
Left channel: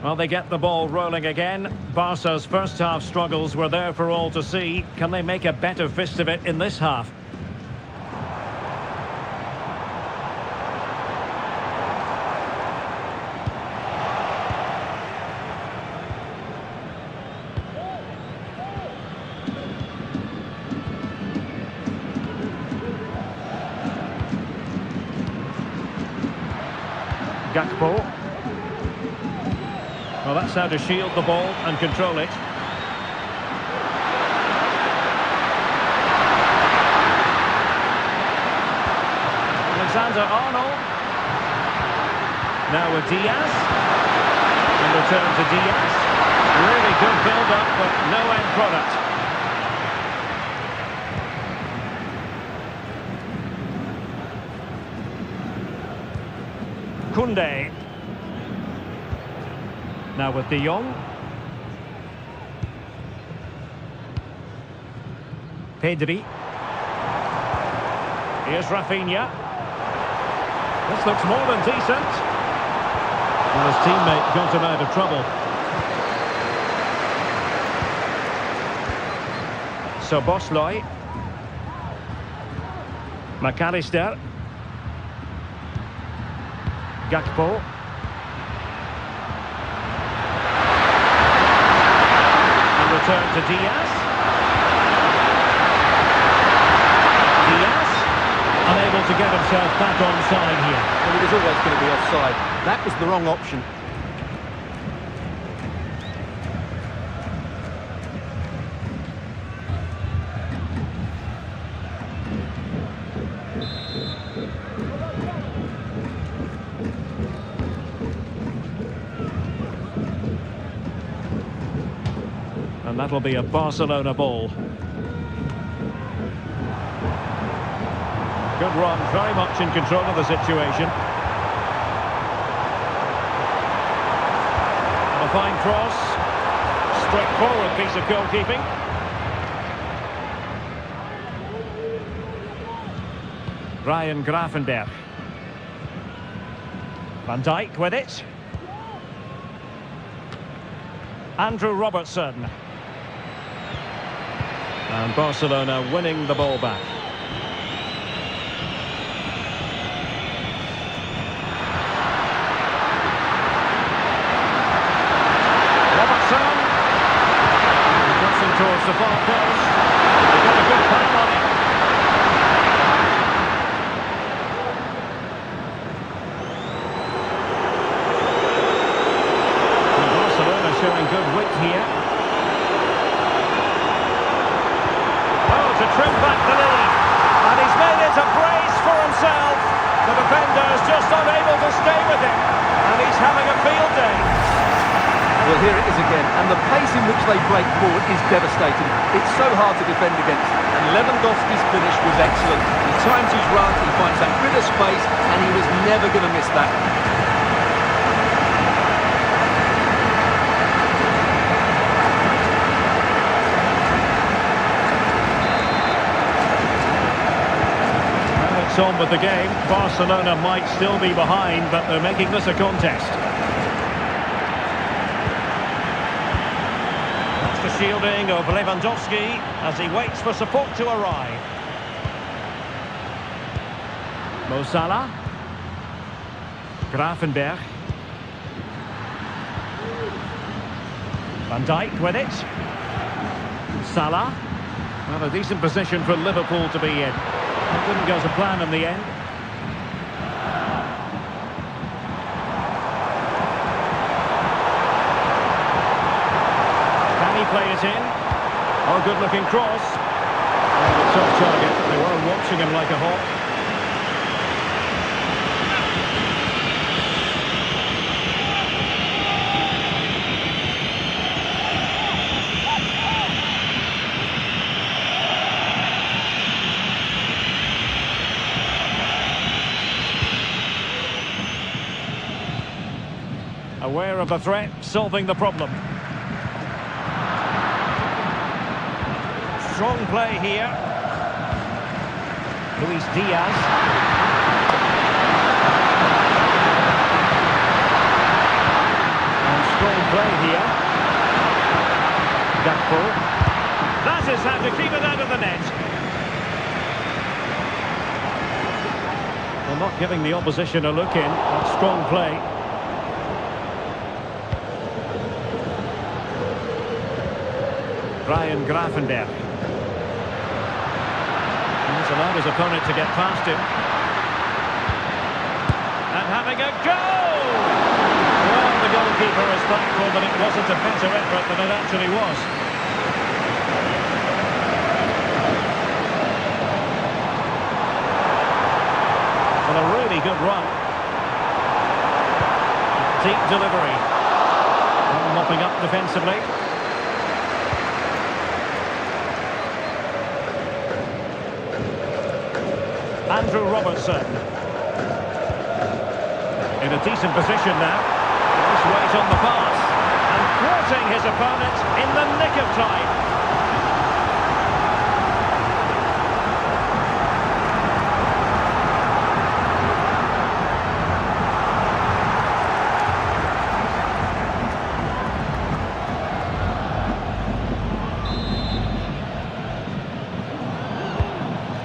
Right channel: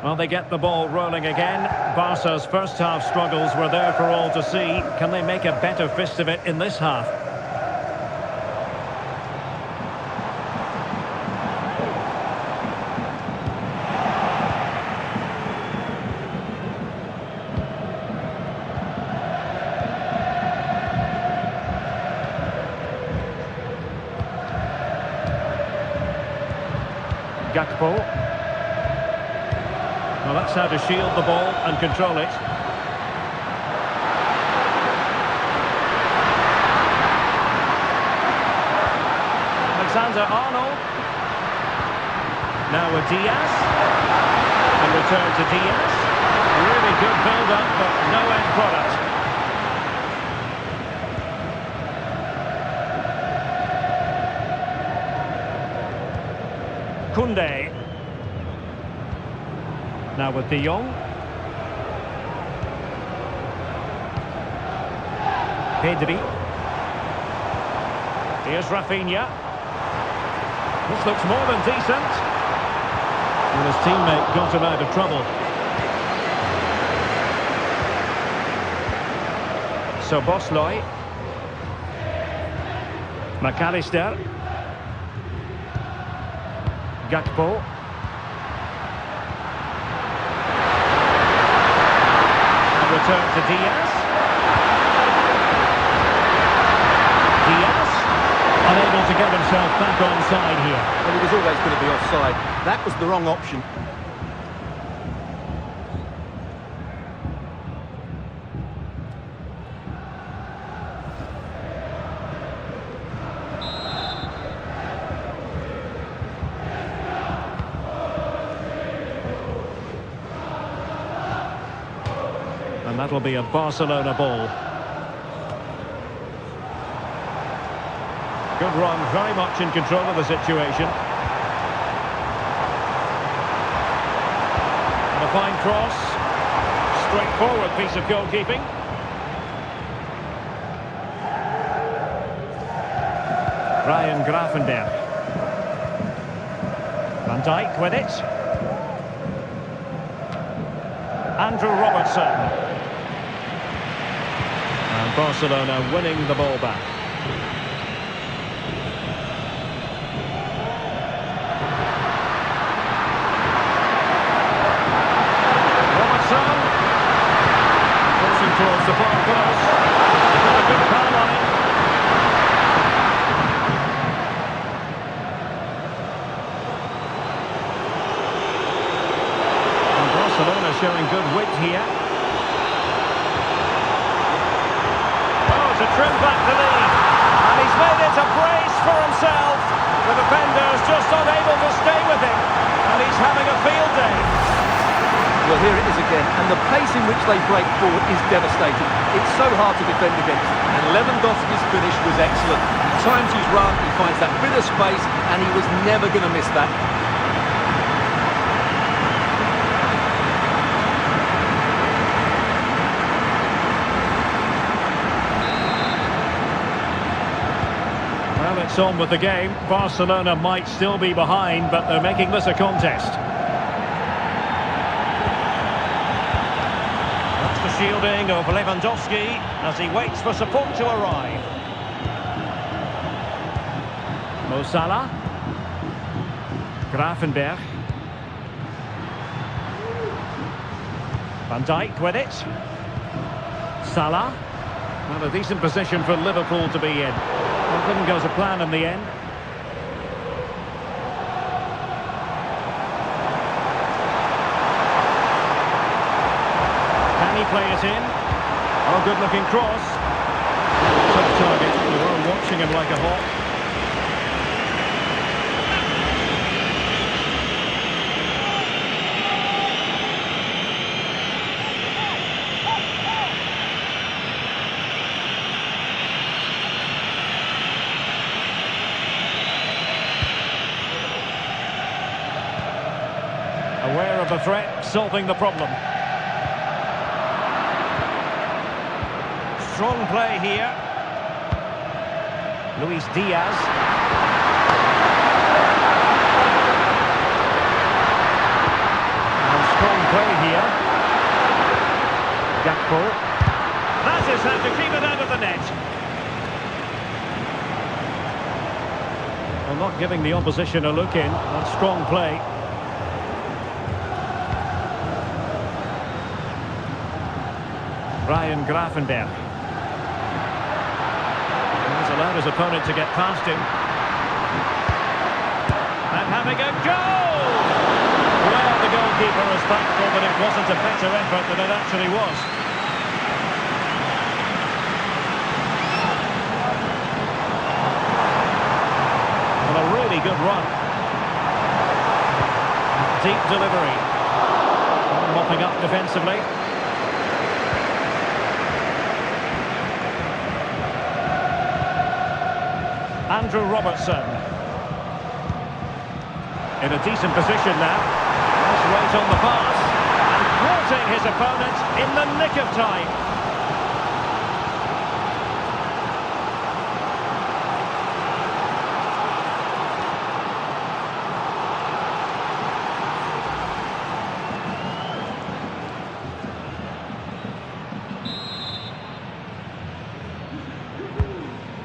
Well, they get the ball rolling again. Barca's first half struggles were there for all to see. Can they make a better fist of it in this half? Gakpo. Well, that's how to shield the ball and control it. Alexander-Arnold. Now with Diaz. And return to Diaz. Really good build-up, but no end product. Koundé. Now with De Jong. Pedri. Here's Rafinha. This looks more than decent. Well, his teammate got him out of trouble. So Bosley. McAllister. Gakpo. Return to Diaz. Diaz, unable to get himself back onside here. Well, he was always going to be offside. That was the wrong option. And that'll be a Barcelona ball. Good run, very much in control of the situation. And a fine cross. Straightforward piece of goalkeeping. Ryan Gravenberch. Van Dijk with it. Andrew Robertson. And Barcelona winning the ball back. Robertson. Crossing towards the far post. He got a good foul on it. And Barcelona showing good wit here. To trim back the lead, and he's made it a brace for himself. The defender's just unable to stay with him, and he's having a field day. Well, here it is again, and the pace in which they break forward is devastating. It's so hard to defend against, and Lewandowski's finish was excellent. He times his run, he finds that bit of space, and he was never going to miss that. It's on with the game. Barcelona might still be behind, but they're making this a contest. That's the shielding of Lewandowski as he waits for support to arrive. Mo Salah. Gravenberch. Van Dijk with it. Salah. Well, a decent position for Liverpool to be in. Well, couldn't go to plan in the end. Can he play it in? Oh, good-looking cross. Oh, a tough target. They were watching him like a hawk. Aware of the threat, solving the problem. Strong play here. Luis Diaz. And strong play here. Gakpo. That is how to keep it out of the net. Well, not giving the opposition a look in. That's strong play. Ryan Gravenberch. He's allowed his opponent to get past him. And having a goal! Well, the goalkeeper is thankful that it wasn't a better effort than it actually was. Well, a really good run. Deep delivery. Mopping up defensively. Andrew Robertson. In a decent position now. Nice weight on the pass. And thwarting his opponent in the nick of time.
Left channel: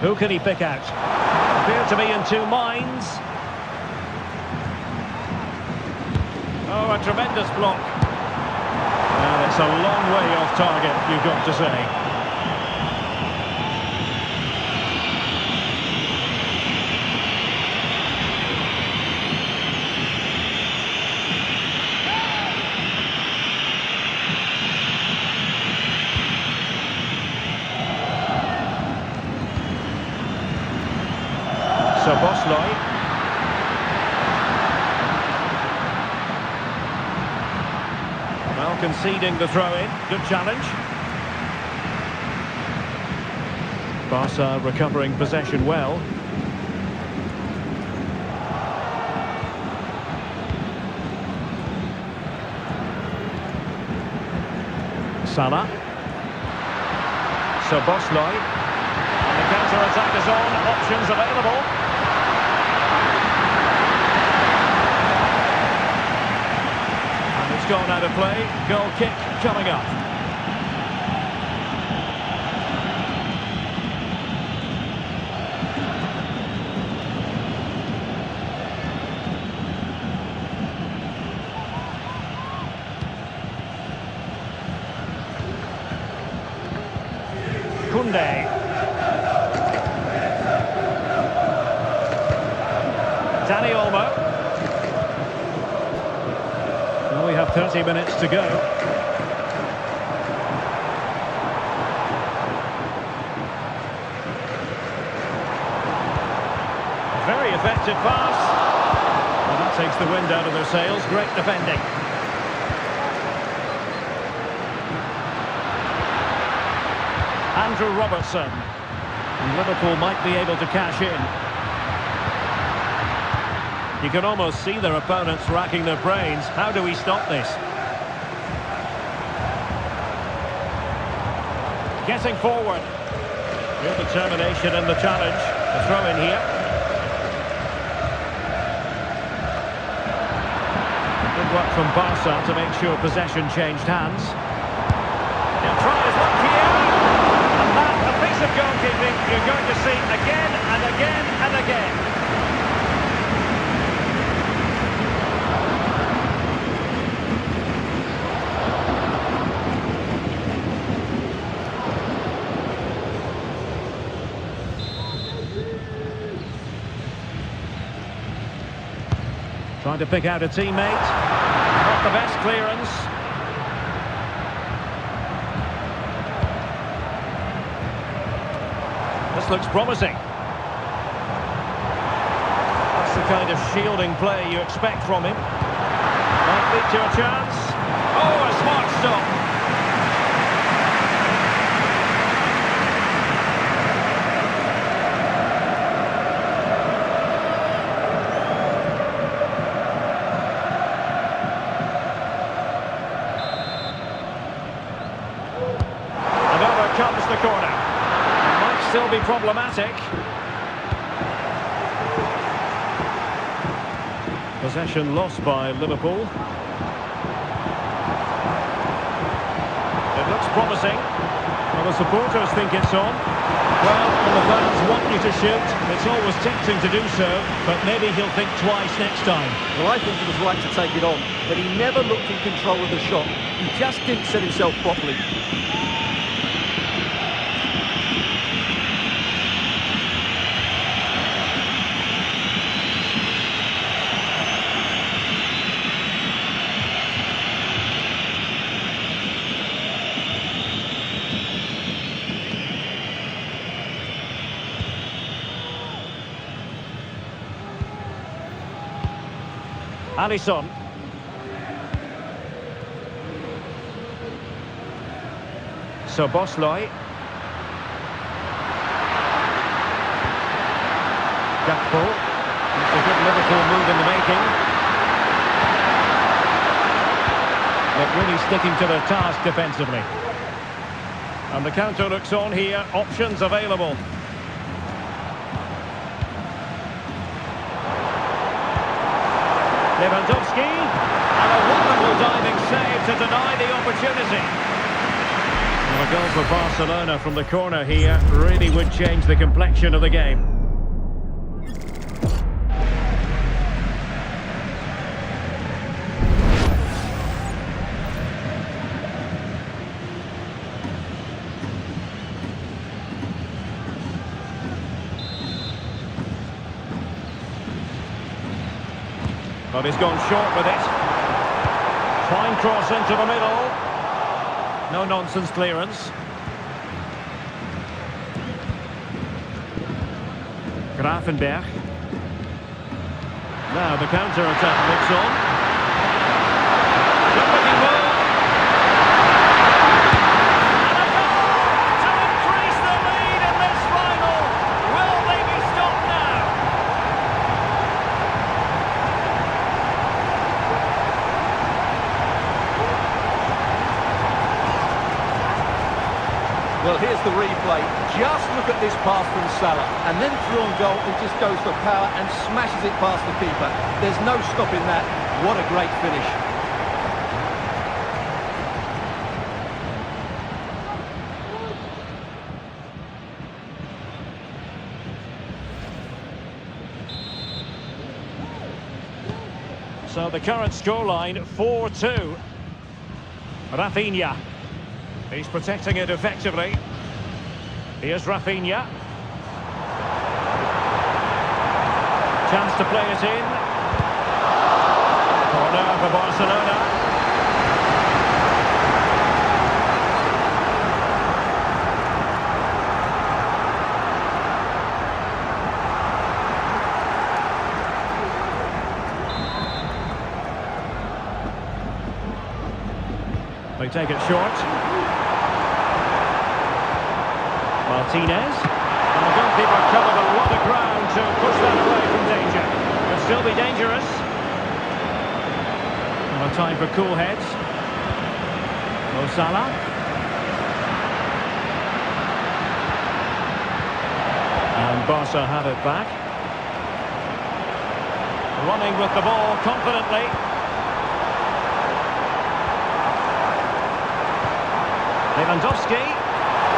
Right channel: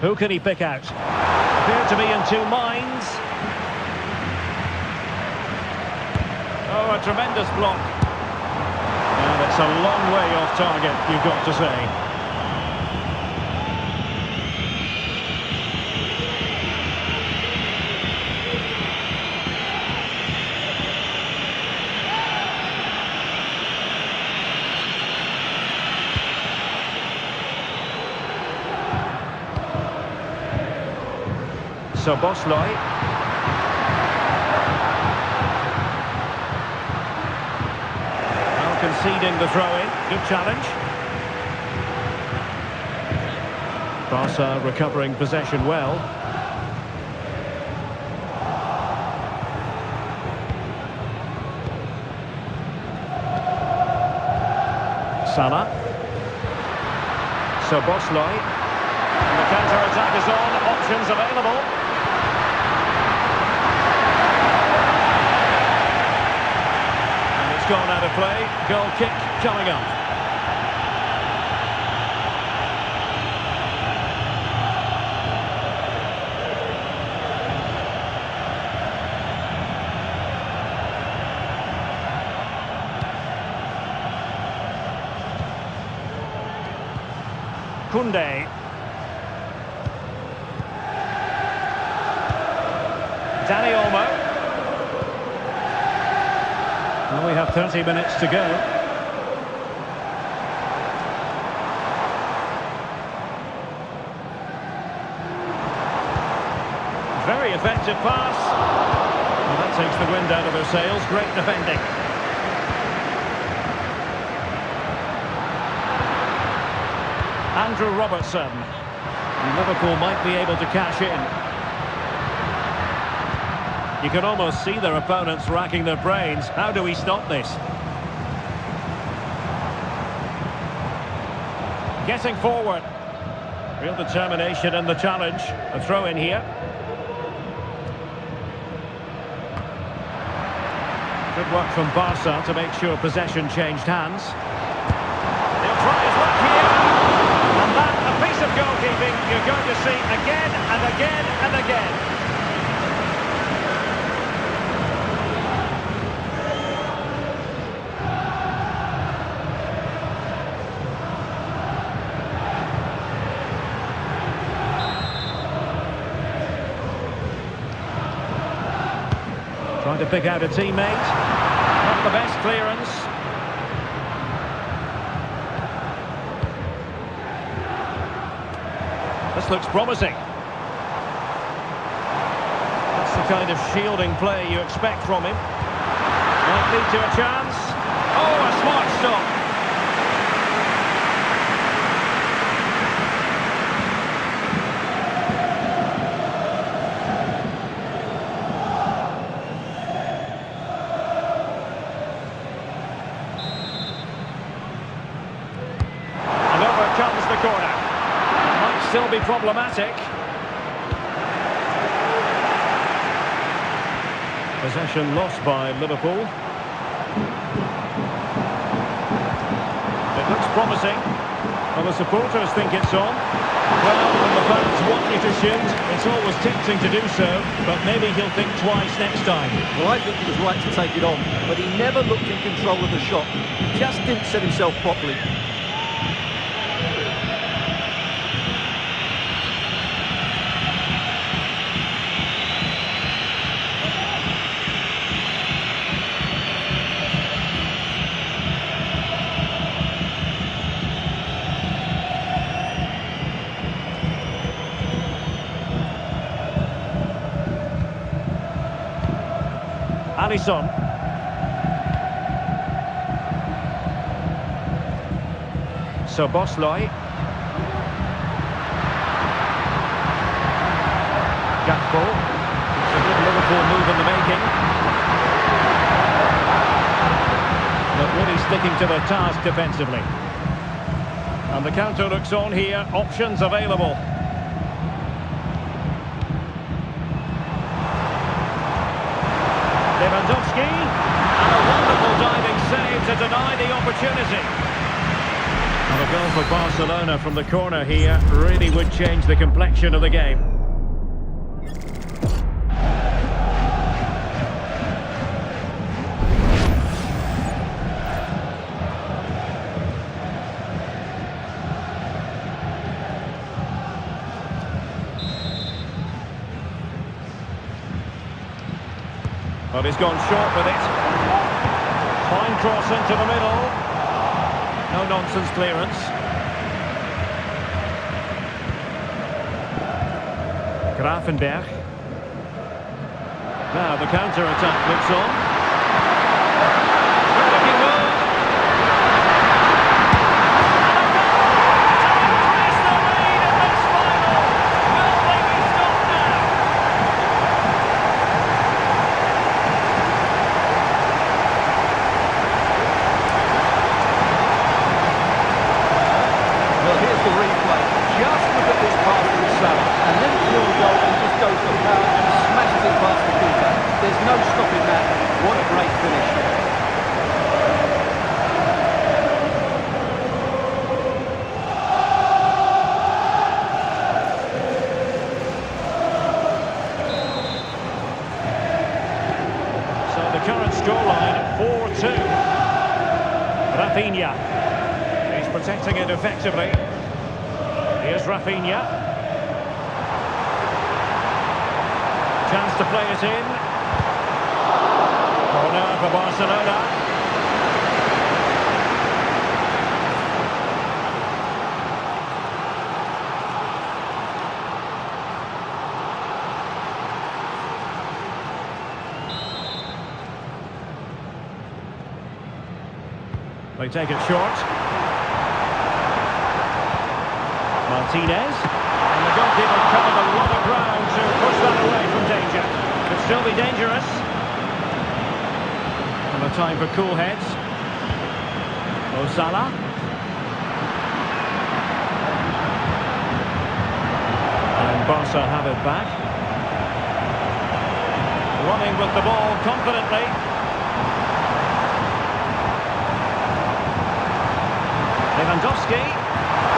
Who can he pick out? Appear to be in two minds. Oh, a tremendous block. And it's a long way off target, you've got to say. So Bosloy. Now conceding the throw-in. Good challenge. Barca recovering possession well. Salah. So Bosloy. And the counter-attack is on. Options available. And it's gone out of play. Goal kick coming up. Koundé. Dani Olmo. Well, we have 30 minutes to go. Very effective pass. Well, that takes the wind out of their sails. Great defending. Andrew Robertson. And Liverpool might be able to cash in. You can almost see their opponents racking their brains. How do we stop this? Getting forward. Real determination in the challenge. A throw in here. Good work from Barca to make sure possession changed hands. He'll try his luck here. And that, a piece of goalkeeping you're going to see again and again and again. Trying to pick out a teammate. Not the best clearance. This looks promising. That's the kind of shielding play you expect from him. Might lead to a chance. Oh, a smart stop. And over comes the corner. Still be problematic. Possession lost by Liverpool. It looks promising. Well, the supporters think it's on. Well, when the fans want you to shoot, it's always tempting to do so, but maybe he'll think twice next time. Well, I think he was right to take it on, but he never looked in control of the shot. He just didn't set himself properly. Alisson. So Bosloy. Gakpo. It's a good Liverpool move in the making. But really sticking to the task defensively. And the counter looks on here. Options available. Lewandowski, and a wonderful diving save to deny the opportunity. And a goal for Barcelona from the corner here really would change the complexion of the game. But he's gone short with it. Fine cross into the middle. No nonsense clearance. Gravenberch. Now the counter-attack looks on. Good-looking move. And a goal to increase the lead in this final. Will they be stopped now? Well, here's the replay. Just look at this pass from Salah, and then through on goal and just goes for power and smashes it past the keeper. There's no stopping that. What a great finish. So the current scoreline, 4-2. Rafinha. He's protecting it effectively. Here's Rafinha. Chance to play it in. Corner for Barcelona. They take it short. Martinez, and the goalkeeper covered a lot of ground to push that away from danger. Could still be dangerous. And a time for cool heads. Mo Salah. And Barca have it back. Running with the ball confidently. Lewandowski.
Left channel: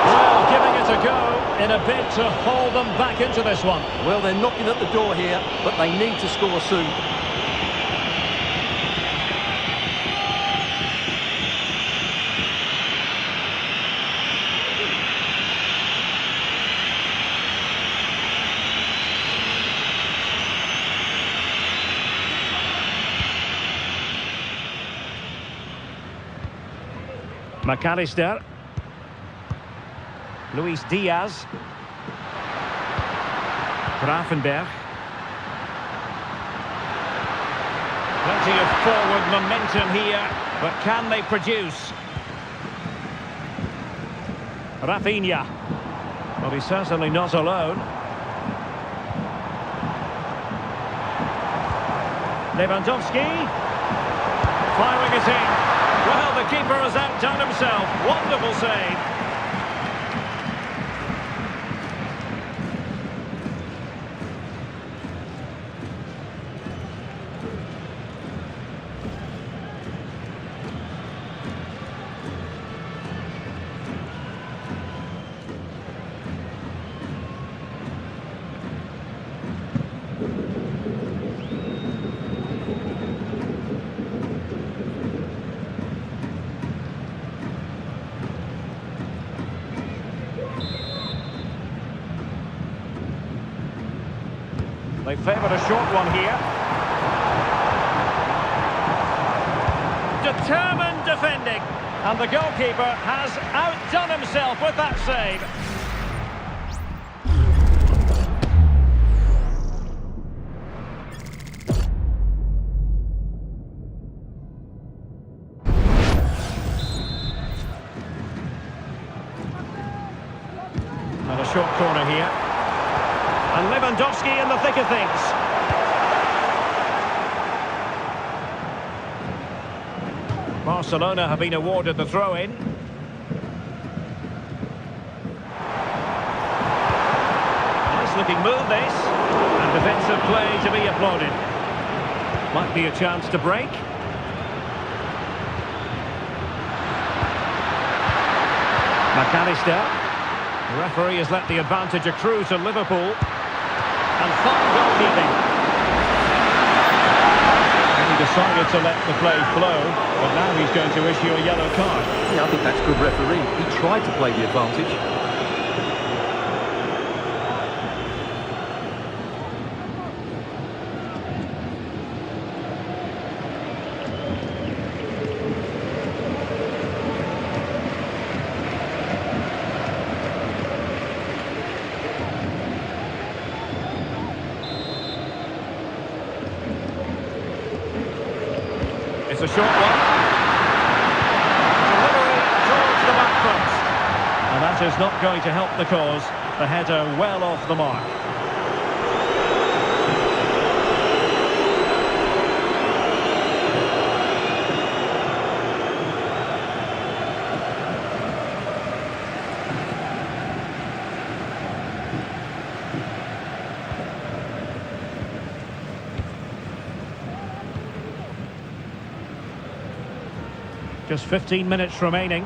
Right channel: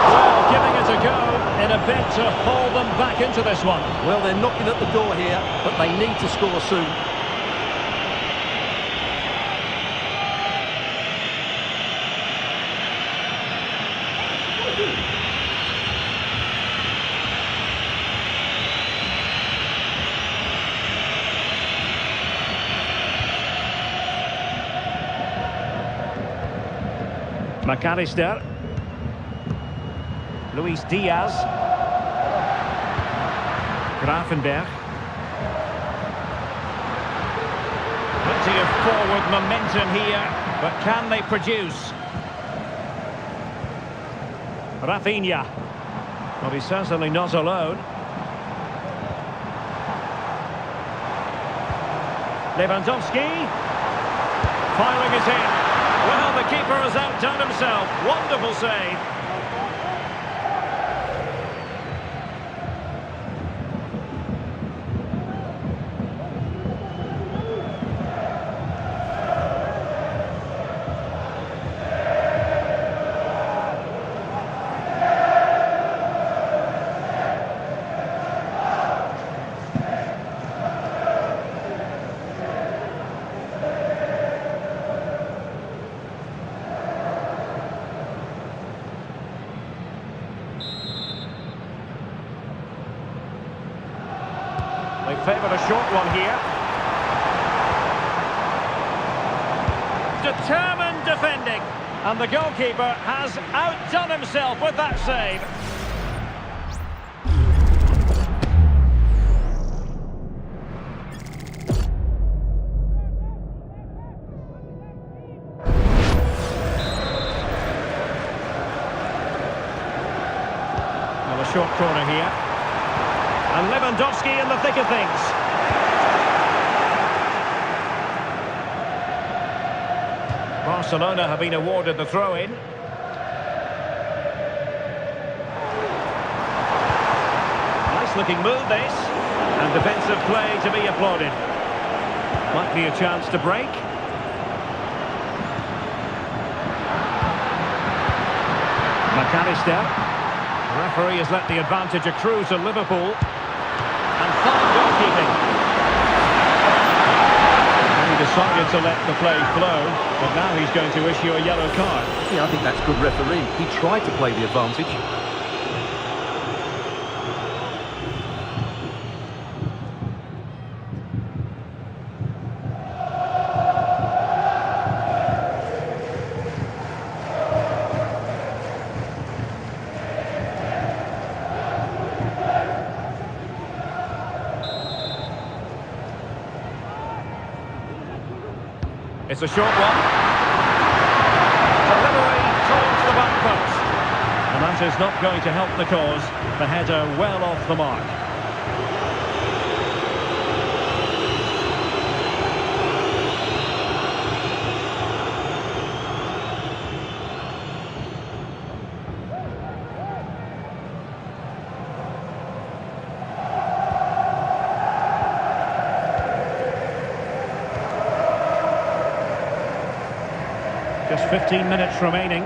Well, giving it a go in a bid to haul them back into this one. Well, they're knocking at the door here, but they need to score soon. McAllister. Luis Diaz. Gravenberg. Plenty of forward momentum here, but can they produce? Rafinha. Well, he's certainly not alone. Lewandowski. Firing it in. Well, the keeper has outdone himself. Wonderful save. They favoured a short one here. Determined defending. And the goalkeeper has outdone himself with that save. Well, a short corner here. And Lewandowski in the thick of things. Barcelona have been awarded the throw-in. Nice looking move this. And defensive play to be applauded. Might be a chance to break. McAllister. The referee has let the advantage accrue to Liverpool. And fine goalkeeping. And he decided to let the play flow, but now he's going to issue a yellow card. Yeah, I think that's good refereeing. He tried to play the advantage. It's a short one. Delivery towards the back post. And that is not going to help the cause. The header well off the mark. Just 15 minutes remaining.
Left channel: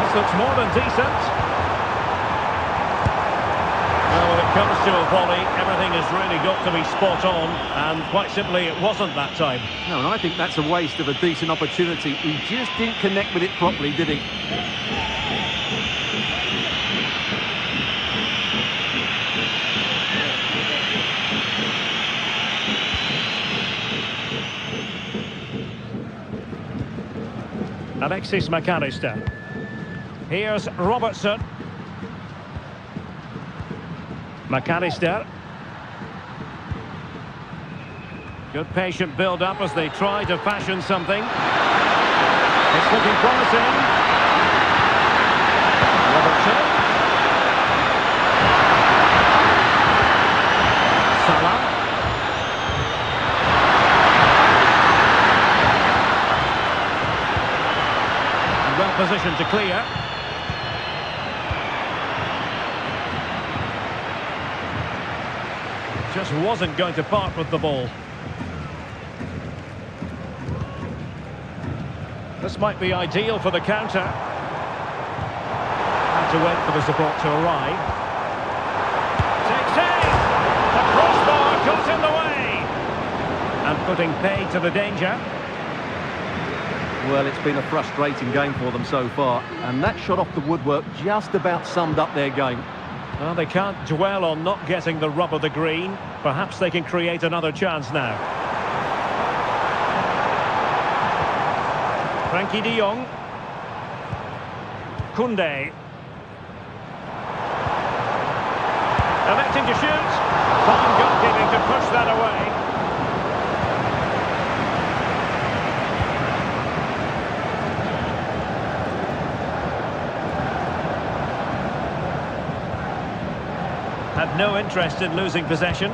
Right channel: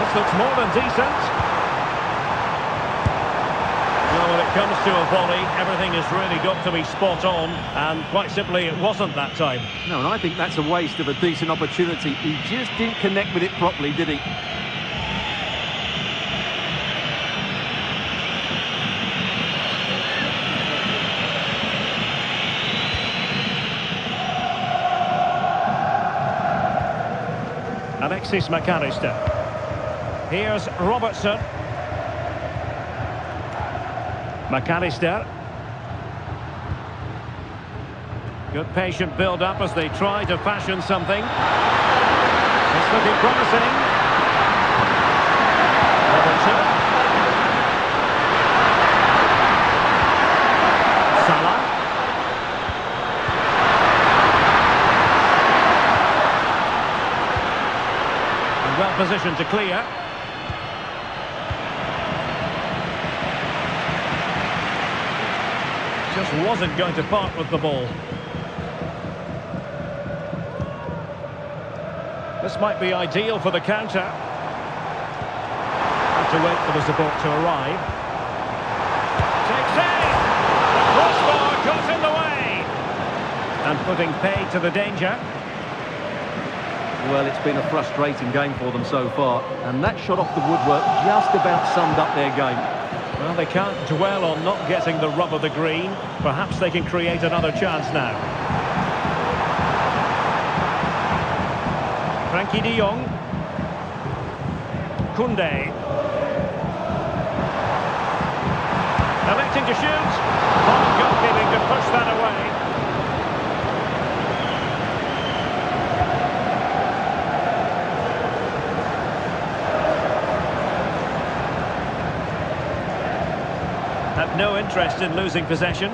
This looks more than decent. Well, when it comes to a volley, everything has really got to be spot on, and quite simply, it wasn't that time. No, and I think that's a waste of a decent opportunity. He just didn't connect with it properly, did he? Alexis McAllister. Here's Robertson. McAllister. Good patient build-up as they try to fashion something. It's looking promising. Robertson. Salah. Well positioned to clear. Just wasn't going to part with the ball. This might be ideal for the counter. Have to wait for the support to arrive. Takes aim! The crossbar got in the way! And putting paid to the danger. Well, it's been a frustrating game for them so far, and that shot off the woodwork just about summed up their game. Well, they can't dwell on not getting the rub of the green. Perhaps they can create another chance now. Frankie de Jong. Koundé. Electing to shoot. Fine goalkeeping to push that away. Had no interest in losing possession.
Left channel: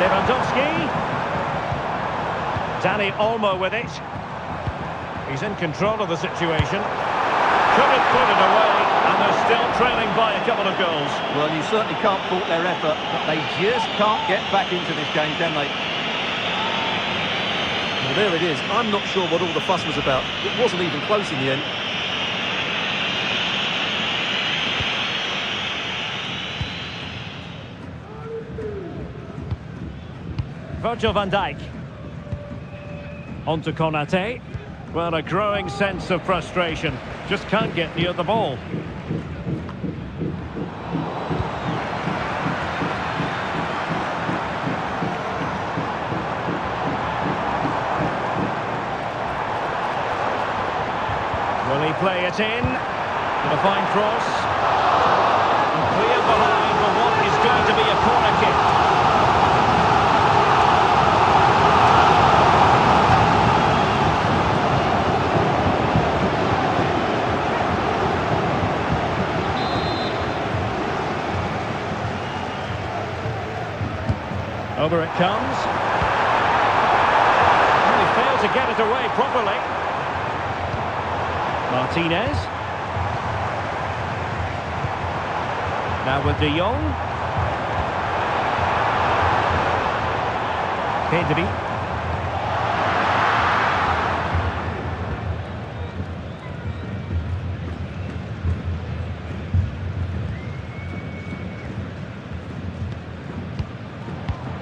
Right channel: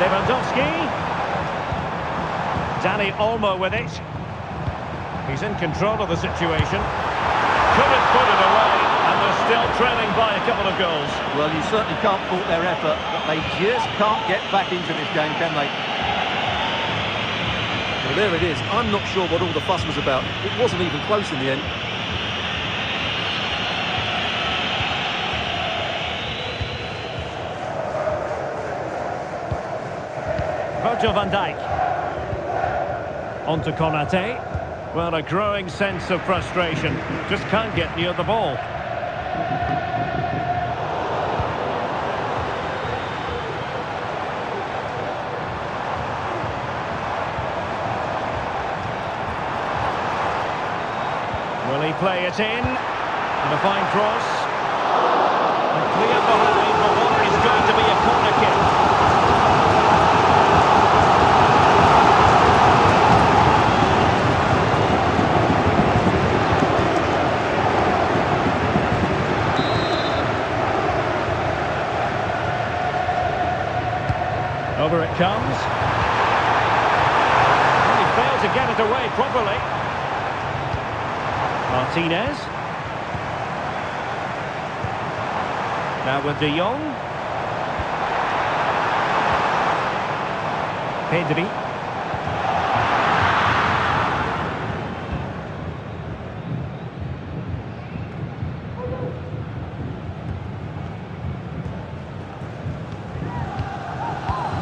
Lewandowski. Dani Olmo with it. He's in control of the situation. Couldn't put it away, and they're still trailing by a couple of goals. Well, you certainly can't fault their effort, but they just can't get back into this game, can they? Well, there it is. I'm not sure what all the fuss was about. It wasn't even close in the end. Virgil van Dijk. On to Konaté. Well, a growing sense of frustration. Just can't get near the ball. Will he play it in? And a fine cross. And clear behind for what is going to be a corner kick. Over it comes. And he failed to get it away properly. Martinez. Now with de Jong. Pedri.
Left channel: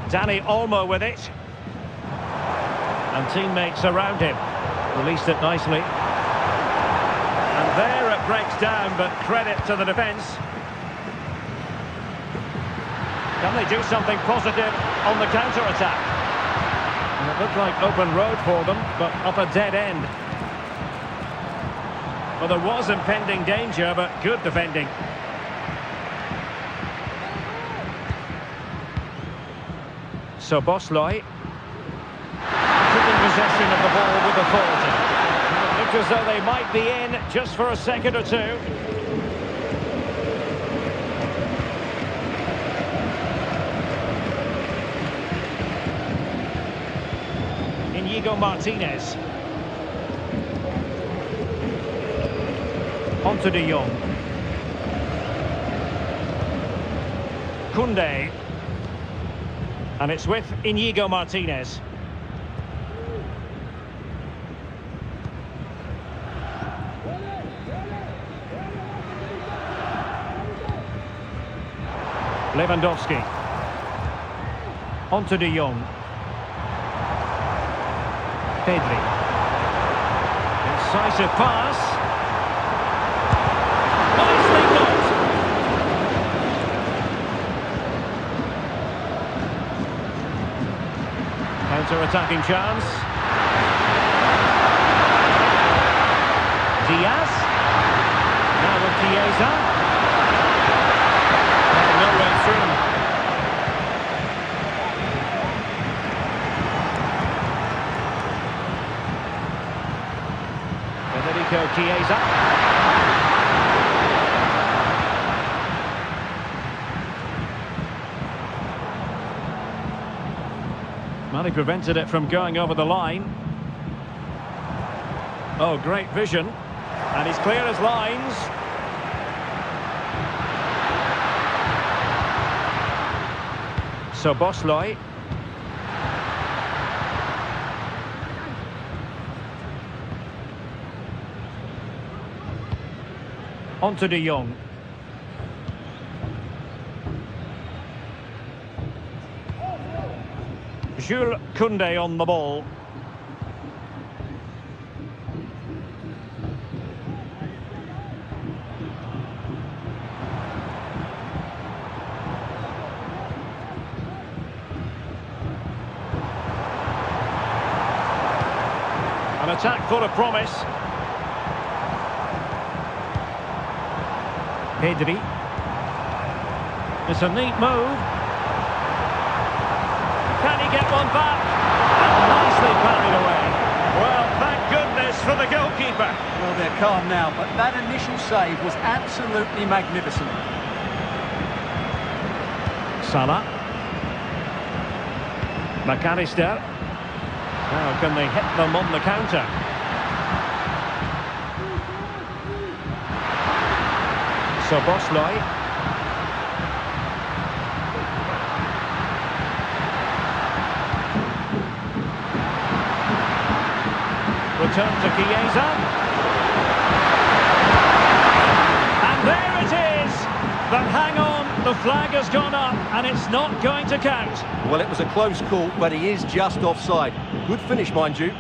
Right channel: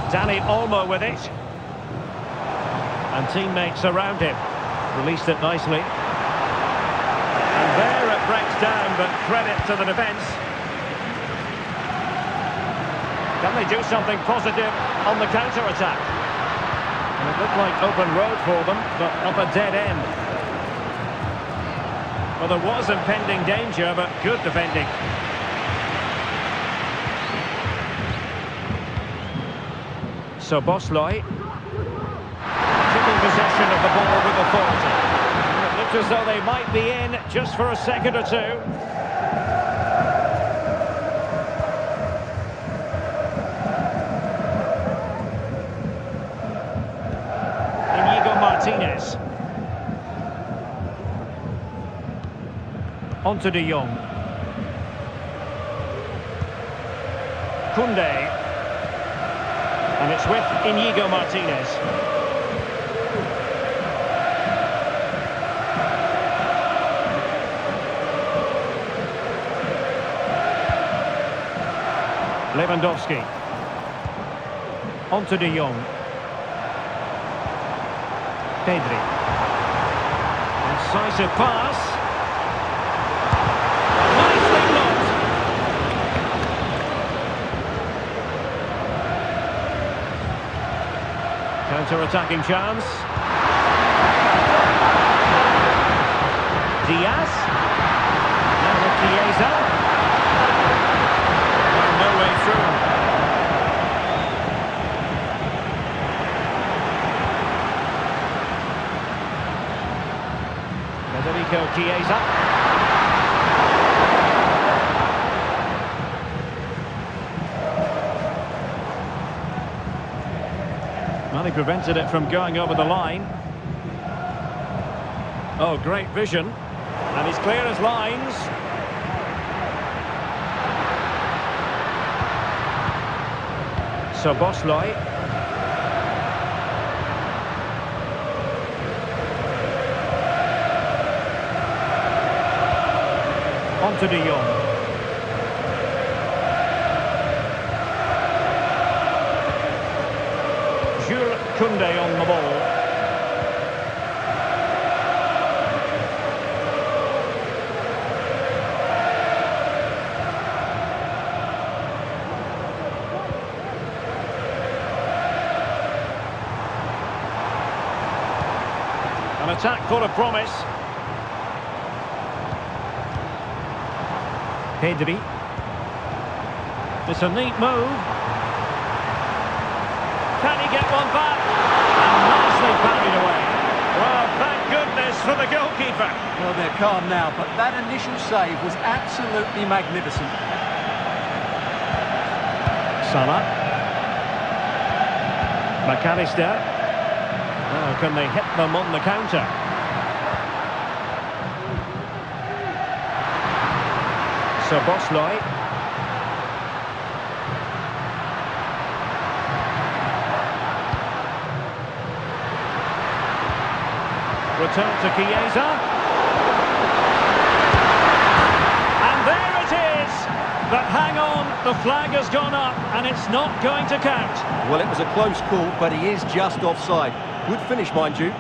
Dani Olmo with it. And teammates around him. Released it nicely. And there it breaks down, but credit to the defence. Can they do something positive on the counter-attack? And it looked like open road for them, but up a dead end. Well, there was impending danger, but good defending. Szoboszlai. Keeping possession of the ball with authority. And it looked as though they might be in just for a second or two. Inigo Martinez. On to De Jong. Koundé. And it's with Inigo Martinez. Lewandowski. On to De Jong. Pedri. Incisive pass. Nicely blocked. Counter-attacking chance. Diaz. Now with Chiesa. Well, no way through. Federico Chiesa. Well, he prevented it from going over the line. Oh, great vision. And he's clear as lines. Szoboszlai. On to De Jong. Jules Koundé on the ball. An attack full of promise. Pedri. It's a neat move. Can he get one back? And nicely parried away. Well, thank goodness for the goalkeeper. Well, they're calm now, but that initial save was absolutely magnificent. Salah. McAllister. Now, can they hit them on the counter? Szoboszlai. Return to Chiesa. And there it is! But hang on, the flag has gone up and it's not going to count. Well, it was a close call, but he is just offside. Good finish, mind you.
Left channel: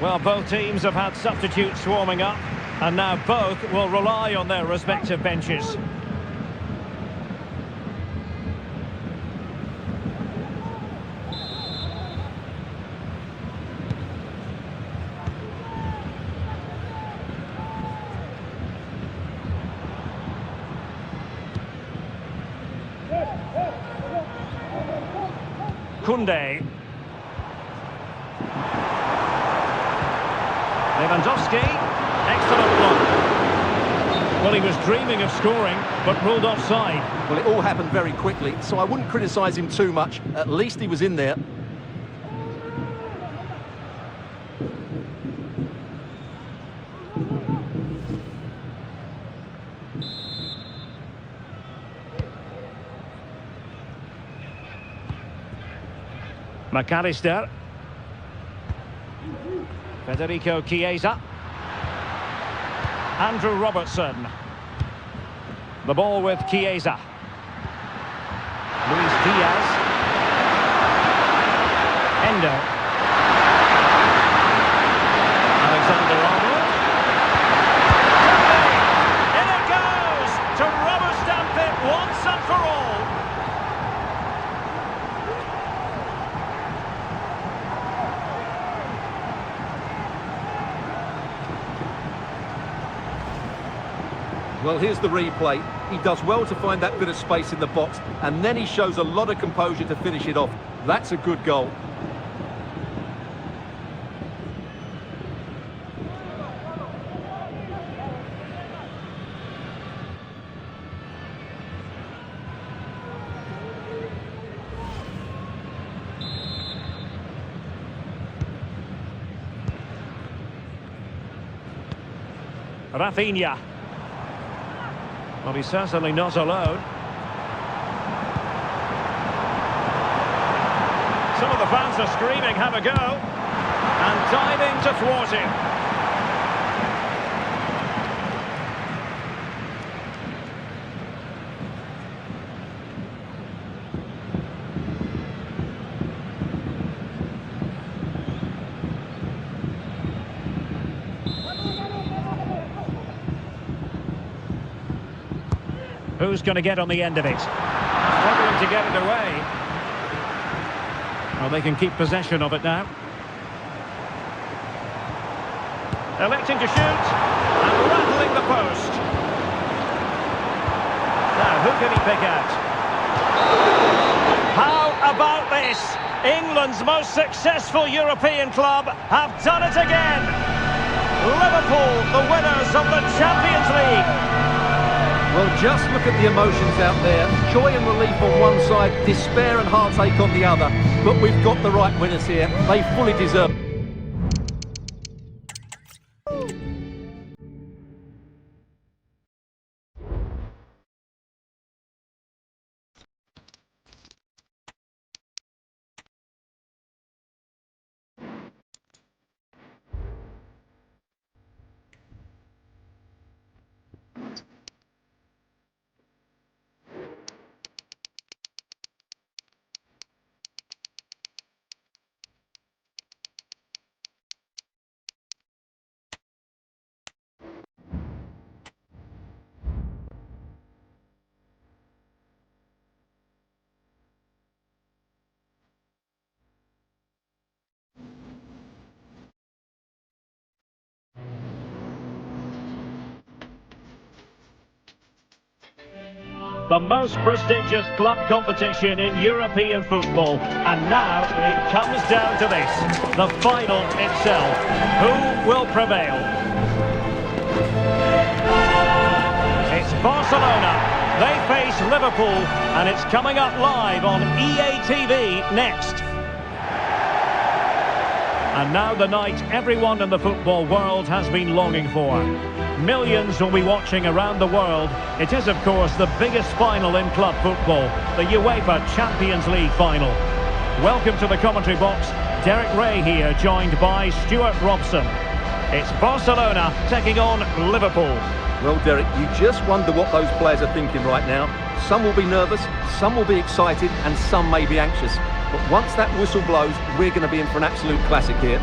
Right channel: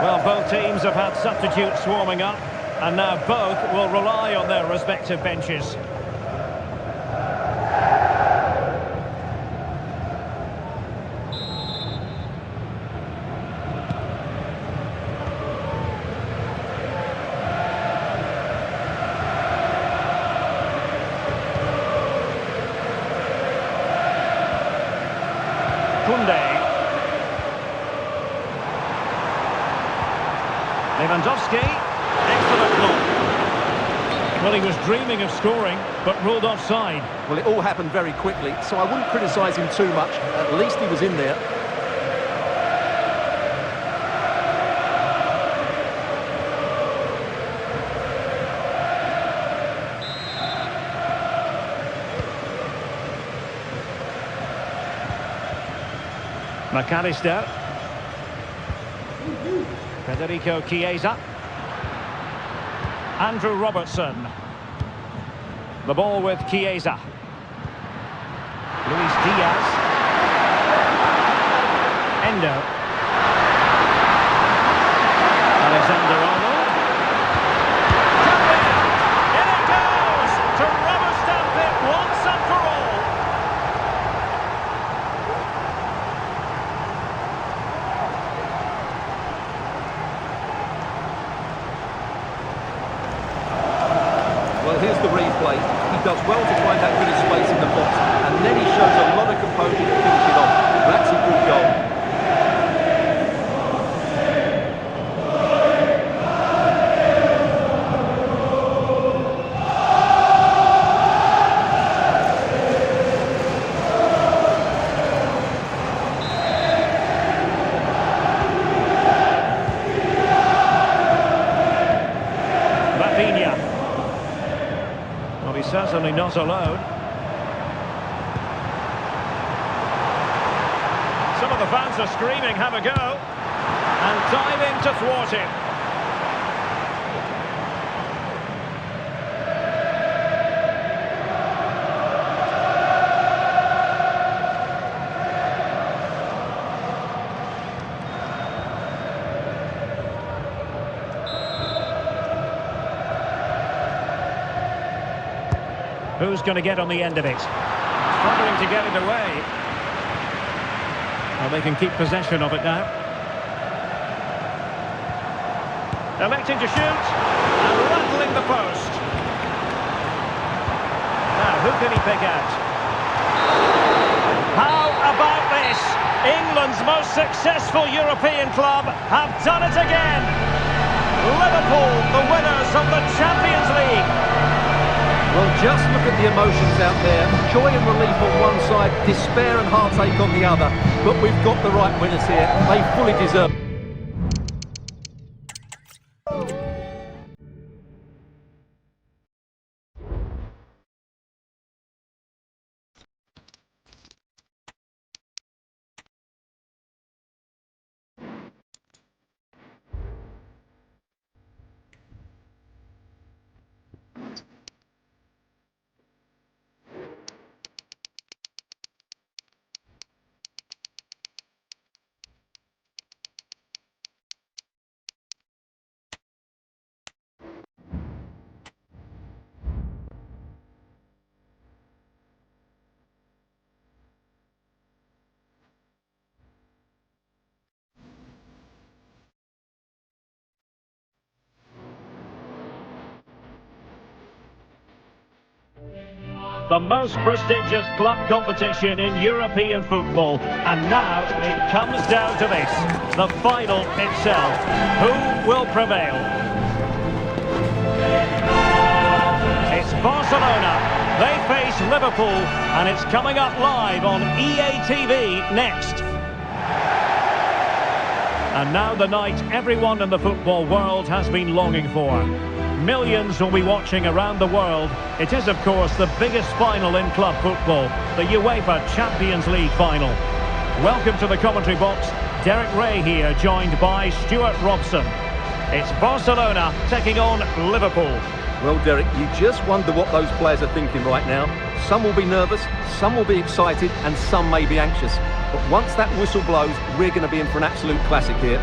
Well, both teams have had substitutes warming up, and now both will rely on their respective benches. Koundé. Lewandowski, excellent block. Well, he was dreaming of scoring, but ruled offside. Well, it all happened very quickly, so I wouldn't criticise him too much. At least he was in there. McAllister. Federico Chiesa. Andrew Robertson. The ball with Chiesa. Luis Diaz. Endo. Alexander-Arnold. In it goes! To rubber stamp it once and for all. Well, here's the replay. He does well to find that bit of space in the box, and then he shows a lot of composure to finish it off. That's a good goal. Rafinha. Well, he's certainly not alone. Some of the fans are screaming, have a go. And diving to thwart him. Who's going to get on the end of it? Struggling to get it away. Well, they can keep possession of it now. Electing to shoot. And rattling the post. Now, who can he pick out? How about this? England's most successful European club have done it again. Liverpool, the winners of the Champions League. Well, just look at the emotions out there. Joy and relief on one side, despair and heartache on the other. But we've got the right winners here. They fully deserve it. The most prestigious club competition in European football. And now it comes down to this, the final itself. Who will prevail? It's Barcelona. They face Liverpool, and it's coming up live on EA TV next. And now the night everyone in the football world has been longing for. Millions will be watching around the world. It is, of course, the biggest final in club football, the UEFA Champions League final. Welcome to the commentary box. Derek Ray here, joined by Stuart Robson. It's Barcelona taking on Liverpool. Well, Derek, you just wonder what those players are thinking right now. Some will be nervous, some will be excited, and some may be anxious. But once that whistle blows, we're going to be in for an absolute classic here.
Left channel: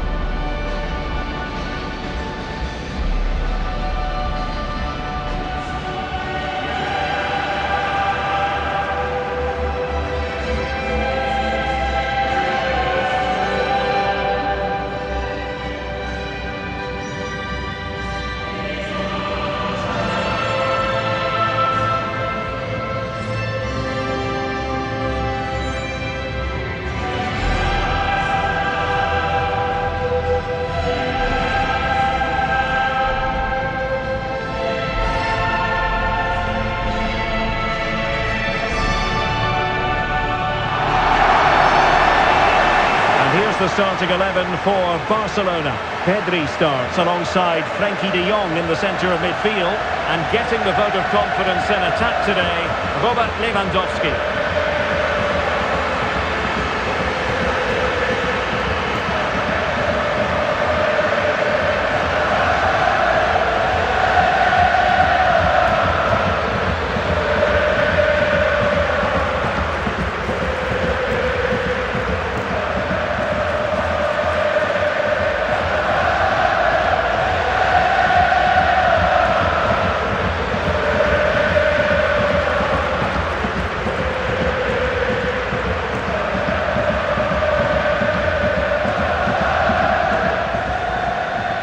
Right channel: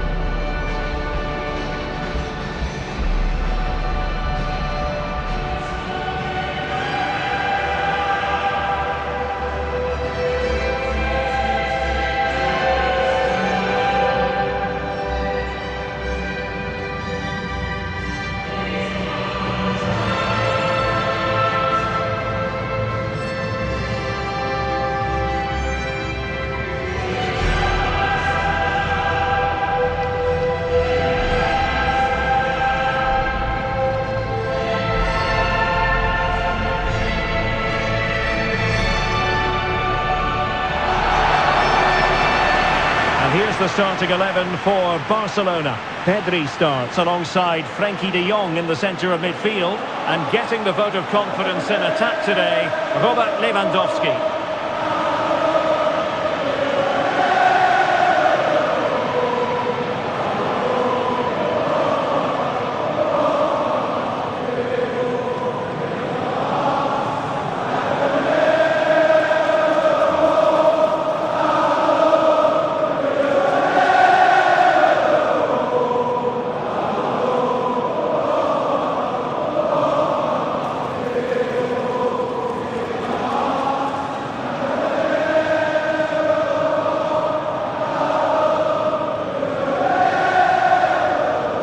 Here's the starting 11 for Barcelona. Pedri starts alongside Frenkie de Jong in the centre of midfield, and getting the vote of confidence in attack today, Robert Lewandowski.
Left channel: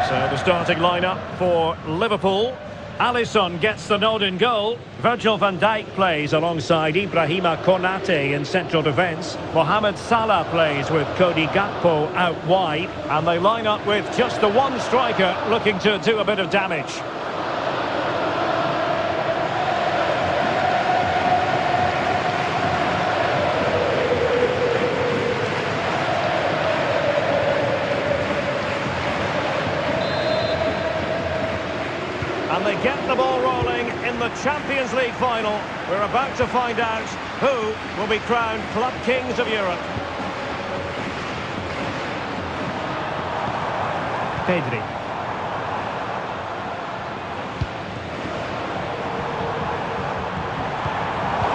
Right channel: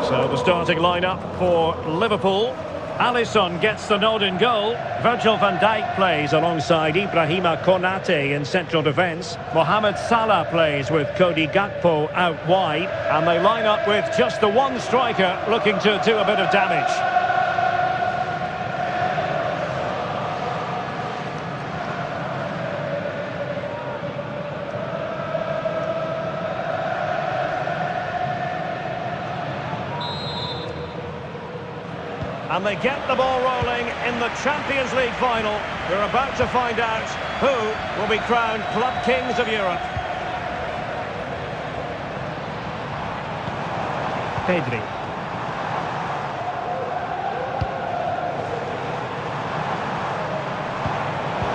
So the starting lineup for Liverpool. Alisson gets the nod in goal. Virgil van Dijk plays alongside Ibrahima Konate in central defence. Mohamed Salah plays with Cody Gakpo out wide. And they line up with just the one striker looking to do a bit of damage. And they get the ball rolling in the Champions League final. We're about to find out who will be crowned Club Kings of Europe. Pedri.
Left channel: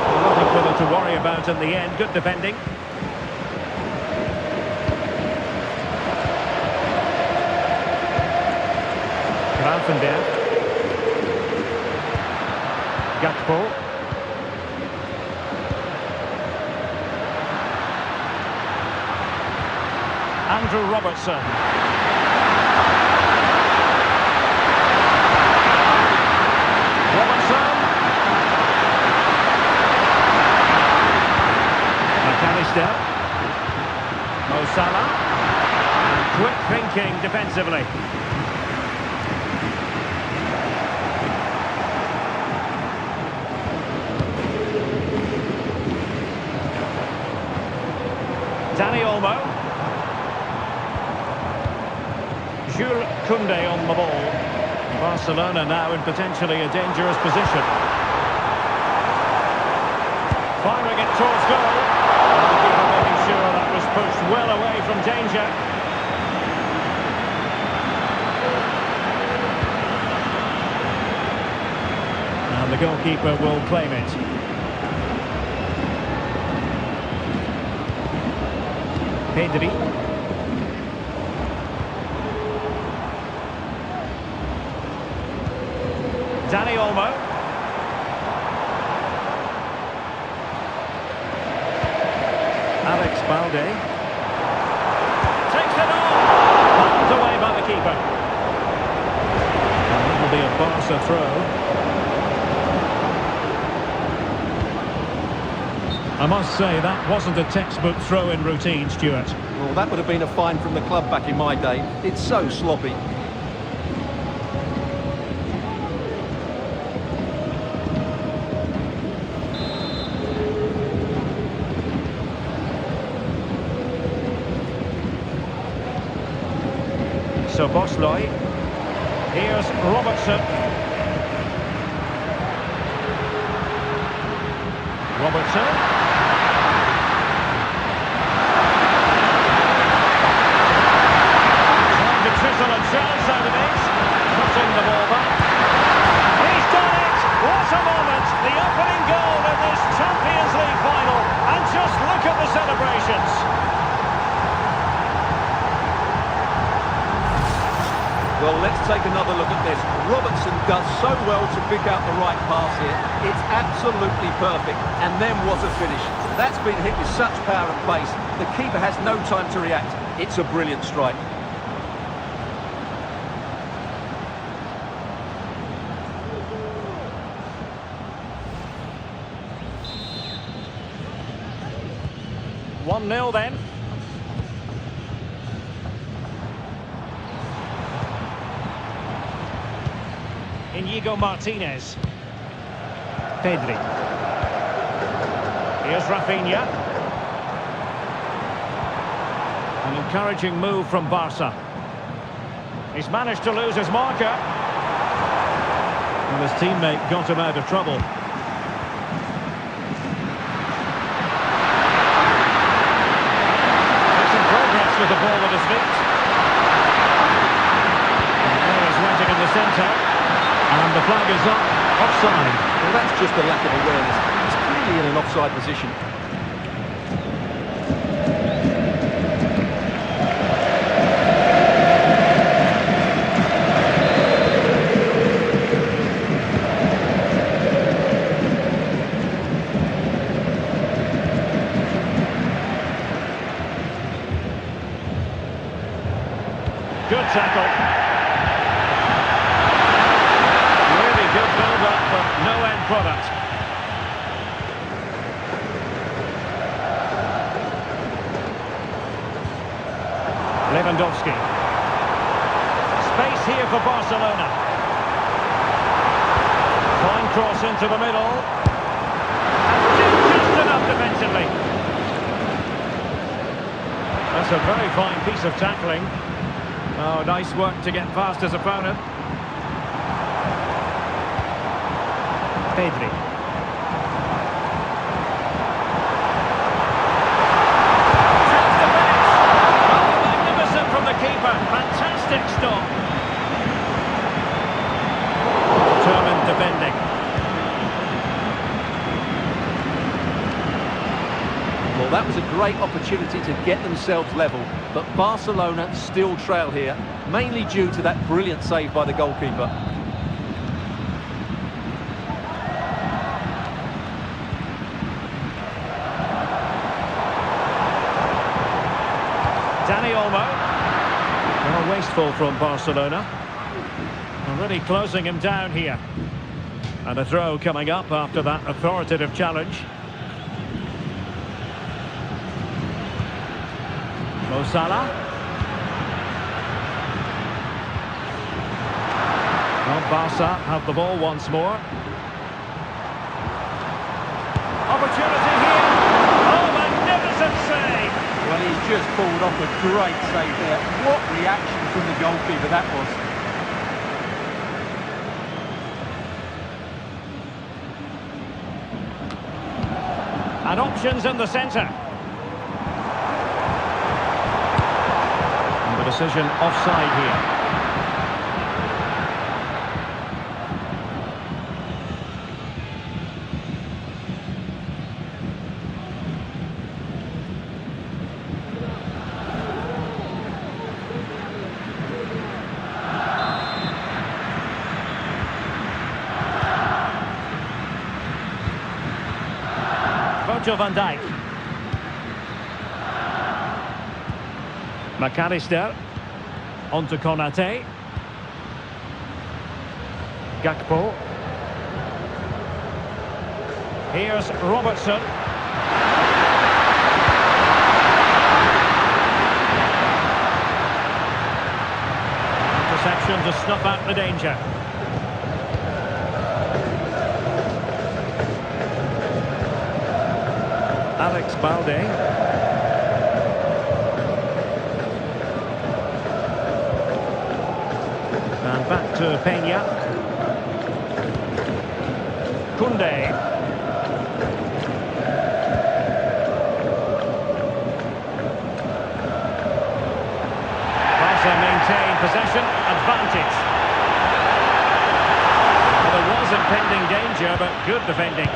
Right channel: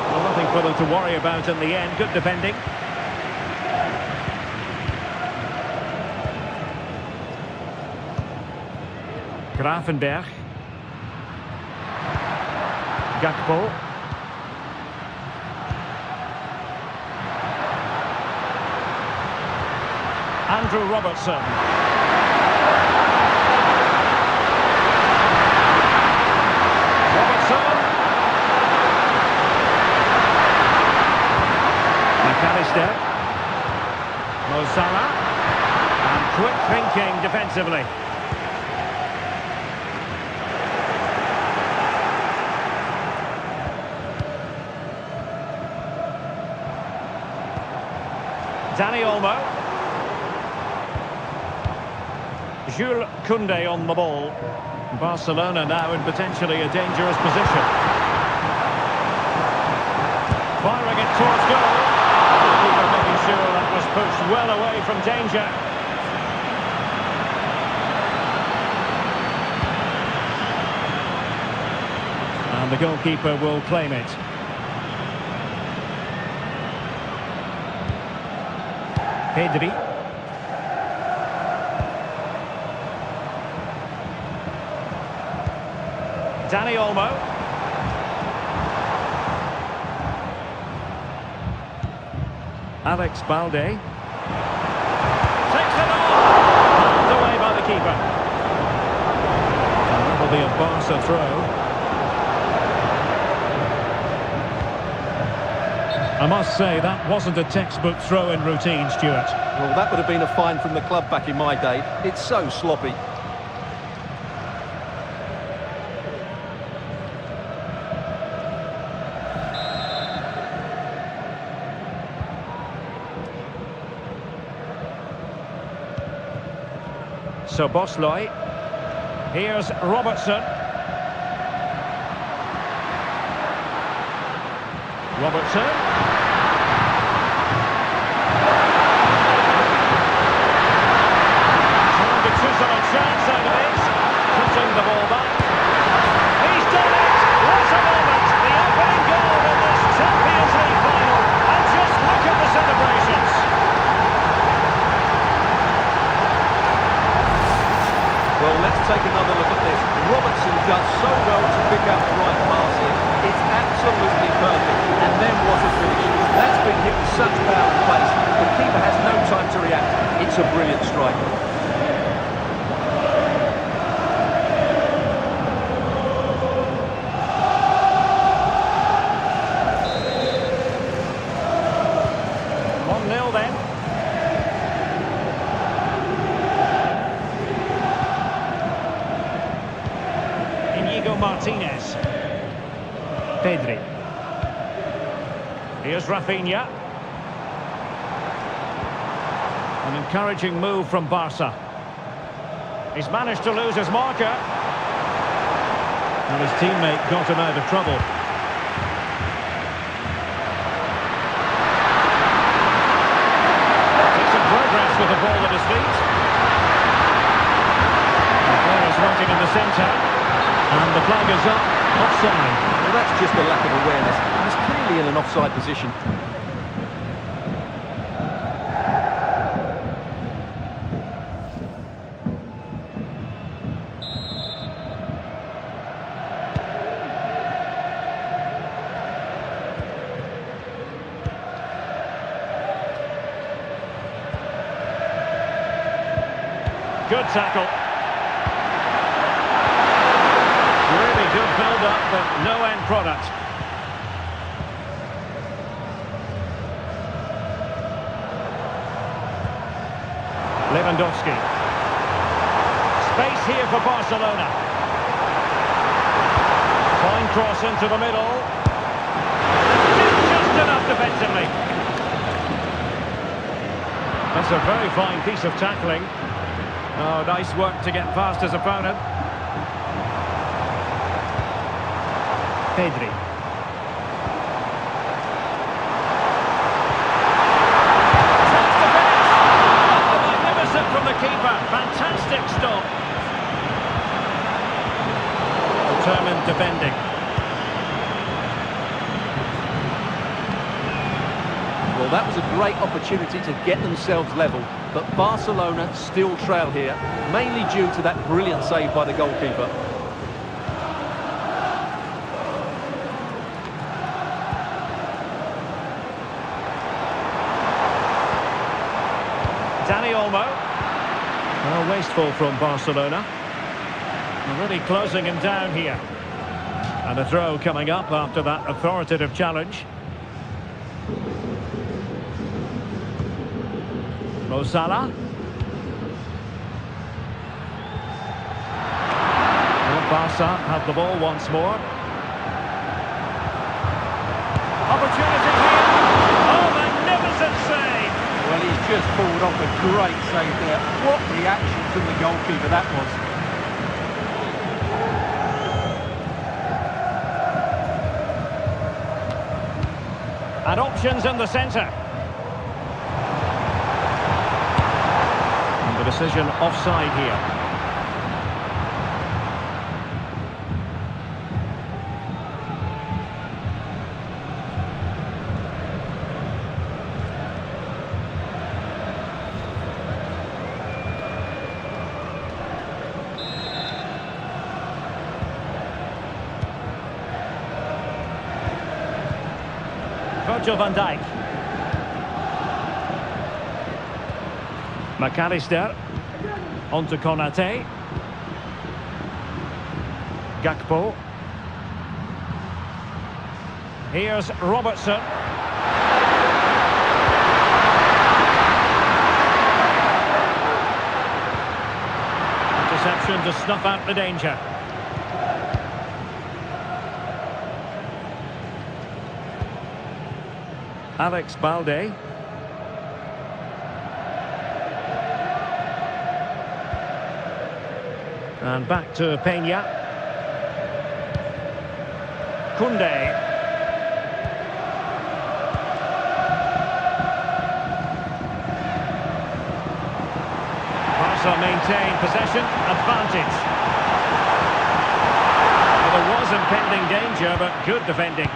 Well, nothing for them to worry about in the end. Good defending. Gravenberch. Gakpo. Andrew Robertson. Robertson. McAllister. Mo Salah. And quick thinking defensively. Dani Olmo. Jules Koundé on the ball. Barcelona now in potentially a dangerous position. Firing it towards goal. And the keeper making sure that was pushed well away from danger. And the goalkeeper will claim it. Pedri. Dani Olmo. Alex Balde. Takes it on! Knocked away by the keeper. And that'll be a Barca throw. I must say, that wasn't a textbook throw-in routine, Stuart. Well, that would have been a fine from the club back in my day. It's so sloppy. So Bosloy. Here's Robertson. Robertson. Trying to chisel a chance out of it. Cutting the ball back. He's done it! What a moment! The opening goal in this Champions League final. And just look at the celebrations. Well, let's take another look at this. Robertson does so well to pick out the right pass here. It's absolutely perfect. And then what a finish. That's been hit with such power and pace. The keeper has no time to react. It's a brilliant strike. One 0 then. Inigo Martinez. Pedri. Here's Rafinha. An encouraging move from Barca. He's managed to lose his marker. And his teammate got him out of trouble. Decent progress with the ball at his feet. And players waiting in the centre. And the flag is up, offside. Well, that's just a lack of awareness. He was clearly in an offside position. Good tackle. Really Good build-up, but no end product. Lewandowski. Space here for Barcelona. Fine cross into the middle. And did just enough defensively. That's a very fine piece of tackling. Oh, nice work to get past his opponent. Pedri. Chance to finish. Oh, magnificent from the keeper. Fantastic stop. Determined defending. Well, that was a great opportunity to get themselves level, but Barcelona still trail here, mainly due to that brilliant save by the goalkeeper. Dani Olmo. Well, wasteful from Barcelona. Already closing him down here. And a throw coming up after that authoritative challenge. Mo Salah. Well, Barca have the ball once more. Opportunity here. Oh, magnificent save. Well, he's just pulled off a great save there. What reaction from the goalkeeper that was. And options in the centre. And the decision offside here. Virgil van Dijk. McAllister. On to Konate. Gakpo. Here's Robertson. Interception to snuff out the danger. Alex Balde. And back to Peña. Koundé. Barca maintain possession, advantage. Well, there was impending danger, but good defending.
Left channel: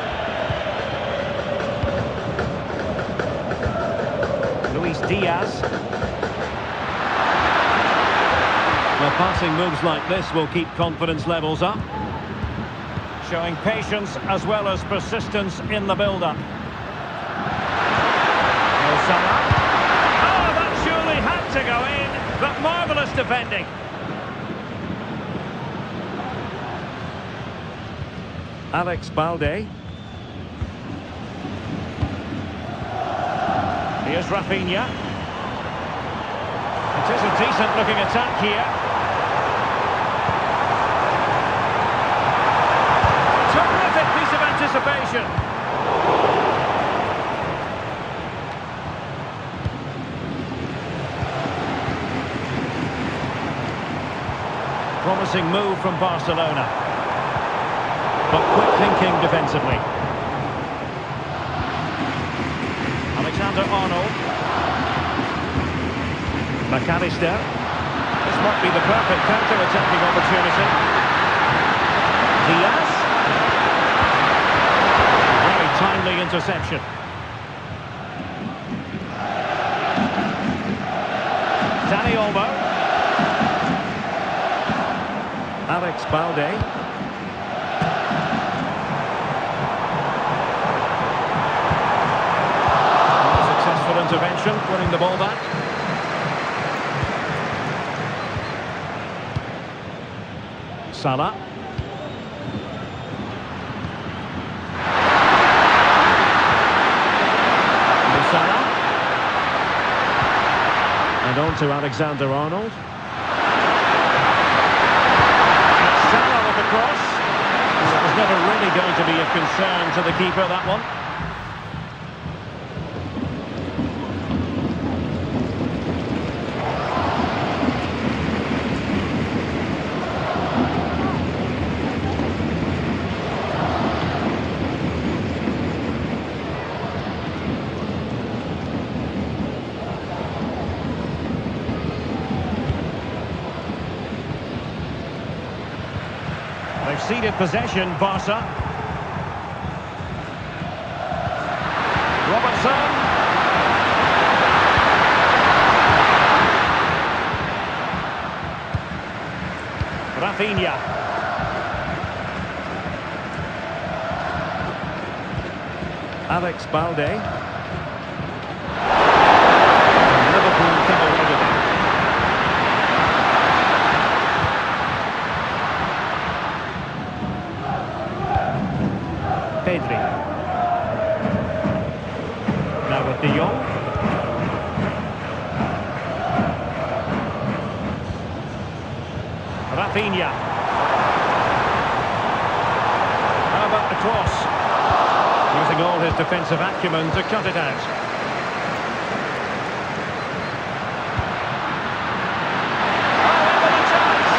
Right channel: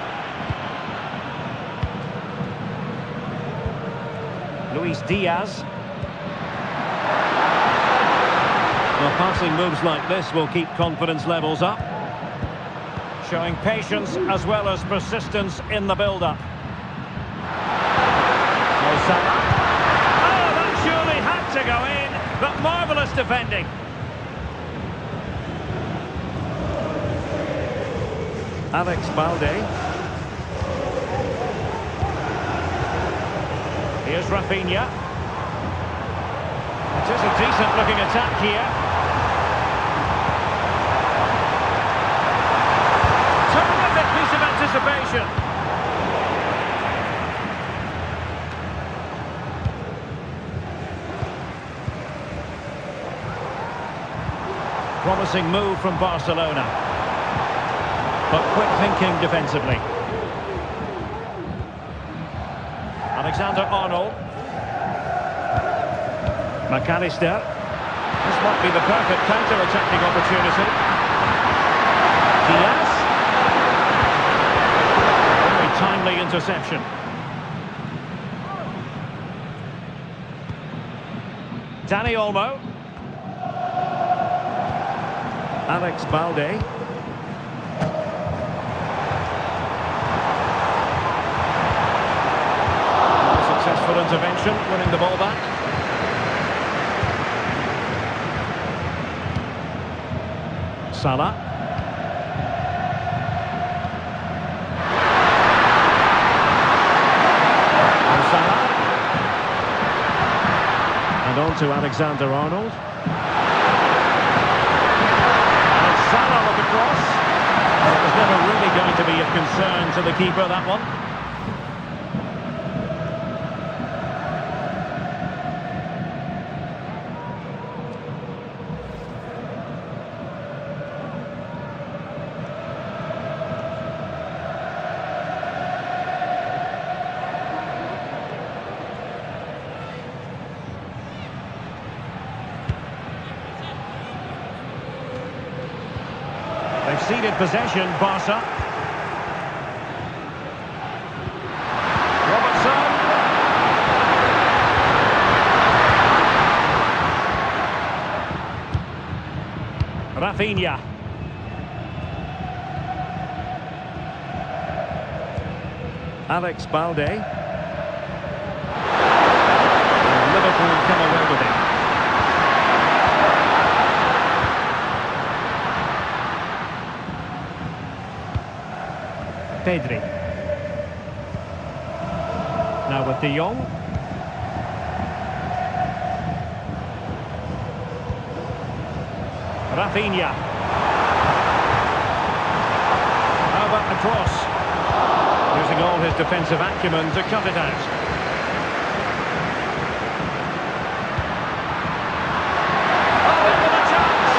Luis Diaz. Well, passing moves like this will keep confidence levels up. Showing patience as well as persistence in the build-up. Mo Salah. Oh, that surely had to go in, but marvellous defending. Alex Balde. Here's Rafinha. It is a decent-looking attack here. Terrific piece of anticipation. Promising move from Barcelona. But quick thinking defensively. Alexander-Arnold. McAllister. This might be the perfect counter-attacking opportunity. Diaz. A very timely interception. Dani Olmo. Alex Balde. Successful intervention, winning the ball back. Salah. Salah. And on to Alexander-Arnold. And Salah with the cross. Well, it was never really going to be of concern to the keeper, that one. They've ceded possession, Barca. Robertson. Rafinha. Alex Balde. And Liverpool come away with it. Pedri. Now with De Jong. Rafinha. How about the cross? Using all his defensive acumen to cut it out. Oh, into the chance!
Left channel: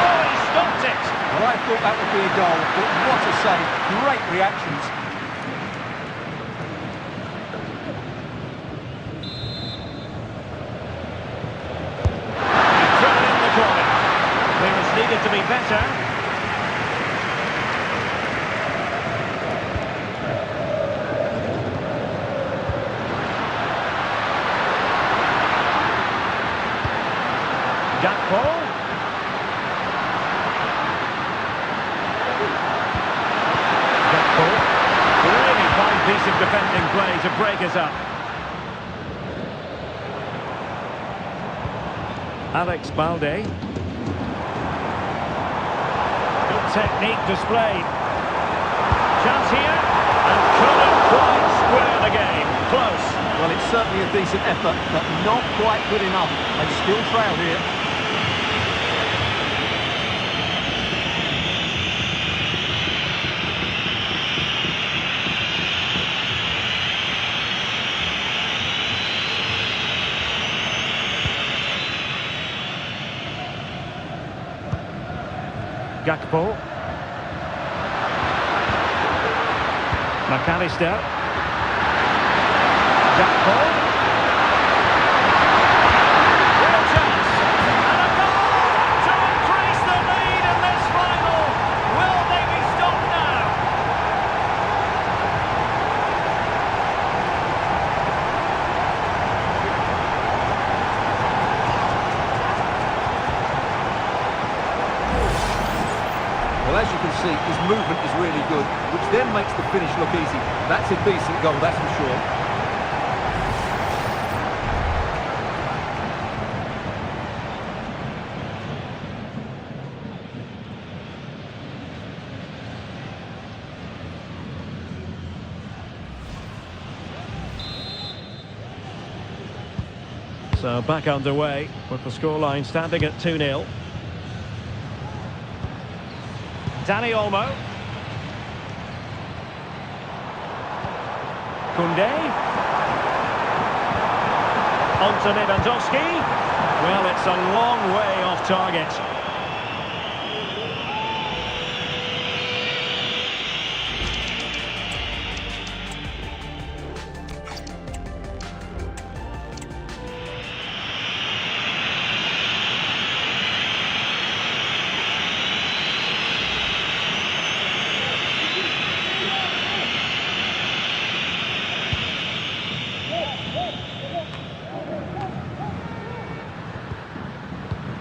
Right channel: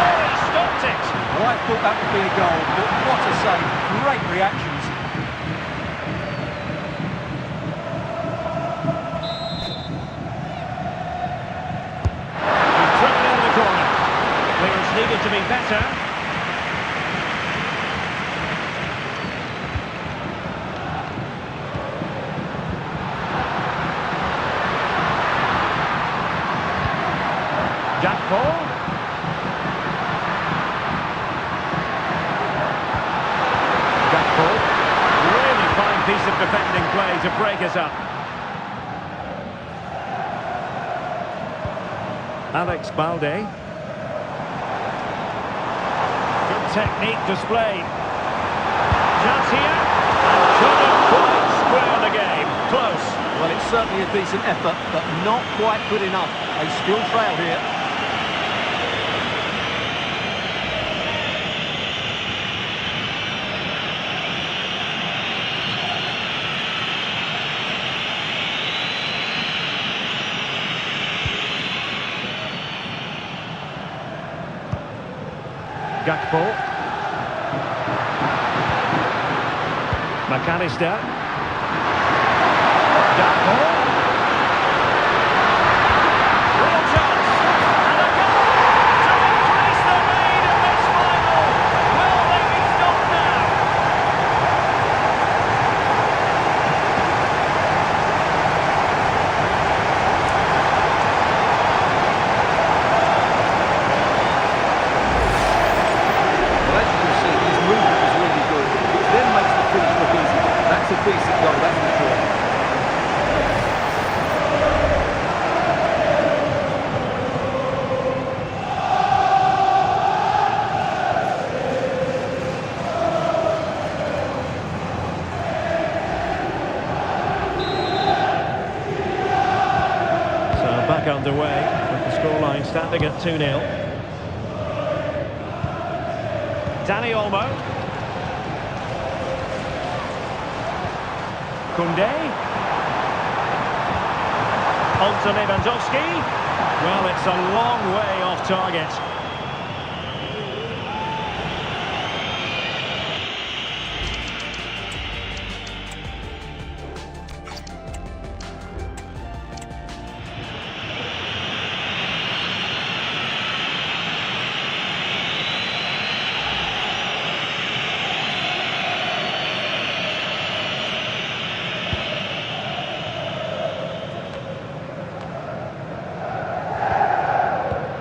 Oh, he stopped it! Well, I thought that would be a goal, but what a save. Great reactions. He's driven in the corner. Clearance needed to be better. Gakpo. Gakpo. Really fine piece of defending play to break us up. Alex Balde. Good technique displayed. Chance here. And couldn't quite square the game. Close. Well, it's certainly a decent effort, but not quite good enough. They still trail here. Gakpo. McAllister. Gakpo. Real chance. And a goal to increase the lead in this final. Will they be stopped now? Well, as you can see, his movement is really good, which then makes the finish look easy. That's a decent goal, that's for sure. So back underway with the scoreline standing at 2-0. Dani Olmo. Koundé. On to Lewandowski. Well, it's a long way off target.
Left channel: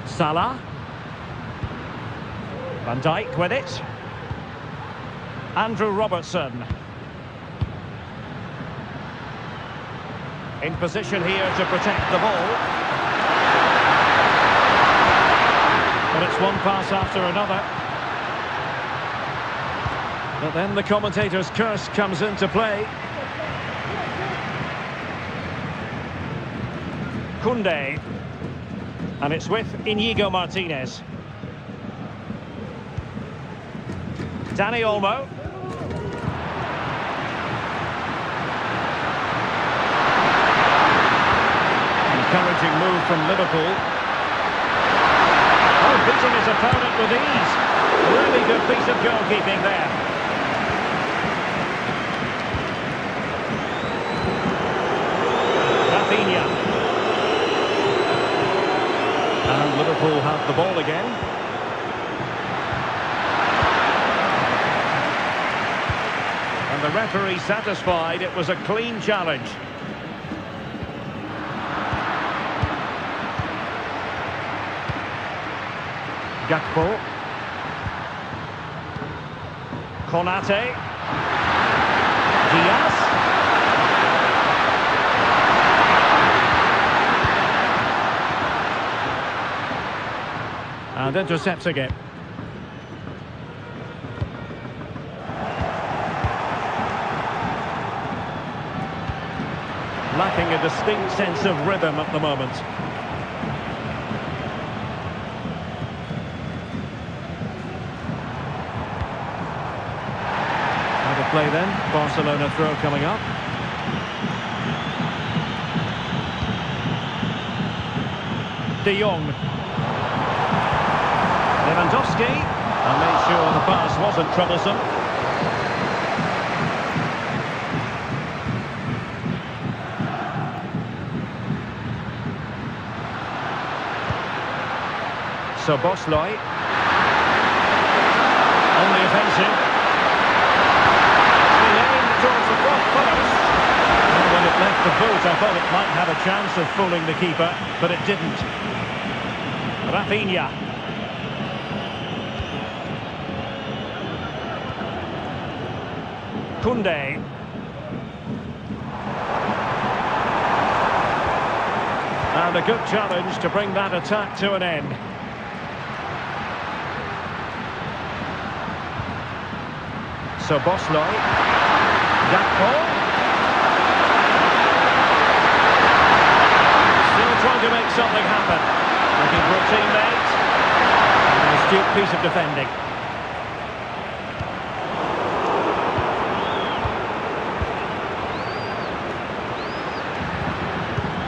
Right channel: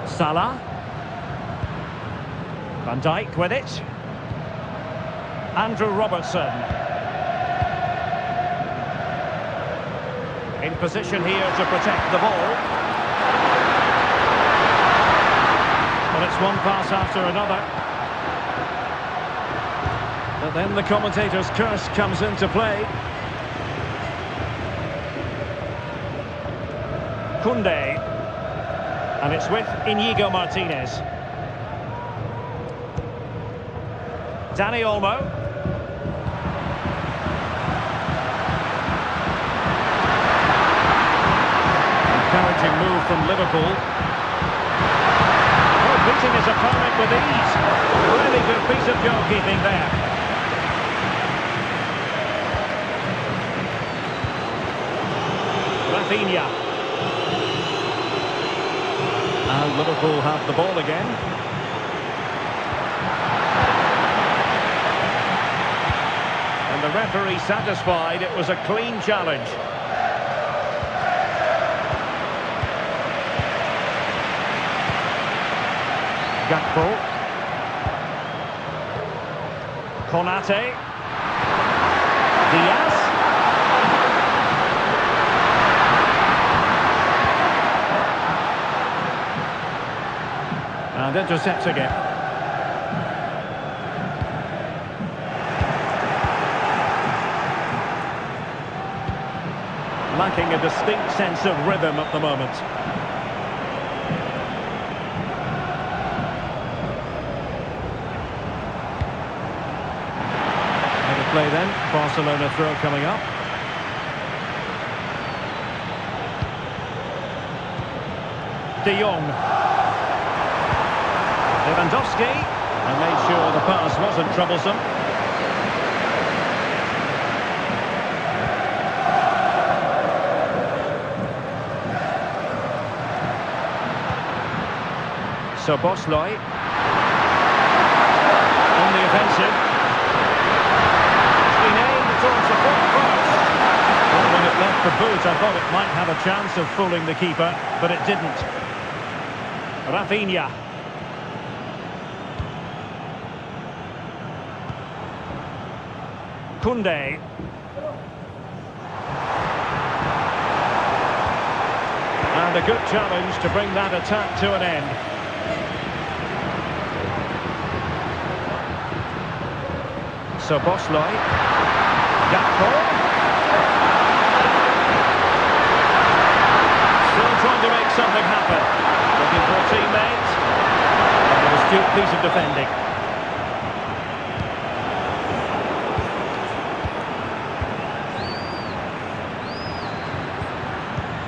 Salah. Van Dijk with it. Andrew Robertson. In position here to protect the ball. Well, it's one pass after another. But then the commentator's curse comes into play. Koundé. And it's with Inigo Martinez. Dani Olmo. Encouraging move from Liverpool. Oh, beating his opponent with ease. Really good piece of goalkeeping there. Rafinha. And Liverpool have the ball again. And the referee satisfied it was a clean challenge. Gakpo. Konate. Diaz. And intercepts again. Lacking a distinct sense of rhythm at the moment. Out of play then. Barcelona throw coming up. De Jong. Lewandowski, and made sure the pass wasn't troublesome. So Bosley on the offensive. It's been aimed towards the front post. Well, when it left the boot, I thought it might have a chance of fooling the keeper, but it didn't. Rafinha. Koundé. And a good challenge to bring that attack to an end. So Bosley. Gakpo. Still trying to make something happen. Looking for a teammate. And an astute piece of defending.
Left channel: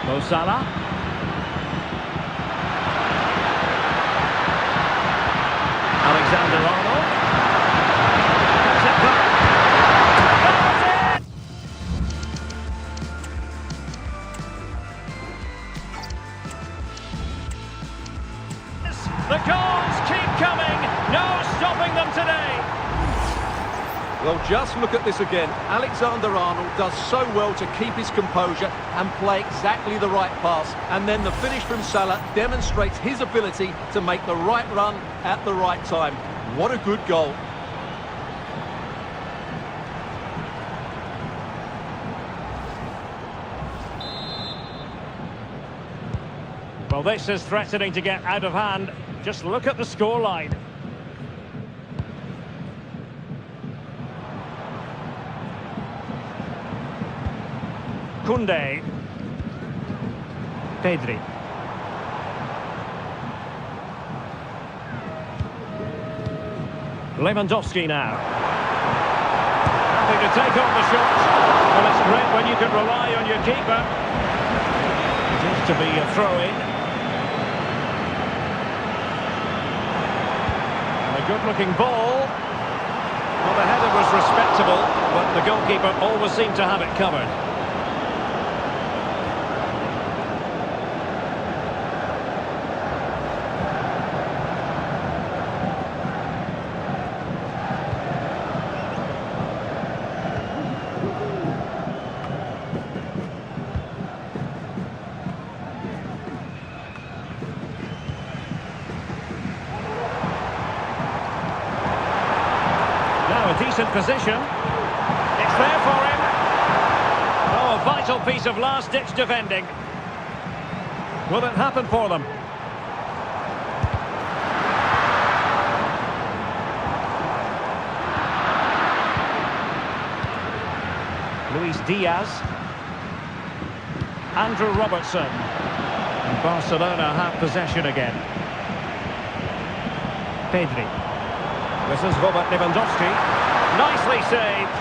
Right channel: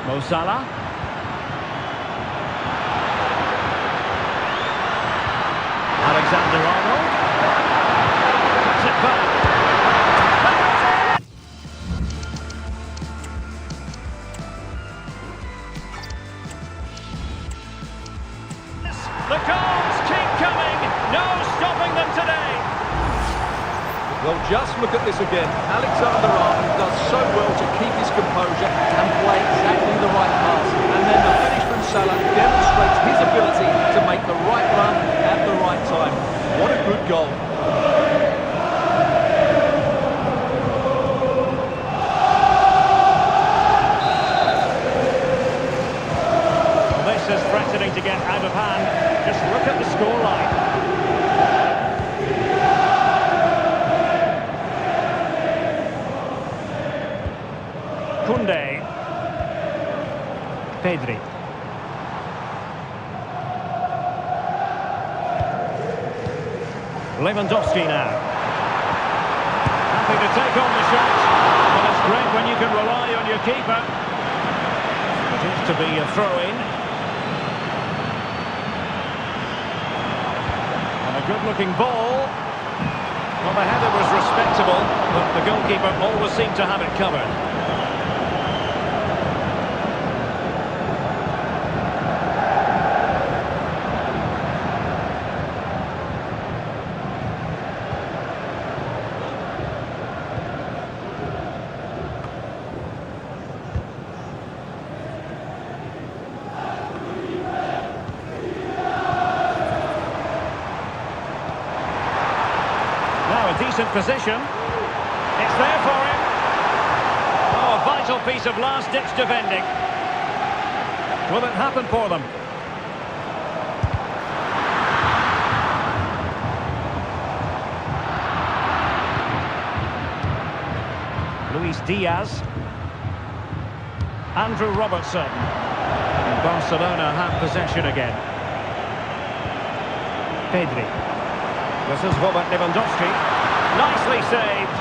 Mo Salah. Alexander-Arnold. Cuts it back. There is it! The goals keep coming. No stopping them today. Well, just look at this again. Alexander-Arnold does so well to keep his composure and play exactly the right pass. And then the finish from Salah demonstrates his ability to make the right run at the right time. What a good goal. Well, this is threatening to get out of hand. Just look at the scoreline. Koundé. Pedri. Lewandowski now. Happy to take on the shot. Well, it's great when you can rely on your keeper. It is to be a throw-in. And a good-looking ball. Well, the header was respectable, but the goalkeeper always seemed to have it covered. Now a decent position. It's there for him. Oh, a vital piece of last-ditch defending. Will it happen for them? Luis Diaz. Andrew Robertson. Barcelona have possession again. Pedri. This is Robert Lewandowski. Nicely saved.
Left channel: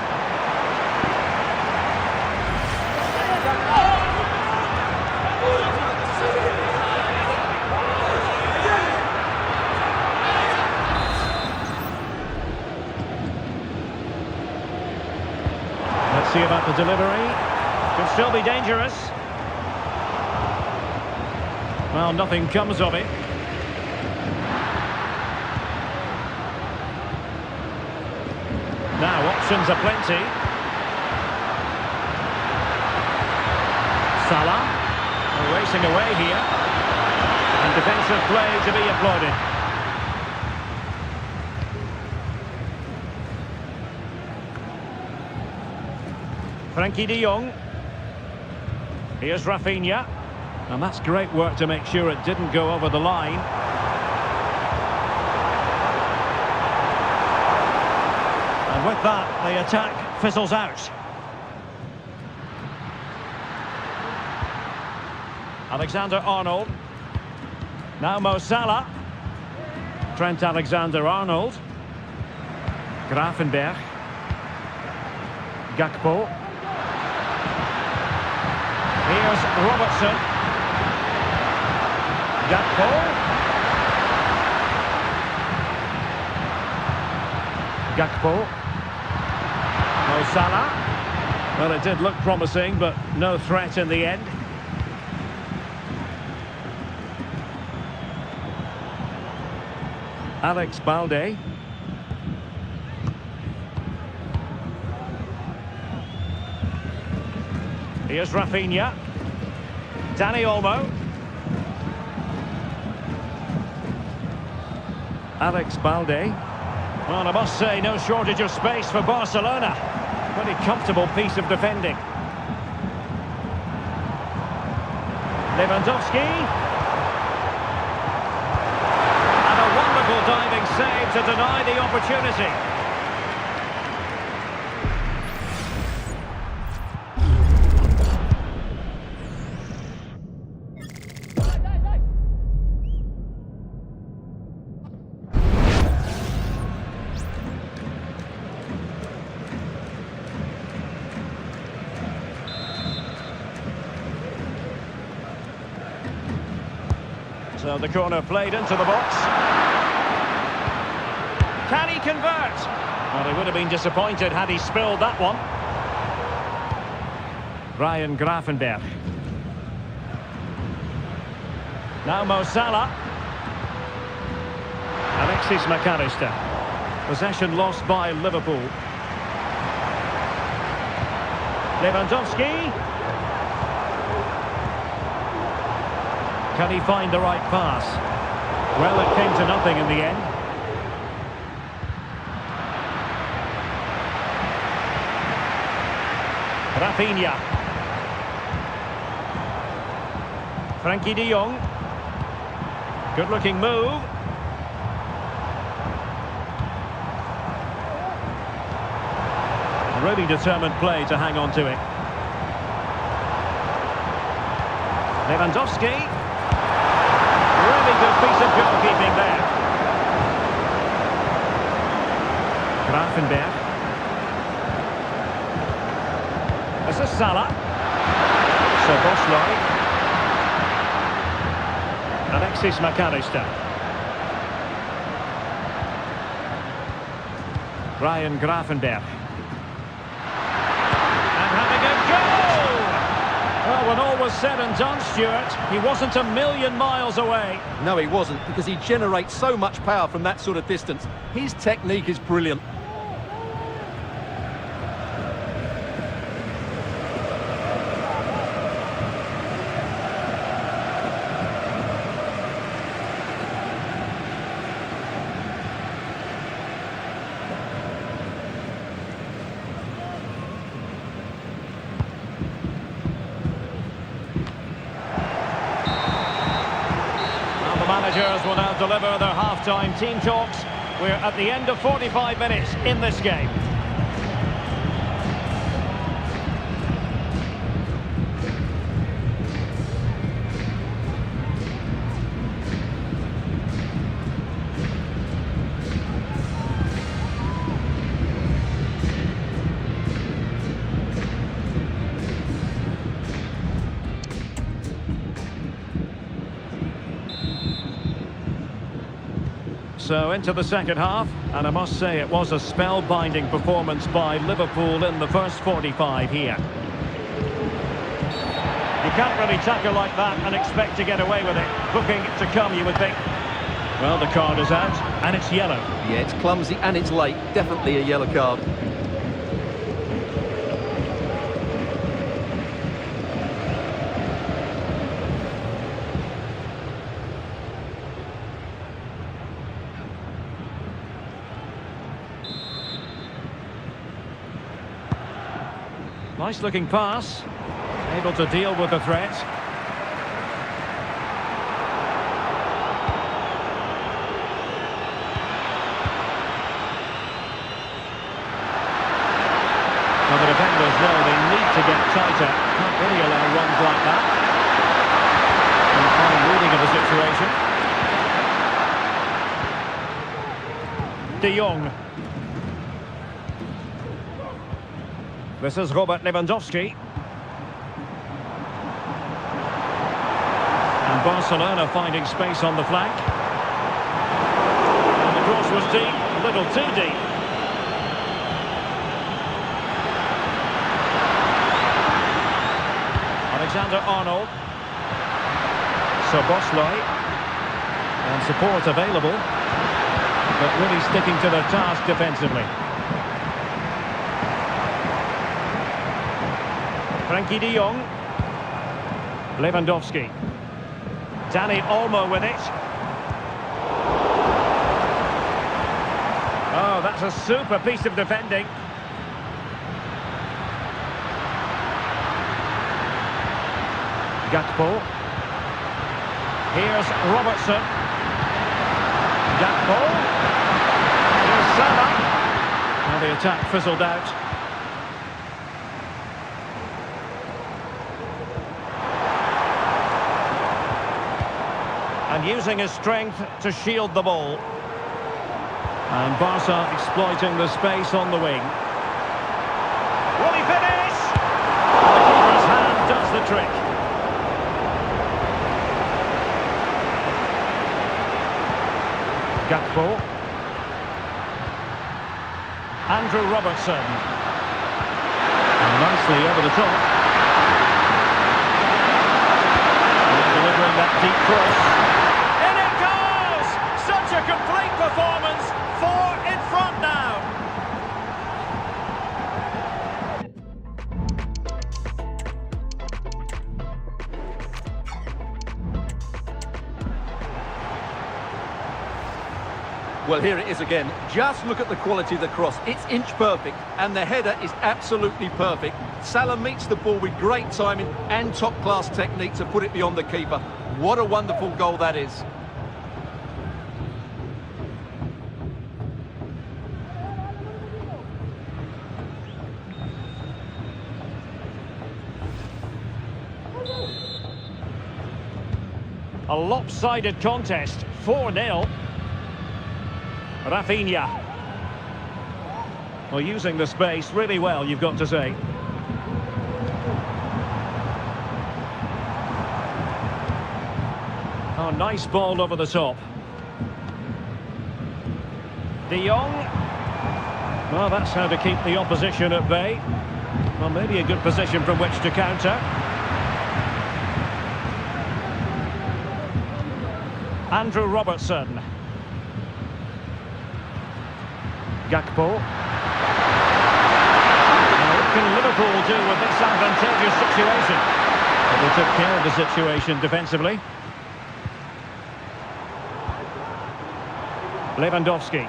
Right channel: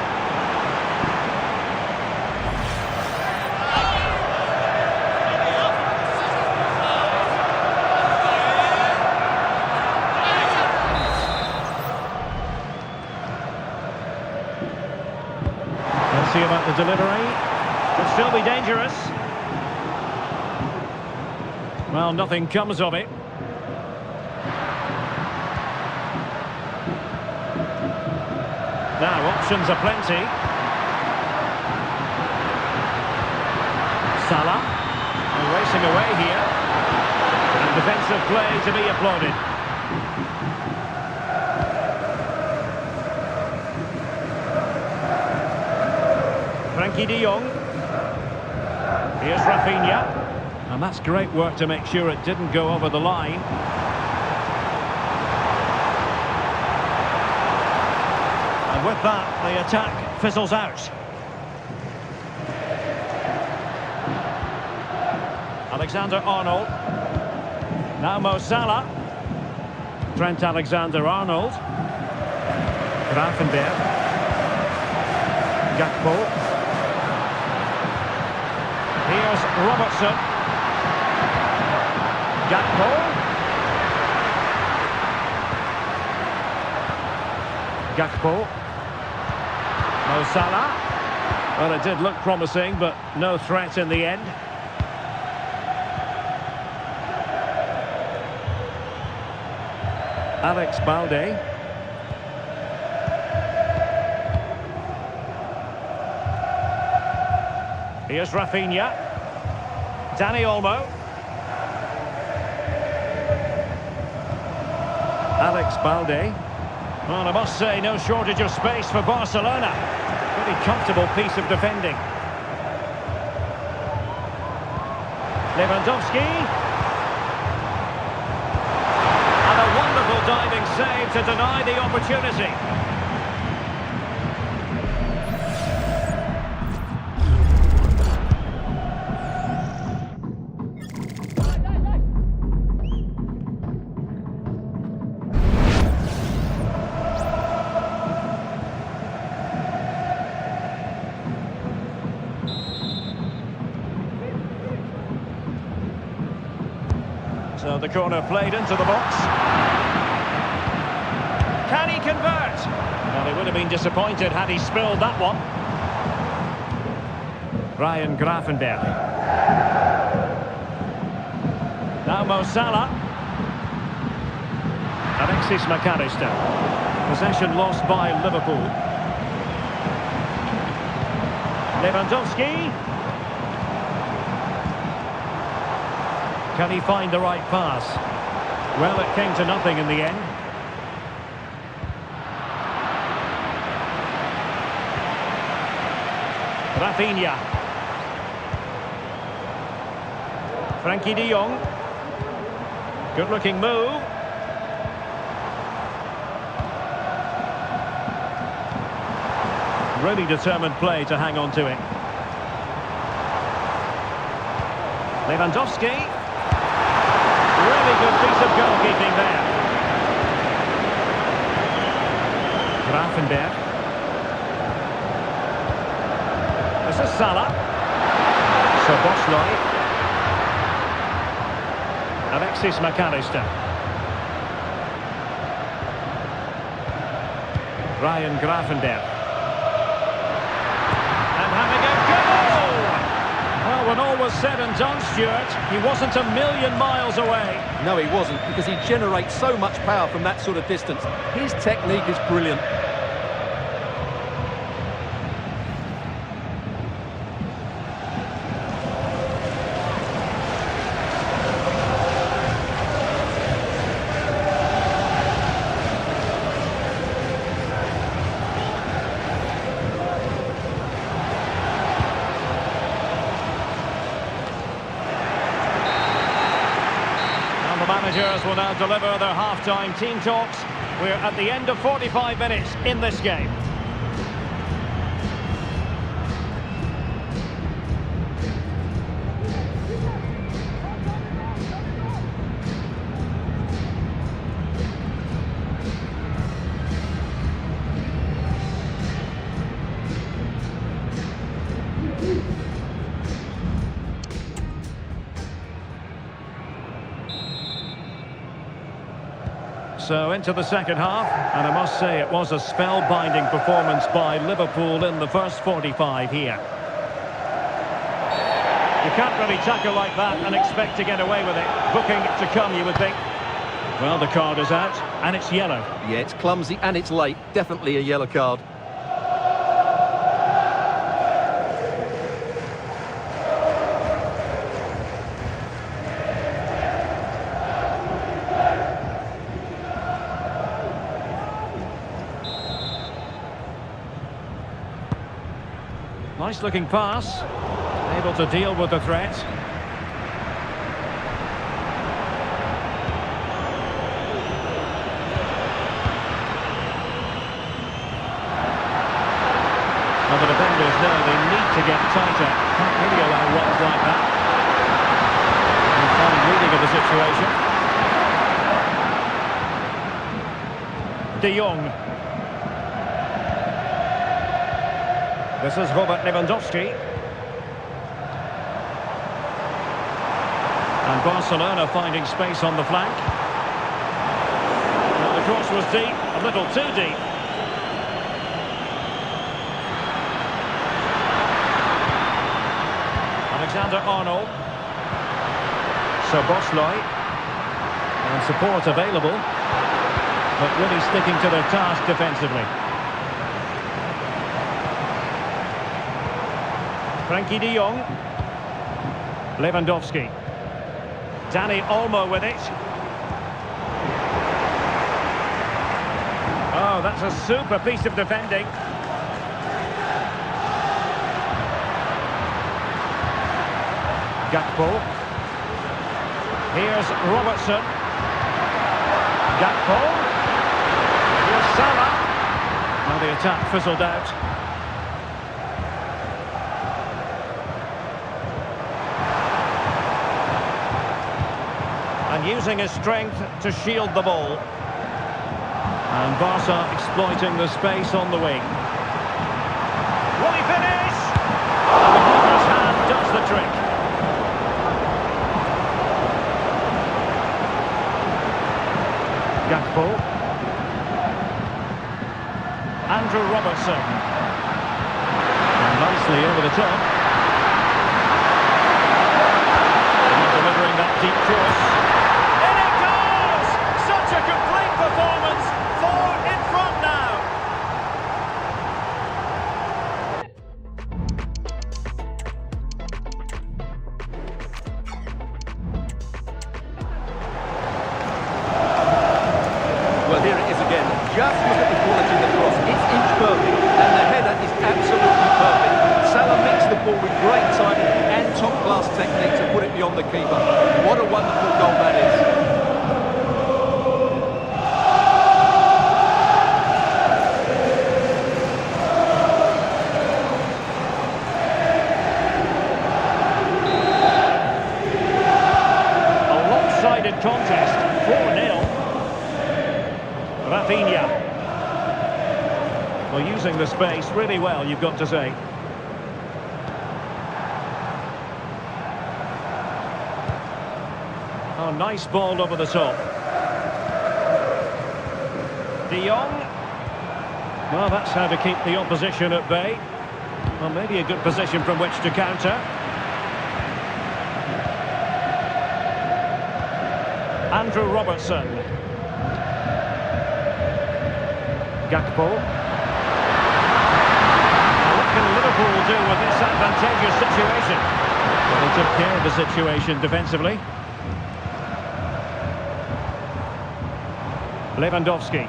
Let's see about the delivery. Could still be dangerous. Well, nothing comes of it. Now, options are plenty. Salah, racing away here. And defensive play to be applauded. Frankie de Jong. Here's Rafinha. And that's great work to make sure it didn't go over the line. And with that, the attack fizzles out. Alexander-Arnold. Now Mo Salah. Trent Alexander-Arnold. Gravenberch. Gakpo. Here's Robertson. Gakpo. Gakpo. Mo Salah. Well, it did look promising, but no threat in the end. Alex Balde. Here's Rafinha. Dani Olmo. Alex Balde. Well, I must say, no shortage of space for Barcelona. Pretty comfortable piece of defending. Lewandowski. And a wonderful diving save to deny the opportunity. So the corner played into the box. Can he convert? Well, he would have been disappointed had he spilled that one. Ryan Gravenberch. Now Mo Salah. Alexis McAllister. Possession lost by Liverpool. Lewandowski. Can he find the right pass? Well, it came to nothing in the end. Rafinha. Frankie de Jong. Good-looking move. Really determined play to hang on to it. Lewandowski. Really good piece of goalkeeping there. Gravenberch. This is Salah. Soboslai. Alexis McAllister. Ryan Gravenberch. And having a goal! Well, when all was said and done, Stuart, he wasn't a million miles away. No, he wasn't, because he generates so much power from that sort of distance. His technique is brilliant. The managers will now deliver their half-time team talks. We're at the end of 45 minutes in this game. So into the second half, and I must say it was a spellbinding performance by Liverpool in the first 45 here. You can't really tackle like that and expect to get away with it. Booking to come, you would think. Well, the card is out, and it's yellow. Yeah, it's clumsy and it's late. Definitely a yellow card. Nice looking pass. Able to deal with the threat. Well, the defenders know they need to get tighter. Can't really allow runs like that. And fine reading of the situation. De Jong. This is Robert Lewandowski. And Barcelona finding space on the flank. Well, the cross was deep, a little too deep. Alexander-Arnold. Szoboszlai. And support available. But really sticking to their task defensively. Frankie de Jong. Lewandowski. Dani Olmo with it. Oh, that's a super piece of defending. Gakpo. Here's Robertson. Gakpo. Here's Salah. Well, the attack fizzled out. And using his strength to shield the ball. And Barca exploiting the space on the wing. Will he finish? And the keeper's hand does the trick. Gakpo. Andrew Robertson. And nicely over the top. And delivering that deep cross. Such a complete performance, 4 in front now. Well, here it is again. Just look at the quality of the cross. It's inch perfect, and the header is absolutely perfect. Salah meets the ball with great timing and top-class technique to put it beyond the keeper. What a wonderful goal that is. Lopsided contest, 4-0. Rafinha. Well, using the space really well, you've got to say. Oh, nice ball over the top. De Jong. Well, that's how to keep the opposition at bay. Well, maybe a good position from which to counter. Andrew Robertson. Gakpo. Now what can Liverpool do with this advantageous situation? Well, they took care of the situation defensively. Lewandowski.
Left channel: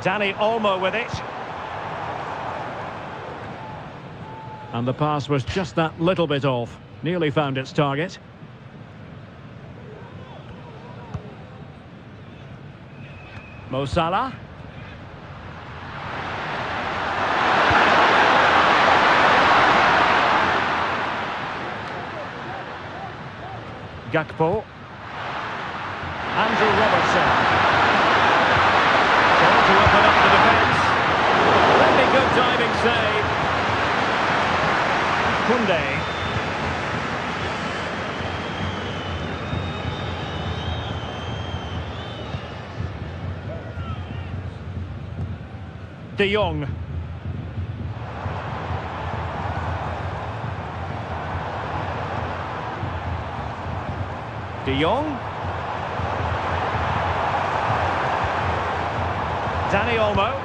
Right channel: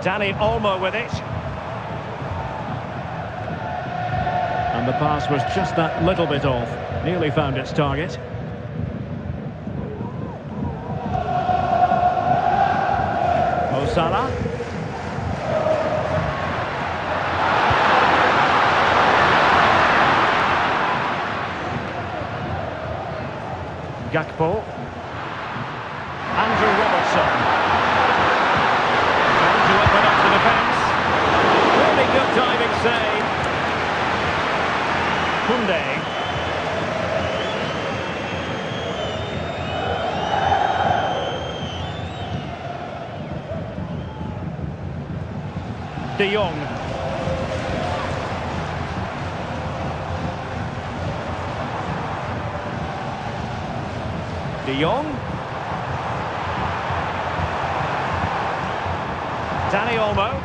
Dani Olmo with it. And the pass was just that little bit off. Nearly found its target. Mo Salah. Gakpo. Andrew Robertson. Trying to open up the defence. Really good diving save. Koundé. De Jong. De Jong. Dani Olmo.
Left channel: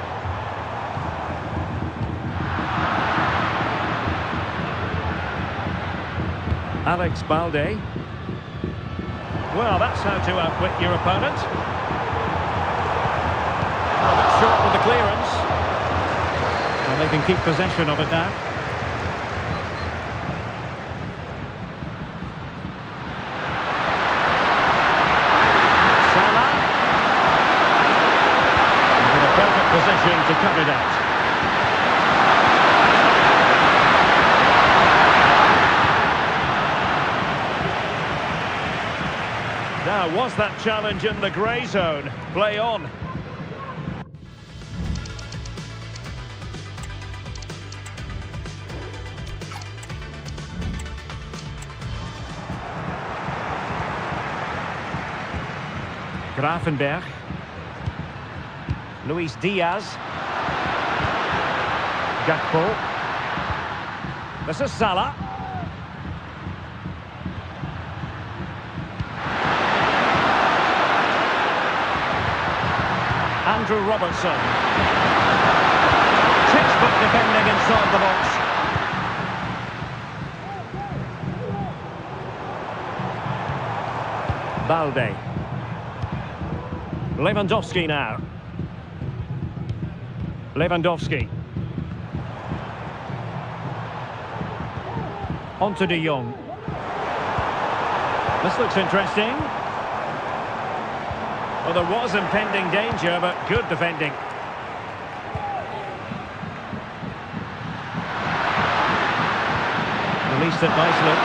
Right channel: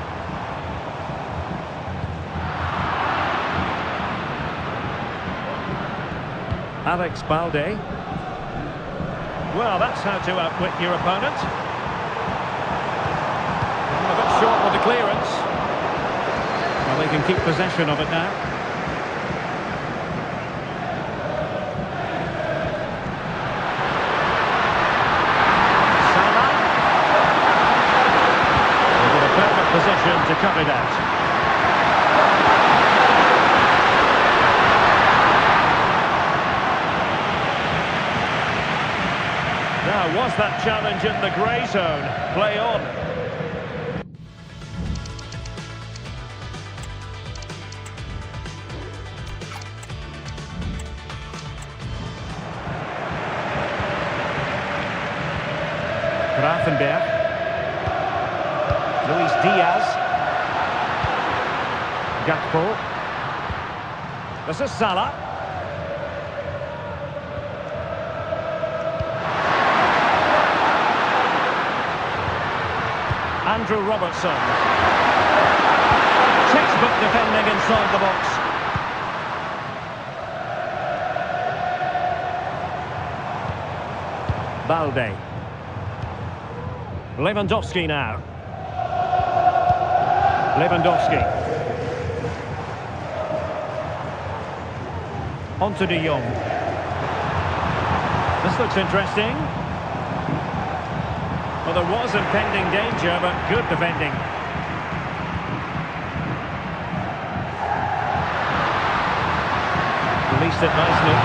Alex Balde. Well, that's how to outwit your opponent. A bit short with the clearance. Well, they can keep possession of it now. Salah. In a perfect position to cut it out. Now, was that challenge in the grey zone? Play on. Gravenberg. Luis Diaz. Gakpo. This is Salah. Andrew Robertson. Textbook defending inside the box. Balde. Lewandowski now. Lewandowski. On to De Jong. This looks interesting. Well, there was impending danger, but good defending. Released it nicely.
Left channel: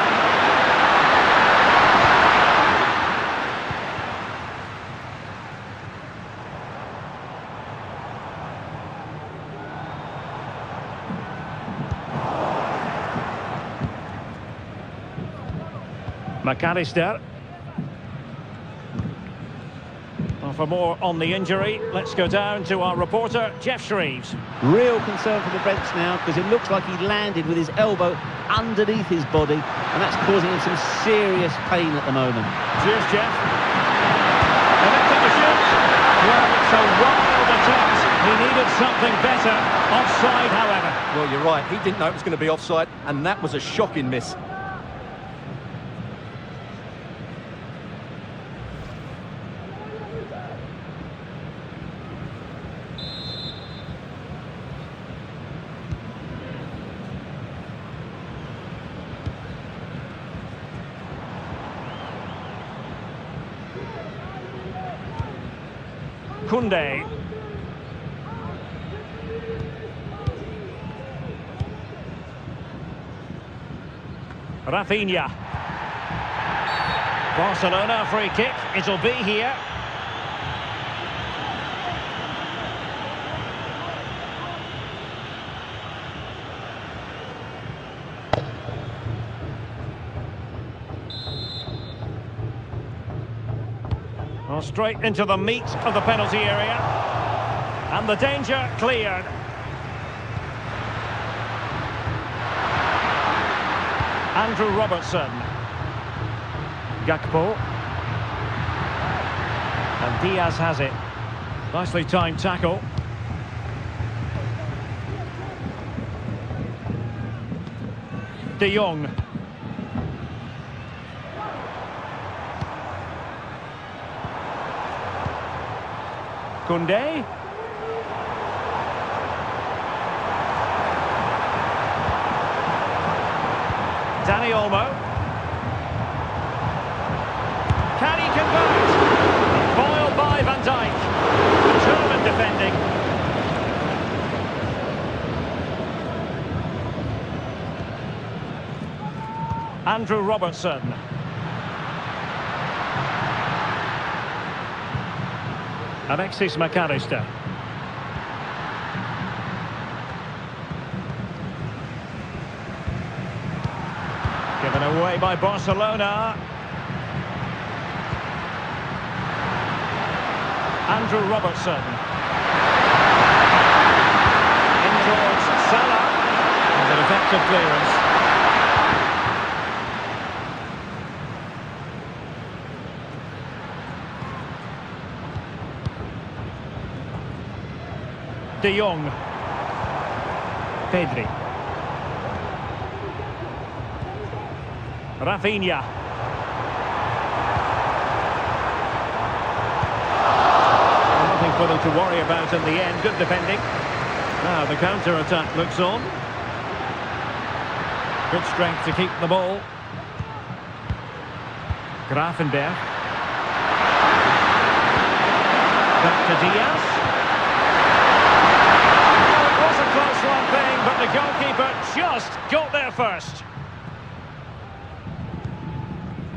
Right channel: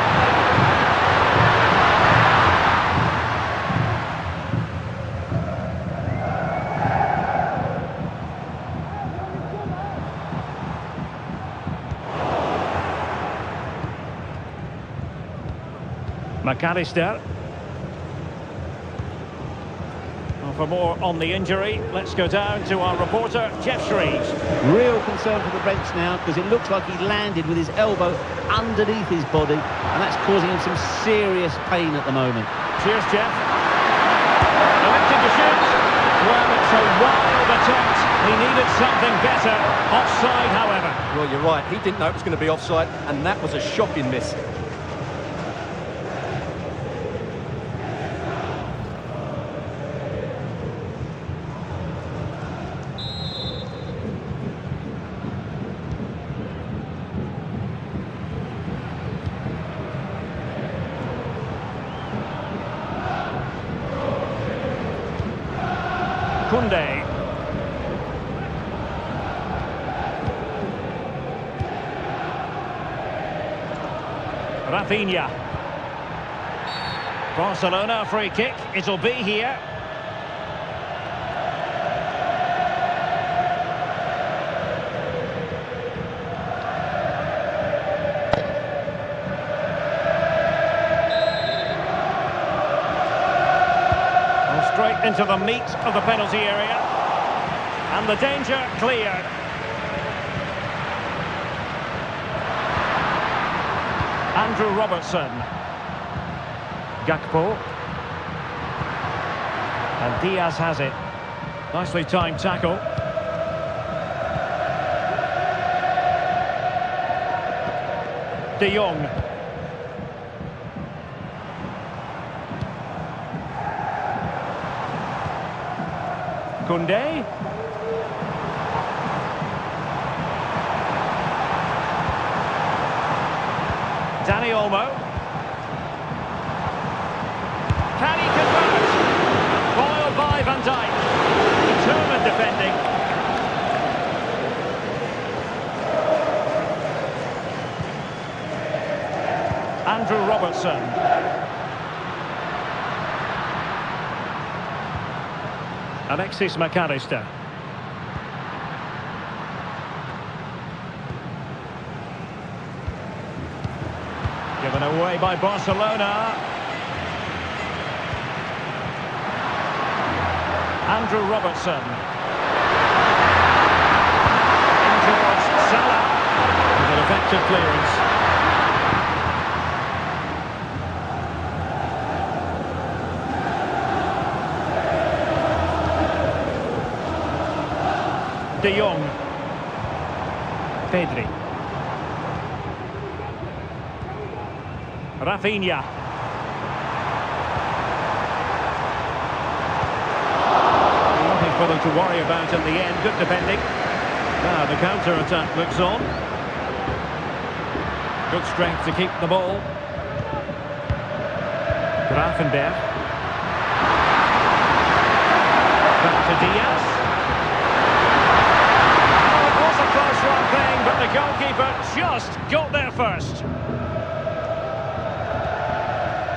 McAllister. Well, for more on the injury, let's go down to our reporter, Jeff Shreves. Real concern for the Reds now, because it looks like he landed with his elbow underneath his body, and that's causing him some serious pain at the moment. Cheers, Jeff. Electing to shoot. Well, it's a wild attempt. He needed something better. Offside, however. Well, you're right. He didn't know it was going to be offside, and that was a shocking miss. Koundé. Rafinha. Barcelona free kick. It'll be here. Straight into the meat of the penalty area. And the danger cleared. Andrew Robertson. Gakpo. And Diaz has it. Nicely timed tackle. De Jong. Koundé. Dani Olmo. Can he convert? A foil by Van Dijk. Determined defending. Andrew Robertson. Alexis McAllister. Given away by Barcelona. Andrew Robertson. In towards Salah. With an effective clearance. De Jong. Pedri. Rafinha. Nothing for them to worry about in the end. Good defending. Now the counter-attack looks on. Good strength to keep the ball. Grafenberg. Back to Diaz. Oh, it was a close one thing, but the goalkeeper just got there first.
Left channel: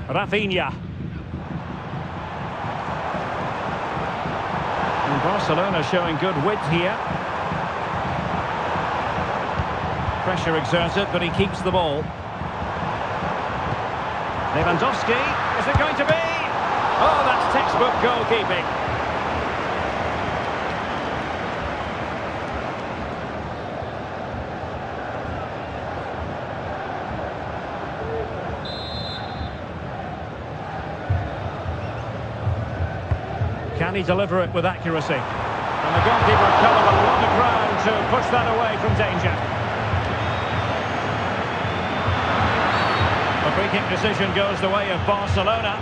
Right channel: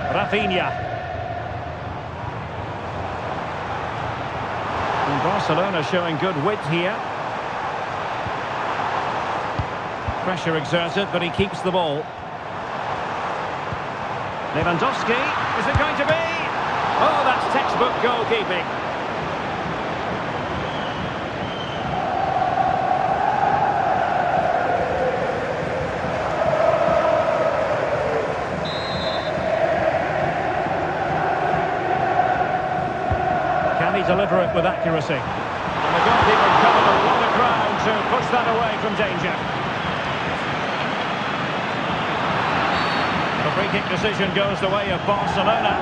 Rafinha. And Barcelona showing good width here. Pressure exerted, but he keeps the ball. Lewandowski, is it going to be? Oh, that's textbook goalkeeping. Can he deliver it with accuracy? And the goalkeeper covered a lot of ground to push that away from danger. The free kick decision goes the way of Barcelona.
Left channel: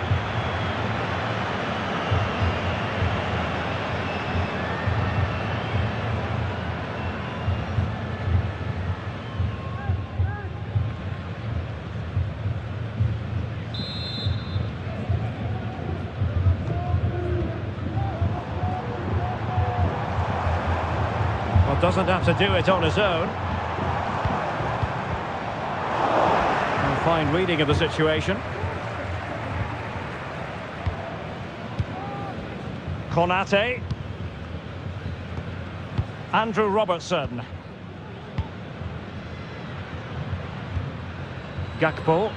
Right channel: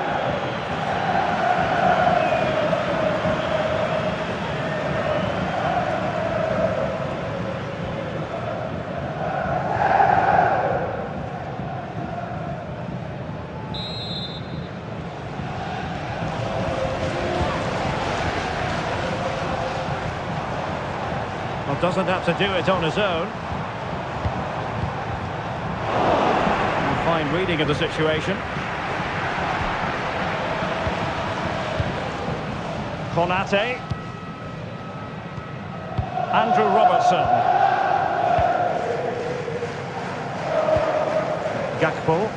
Well, doesn't have to do it on his own. Fine reading of the situation. Konate. Andrew Robertson. Gakpo.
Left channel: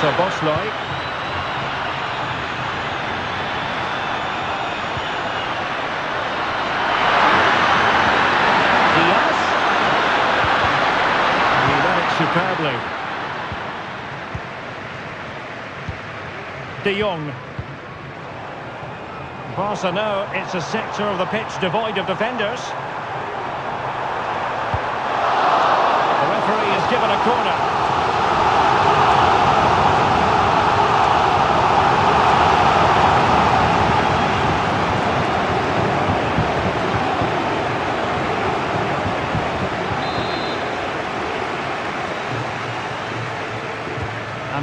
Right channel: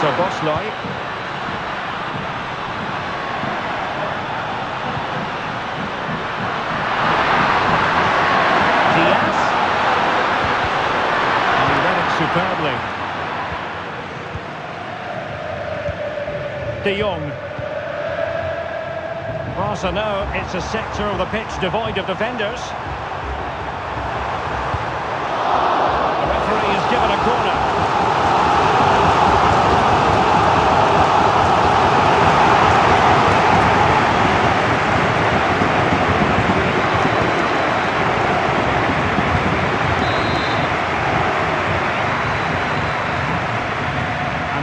Szoboszlai. Diaz. Superbly. De Jong. Barca know it's a sector of the pitch devoid of defenders. The referee has given a corner.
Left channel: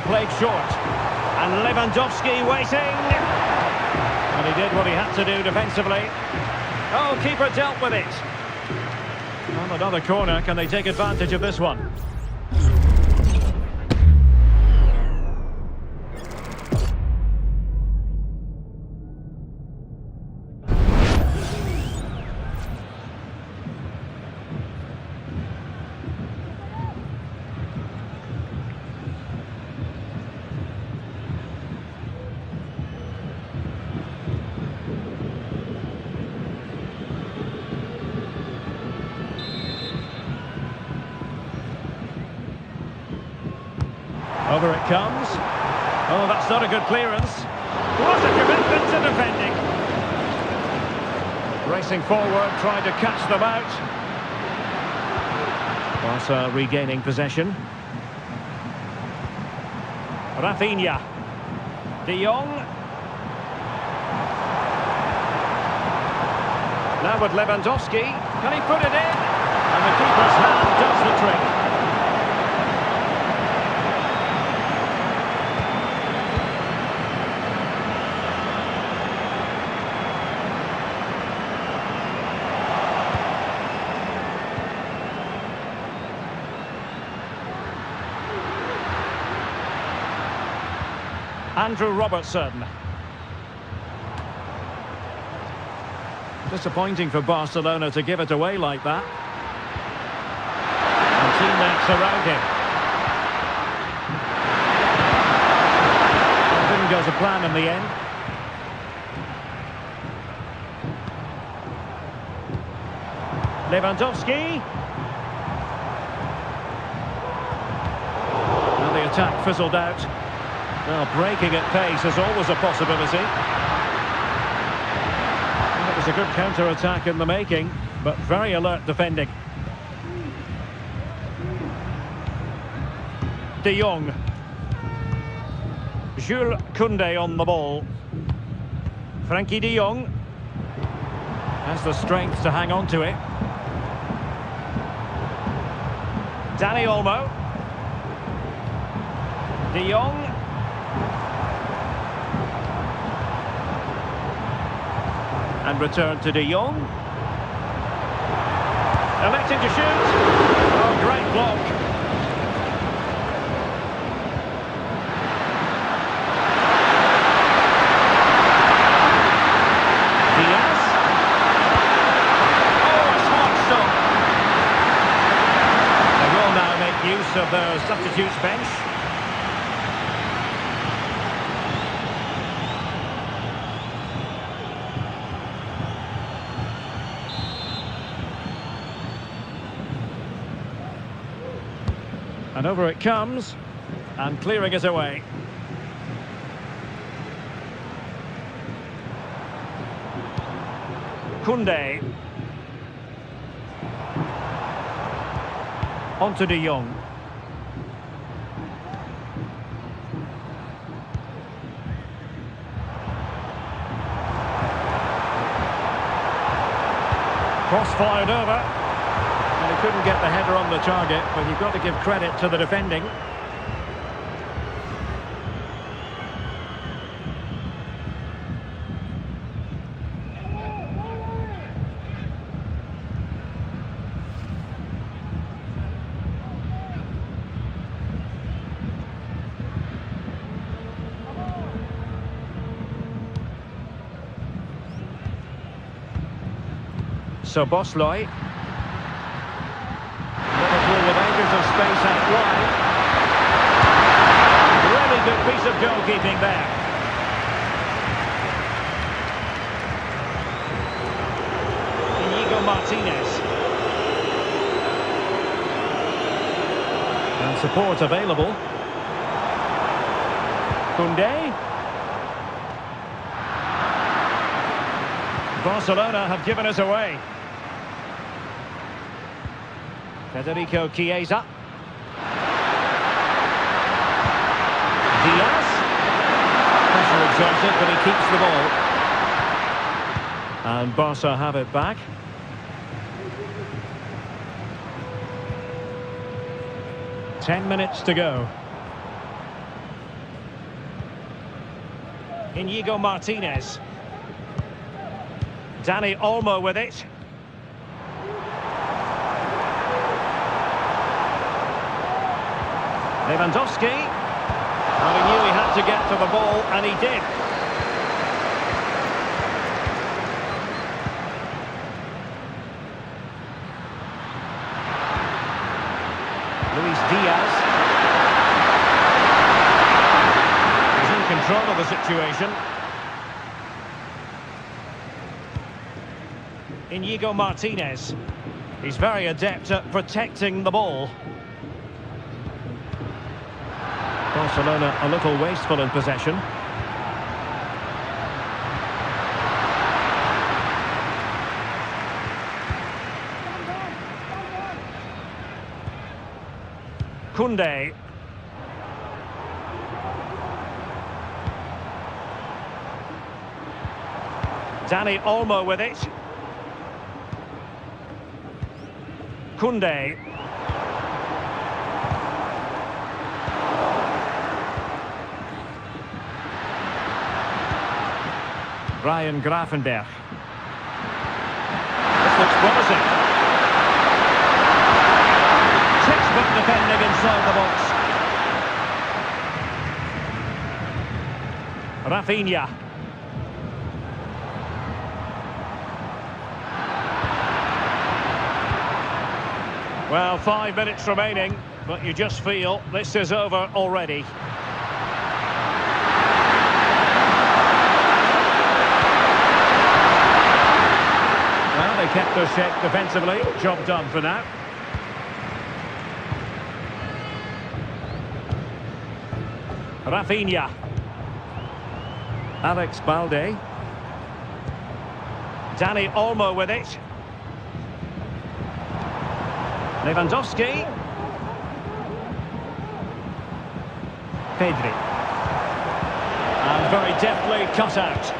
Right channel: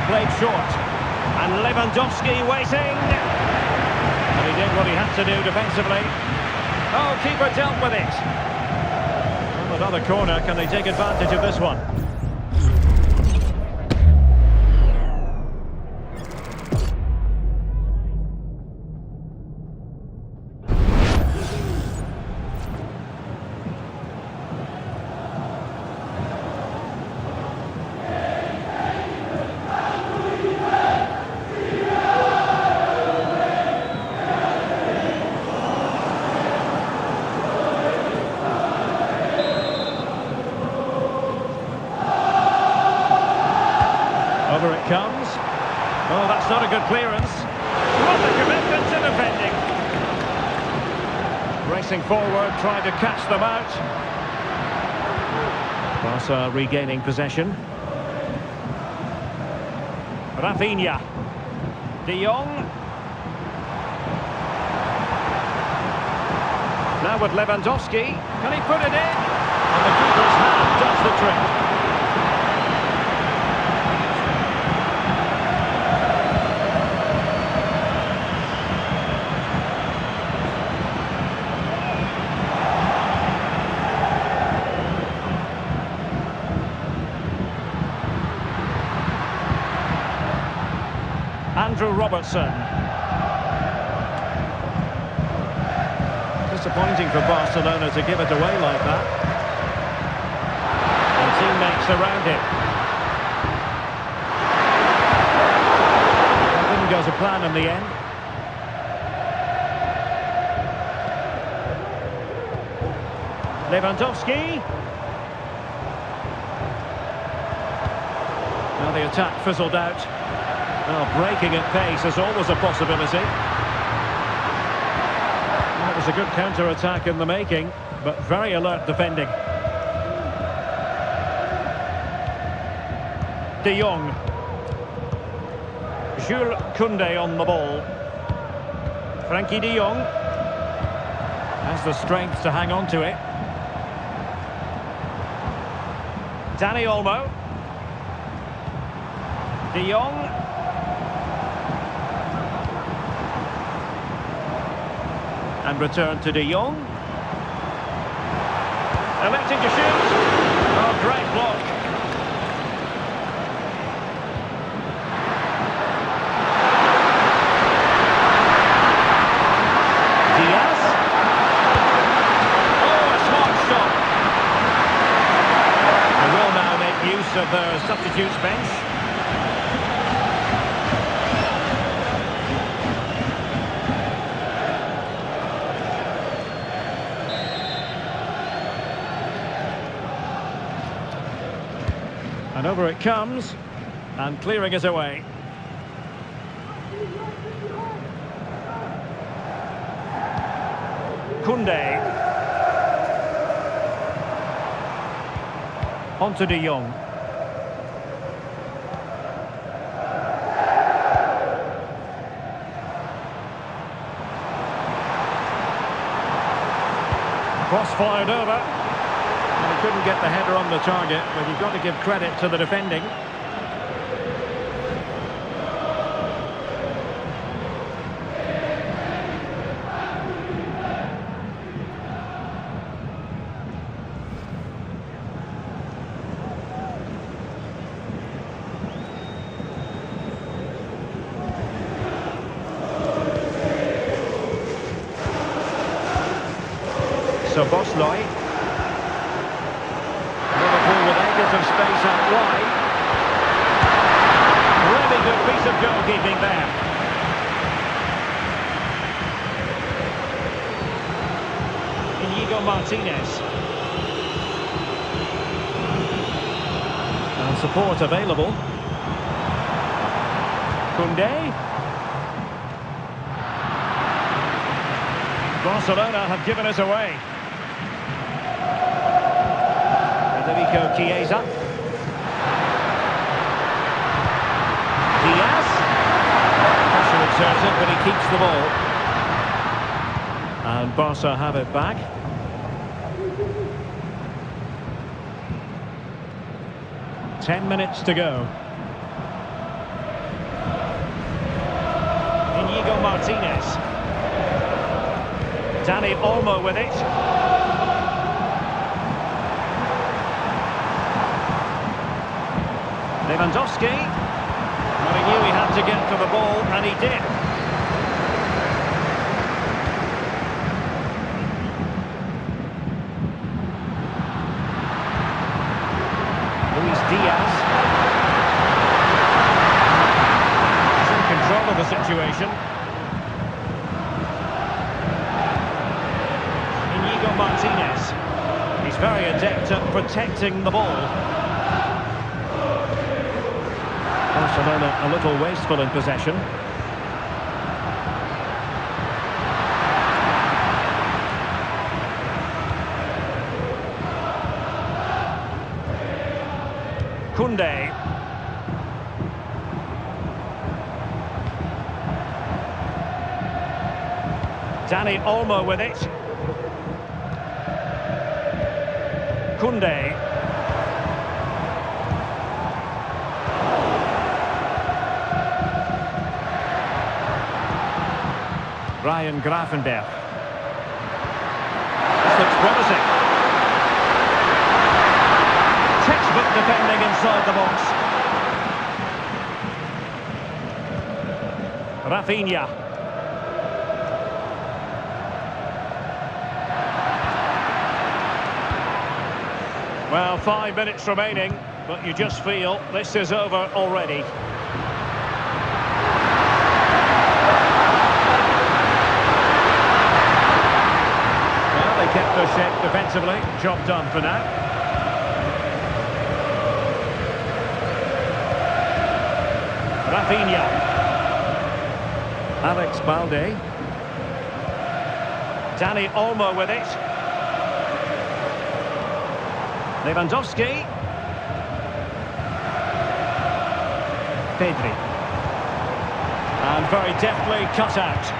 Played short, and Lewandowski waiting, and he did what he had to do defensively. Oh, keeper dealt with it. On another corner, can they take advantage of this one? Over it comes. Oh, that's not a good clearance. What a commitment to defending. Racing forward, trying to catch them out. Barca regaining possession. Rafinha. De Jong. Now with Lewandowski. Can he put it in? And the keeper's hand does the trick. Andrew Robertson. Disappointing for Barcelona to give it away like that. And teammates around him. Well, didn't go to plan in the end. Lewandowski. Now the attack fizzled out. Well, breaking at pace is always a possibility. Well, it was a good counter-attack in the making, but very alert defending. De Jong. Jules Koundé on the ball. Frankie de Jong has the strength to hang on to it. Dani Olmo. De Jong. And return to De Jong. Electing to shoot. Oh, great block. Diaz. Oh, a smart stop. They will now make use of their substitutes bench. And over it comes, and clearing it away. Koundé. On to De Jong. Cross fired over. Well, he couldn't get the header on the target, but you've got to give credit to the defending. So Bosley. Liverpool with acres of space out wide. Really good piece of goalkeeping there. Inigo Martinez. And support available. Koundé. Barcelona have given us away. Federico Chiesa. Diaz. Pressure exerted, but he keeps the ball. And Barca have it back. Ten minutes to go. Inigo Martinez. Dani Olmo with it. Lewandowski. Well, he knew he had to get to the ball, and he did. Luis Diaz. He's in control of the situation. Inigo Martinez. He's very adept at protecting the ball. Barcelona a little wasteful in possession. Koundé. Dani Olmo with it. Koundé. Ryan Gravenberch. This looks promising. Textbook defending inside the box. Rafinha. Well, 5 minutes remaining, but you just feel this is over already. Well, they kept their shape defensively. Job done for now. Rafinha. Alex Balde. Dani Olmo with it. Lewandowski. Pedri. And very deftly cut out.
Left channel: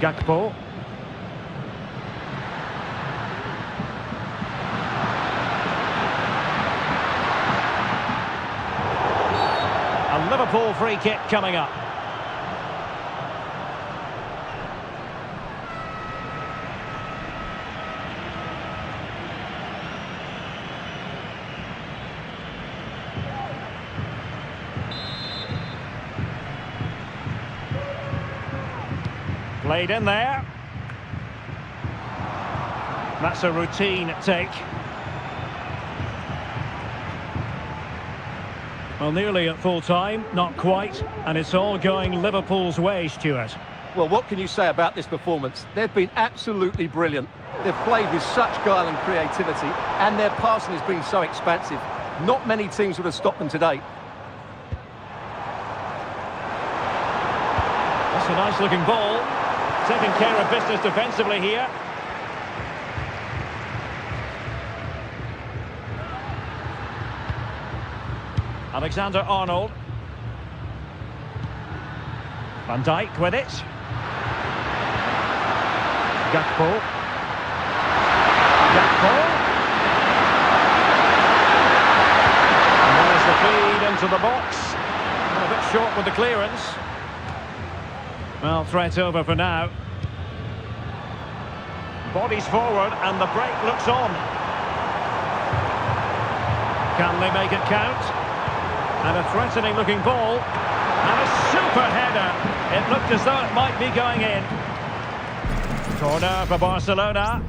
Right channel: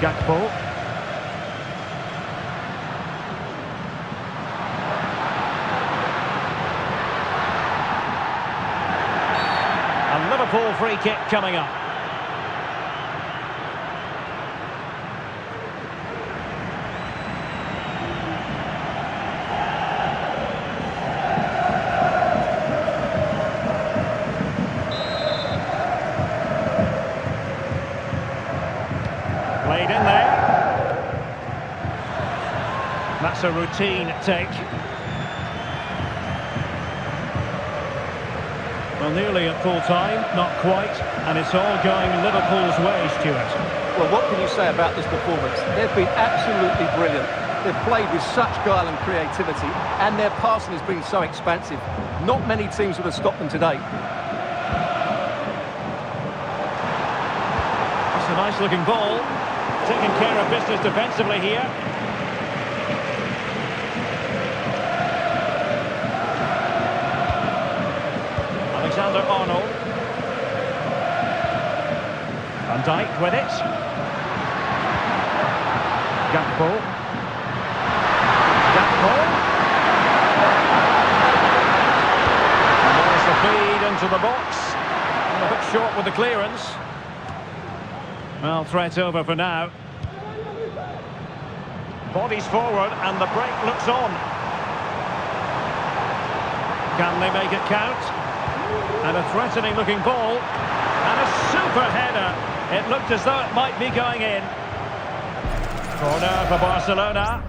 Gakpo. A Liverpool free kick coming up. Played in there. That's a routine take. Well, nearly at full time, not quite, and it's all going Liverpool's way, Stuart. Well, what can you say about this performance? They've been absolutely brilliant. They've played with such guile and creativity, and their passing has been so expansive. Not many teams would have stopped them today. That's a nice-looking ball. Taking care of business defensively here. Alexander-Arnold. Van Dijk with it. Gakpo. Gakpo. And there's the feed into the box. And a bit short with the clearance. Well, threat over for now. Bodies forward and the break looks on. Can they make it count? And a threatening looking ball. And a super header. It looked as though it might be going in. Corner for Barcelona.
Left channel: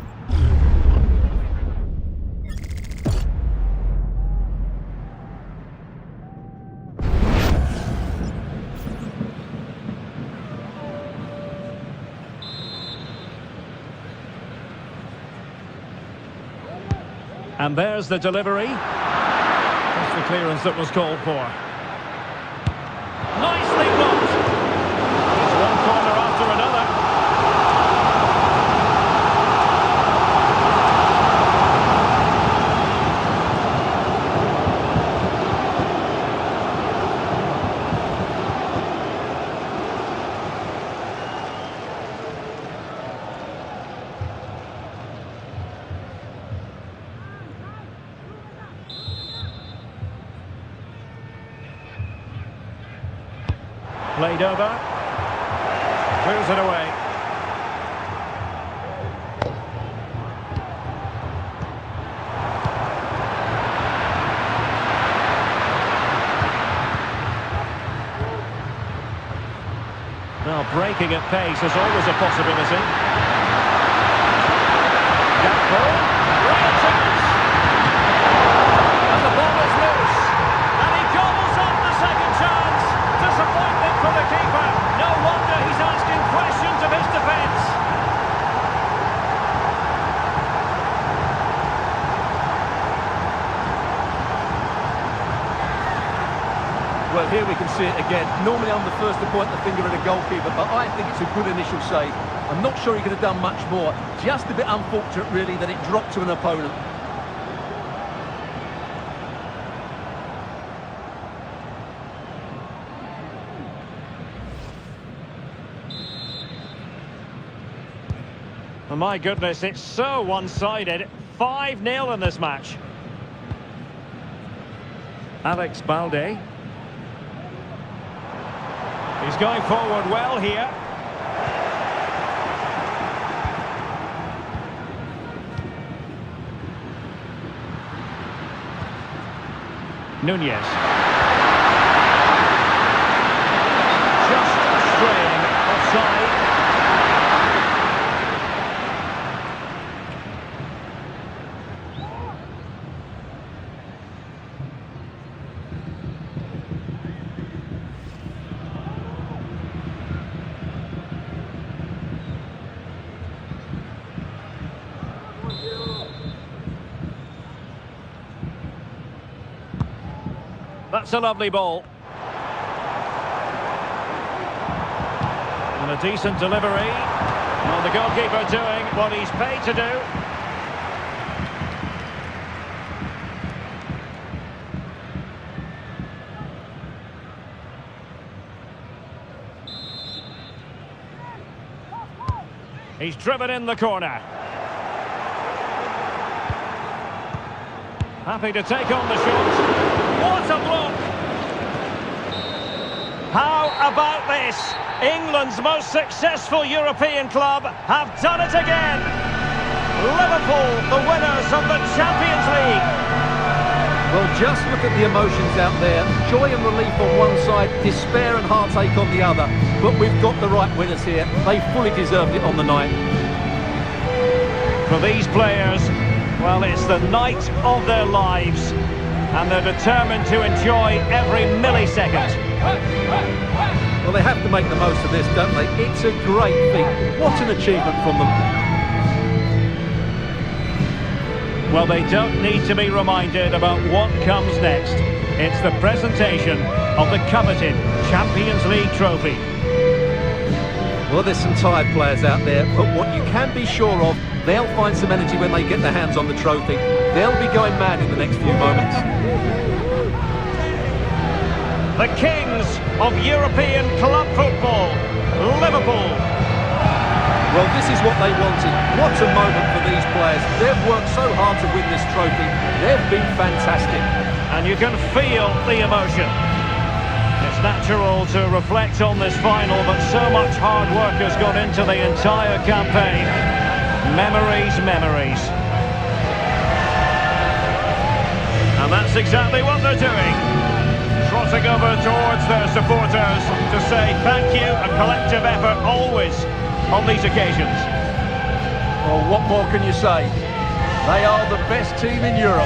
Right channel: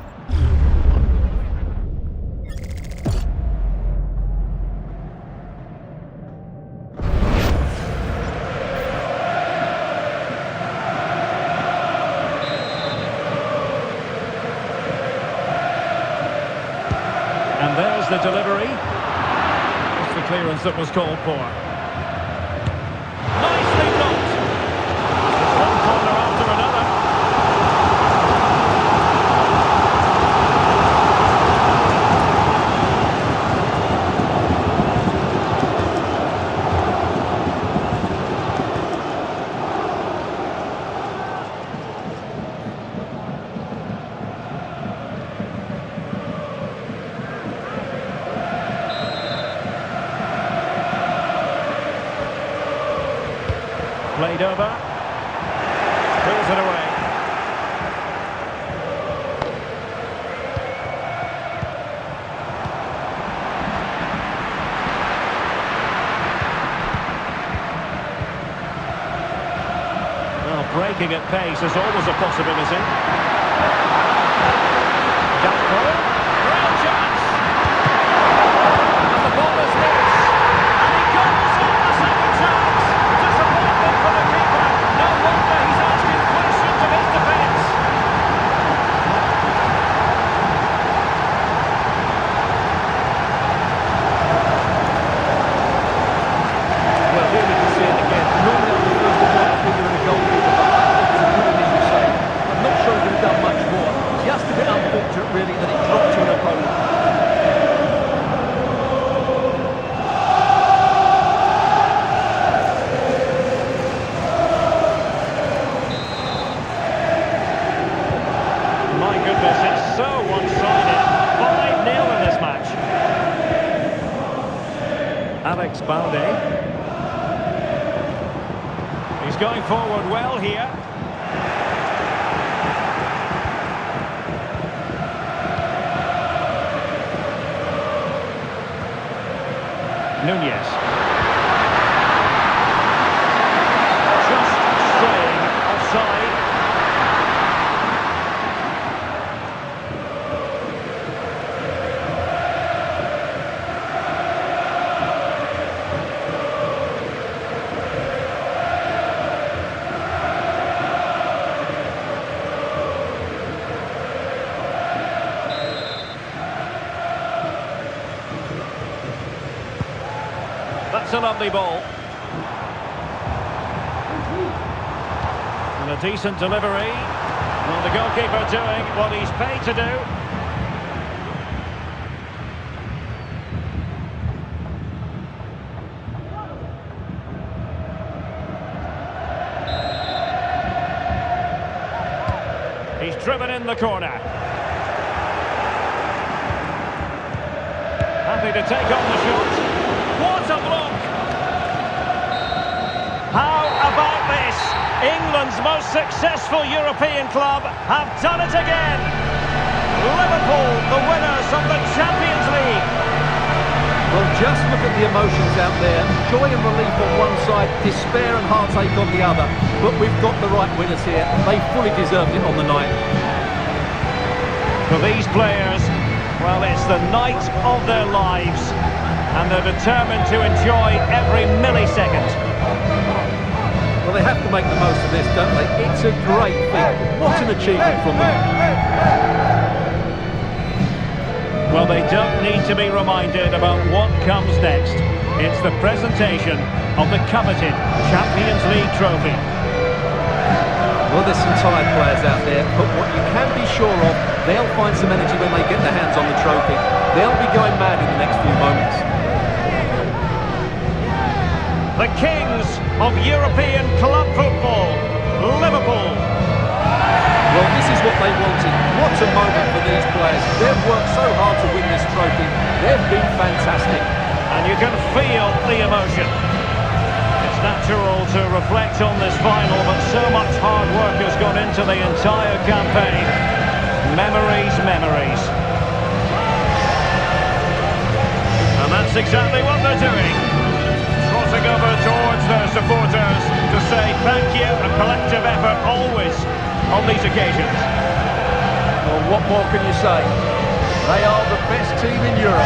And there's the delivery. That's the clearance that was called for. Nicely blocked. It's one corner after another. Played over. Clears it away. Well, breaking at pace is always a possibility. Gakpo. Real chance. And the ball is loose. And he gobbles up the second chance. Disappointment for the keeper. No wonder he's asking questions of his defence. Well, here we can see it again. Normally I'm the first to point the finger at a goalkeeper, but I think it's a good initial save. I'm not sure he could have done much more. Just a bit unfortunate, really, that it dropped to an opponent. My goodness, it's so one-sided. 5-0 in this match. Alex Balde. He's going forward well here. Nunez. Just straying offside. That's a lovely ball. And a decent delivery. Well, the goalkeeper doing what he's paid to do. He's driven in the corner. Happy to take on the shot. What a block! How about this? England's most successful European club have done it again. Liverpool, the winners of the Champions League. Well, just look at the emotions out there. Joy and relief on one side, despair and heartache on the other. But we've got the right winners here. They fully deserved it on the night. For these players, well, it's the night of their lives, and they're determined to enjoy every millisecond. Well, they have to make the most of this, don't they? It's a great feat. What an achievement from them. Well, they don't need to be reminded about what comes next. It's the presentation of the coveted Champions League trophy. Well, there's some tired players out there, but what you can be sure of, they'll find some energy when they get their hands on the trophy. They'll be going mad in the next few moments. The kings of European club football, Liverpool. Well, this is what they wanted. What a moment for these players. They've worked so hard to win this trophy. They've been fantastic. And you can feel the emotion. It's natural to reflect on this final, but so much hard work has gone into the entire campaign. Memories, memories. And that's exactly what they're doing. Trotting over towards their supporters to say thank you, a collective effort always on these occasions. Well, what more can you say? They are the best team in Europe.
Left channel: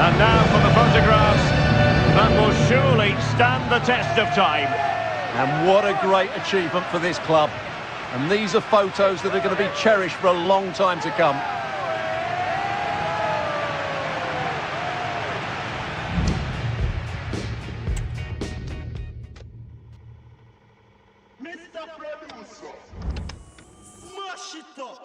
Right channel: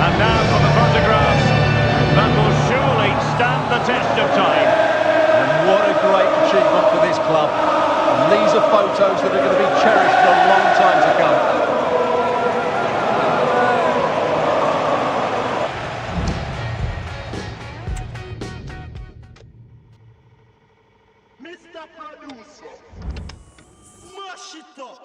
And now for the photographs that will surely stand the test of time. And what a great achievement for this club. And these are photos that are going to be cherished for a long time to come. Mr. Producer, mash it up.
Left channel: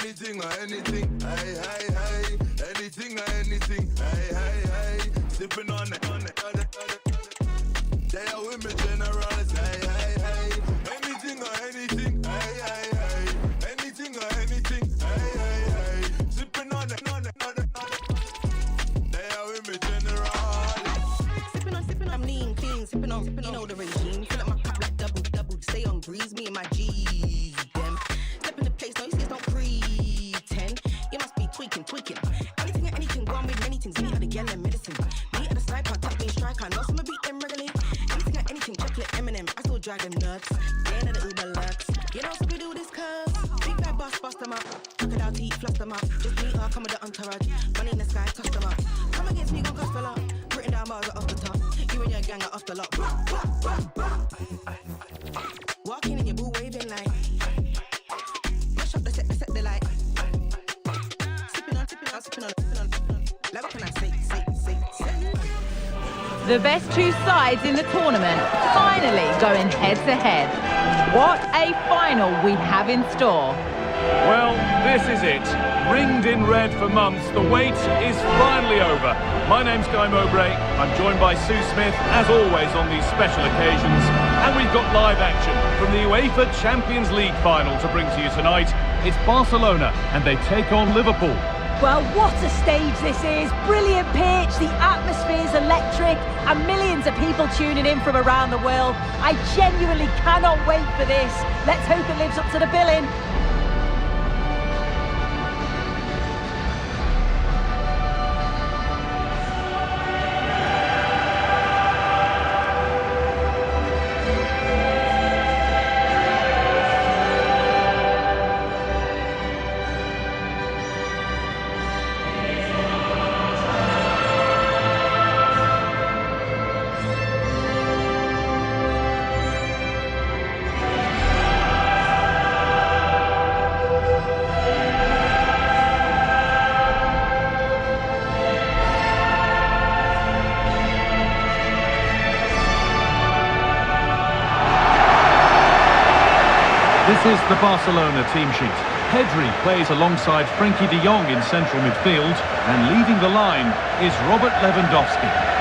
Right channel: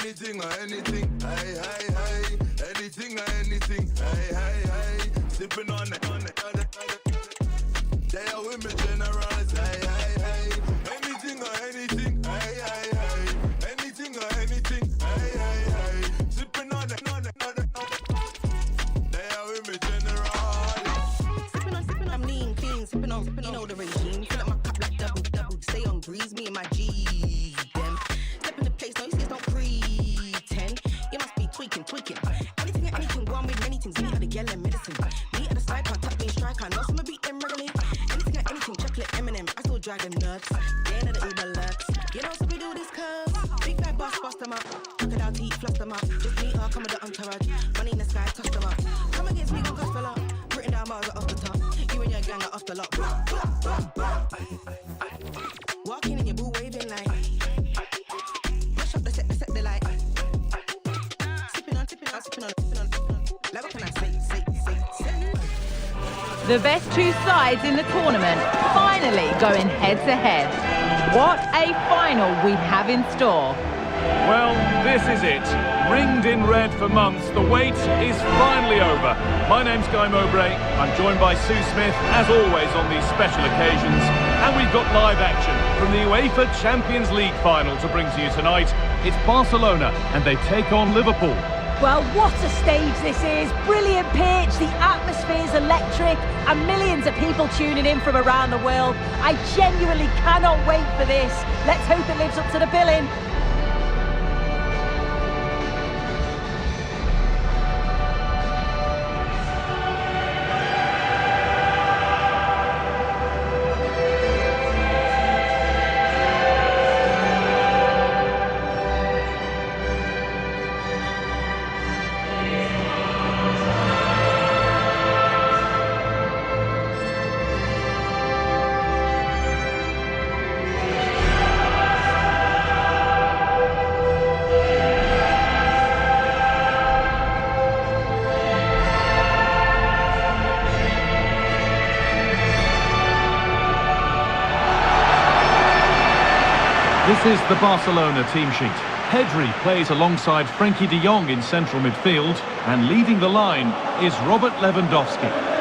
Anything or anything, hey, hey, hey. Anything or anything, hey, hey, hey. Sipping on it. They are with me, generals, hey, hey, hey. Anything or anything, hey, hey, hey. Anything or anything, hey, hey, hey. Sipping on it. They are with me, generals. Sipping on, I'm lean, clean, sipping on, you know the regime. Fill up my cup like double, stay on breeze, me and my G's, them. Step in the place, no, you see, don't pretend. You must be tweaking. Anything, go on with many things. Me at the yellow medicine. Me at the side, part top, being striker. Know some beat them regularly. Anything, chocolate, M&M. I still drag them nuts. They ain't the Uber Lux. You know, so we do this cuz. Big bad boss, bust them up. Crocodile teeth, fluff them up. Just meet her, come with the entourage. Money in the sky, toss them up. Come against me, gon' cost a lot. Written down bars are off the top. You and your gang are off the lot. Walking in your boo waving like. Mash up the set the light. Sipping on. Like what can I say? The best two sides in the tournament finally going head to head. What a final we have in store. Well, this is it. Ringed in red for months, the wait is finally over. My name's Guy Mowbray. I'm joined by Sue Smith, as always, on these special occasions. And we've got live action from the UEFA Champions League final to bring to you tonight. It's Barcelona, and they take on Liverpool. Well, what a stage this is. Brilliant pitch, the atmosphere's electric, and millions of people tuning in from around the world. I genuinely cannot wait for this. Let's hope it lives up to the billing. This is the Barcelona team sheet. Pedri plays alongside Frenkie de Jong in central midfield, and leading the line is Robert Lewandowski.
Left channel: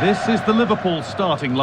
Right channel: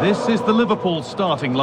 This is the Liverpool starting line.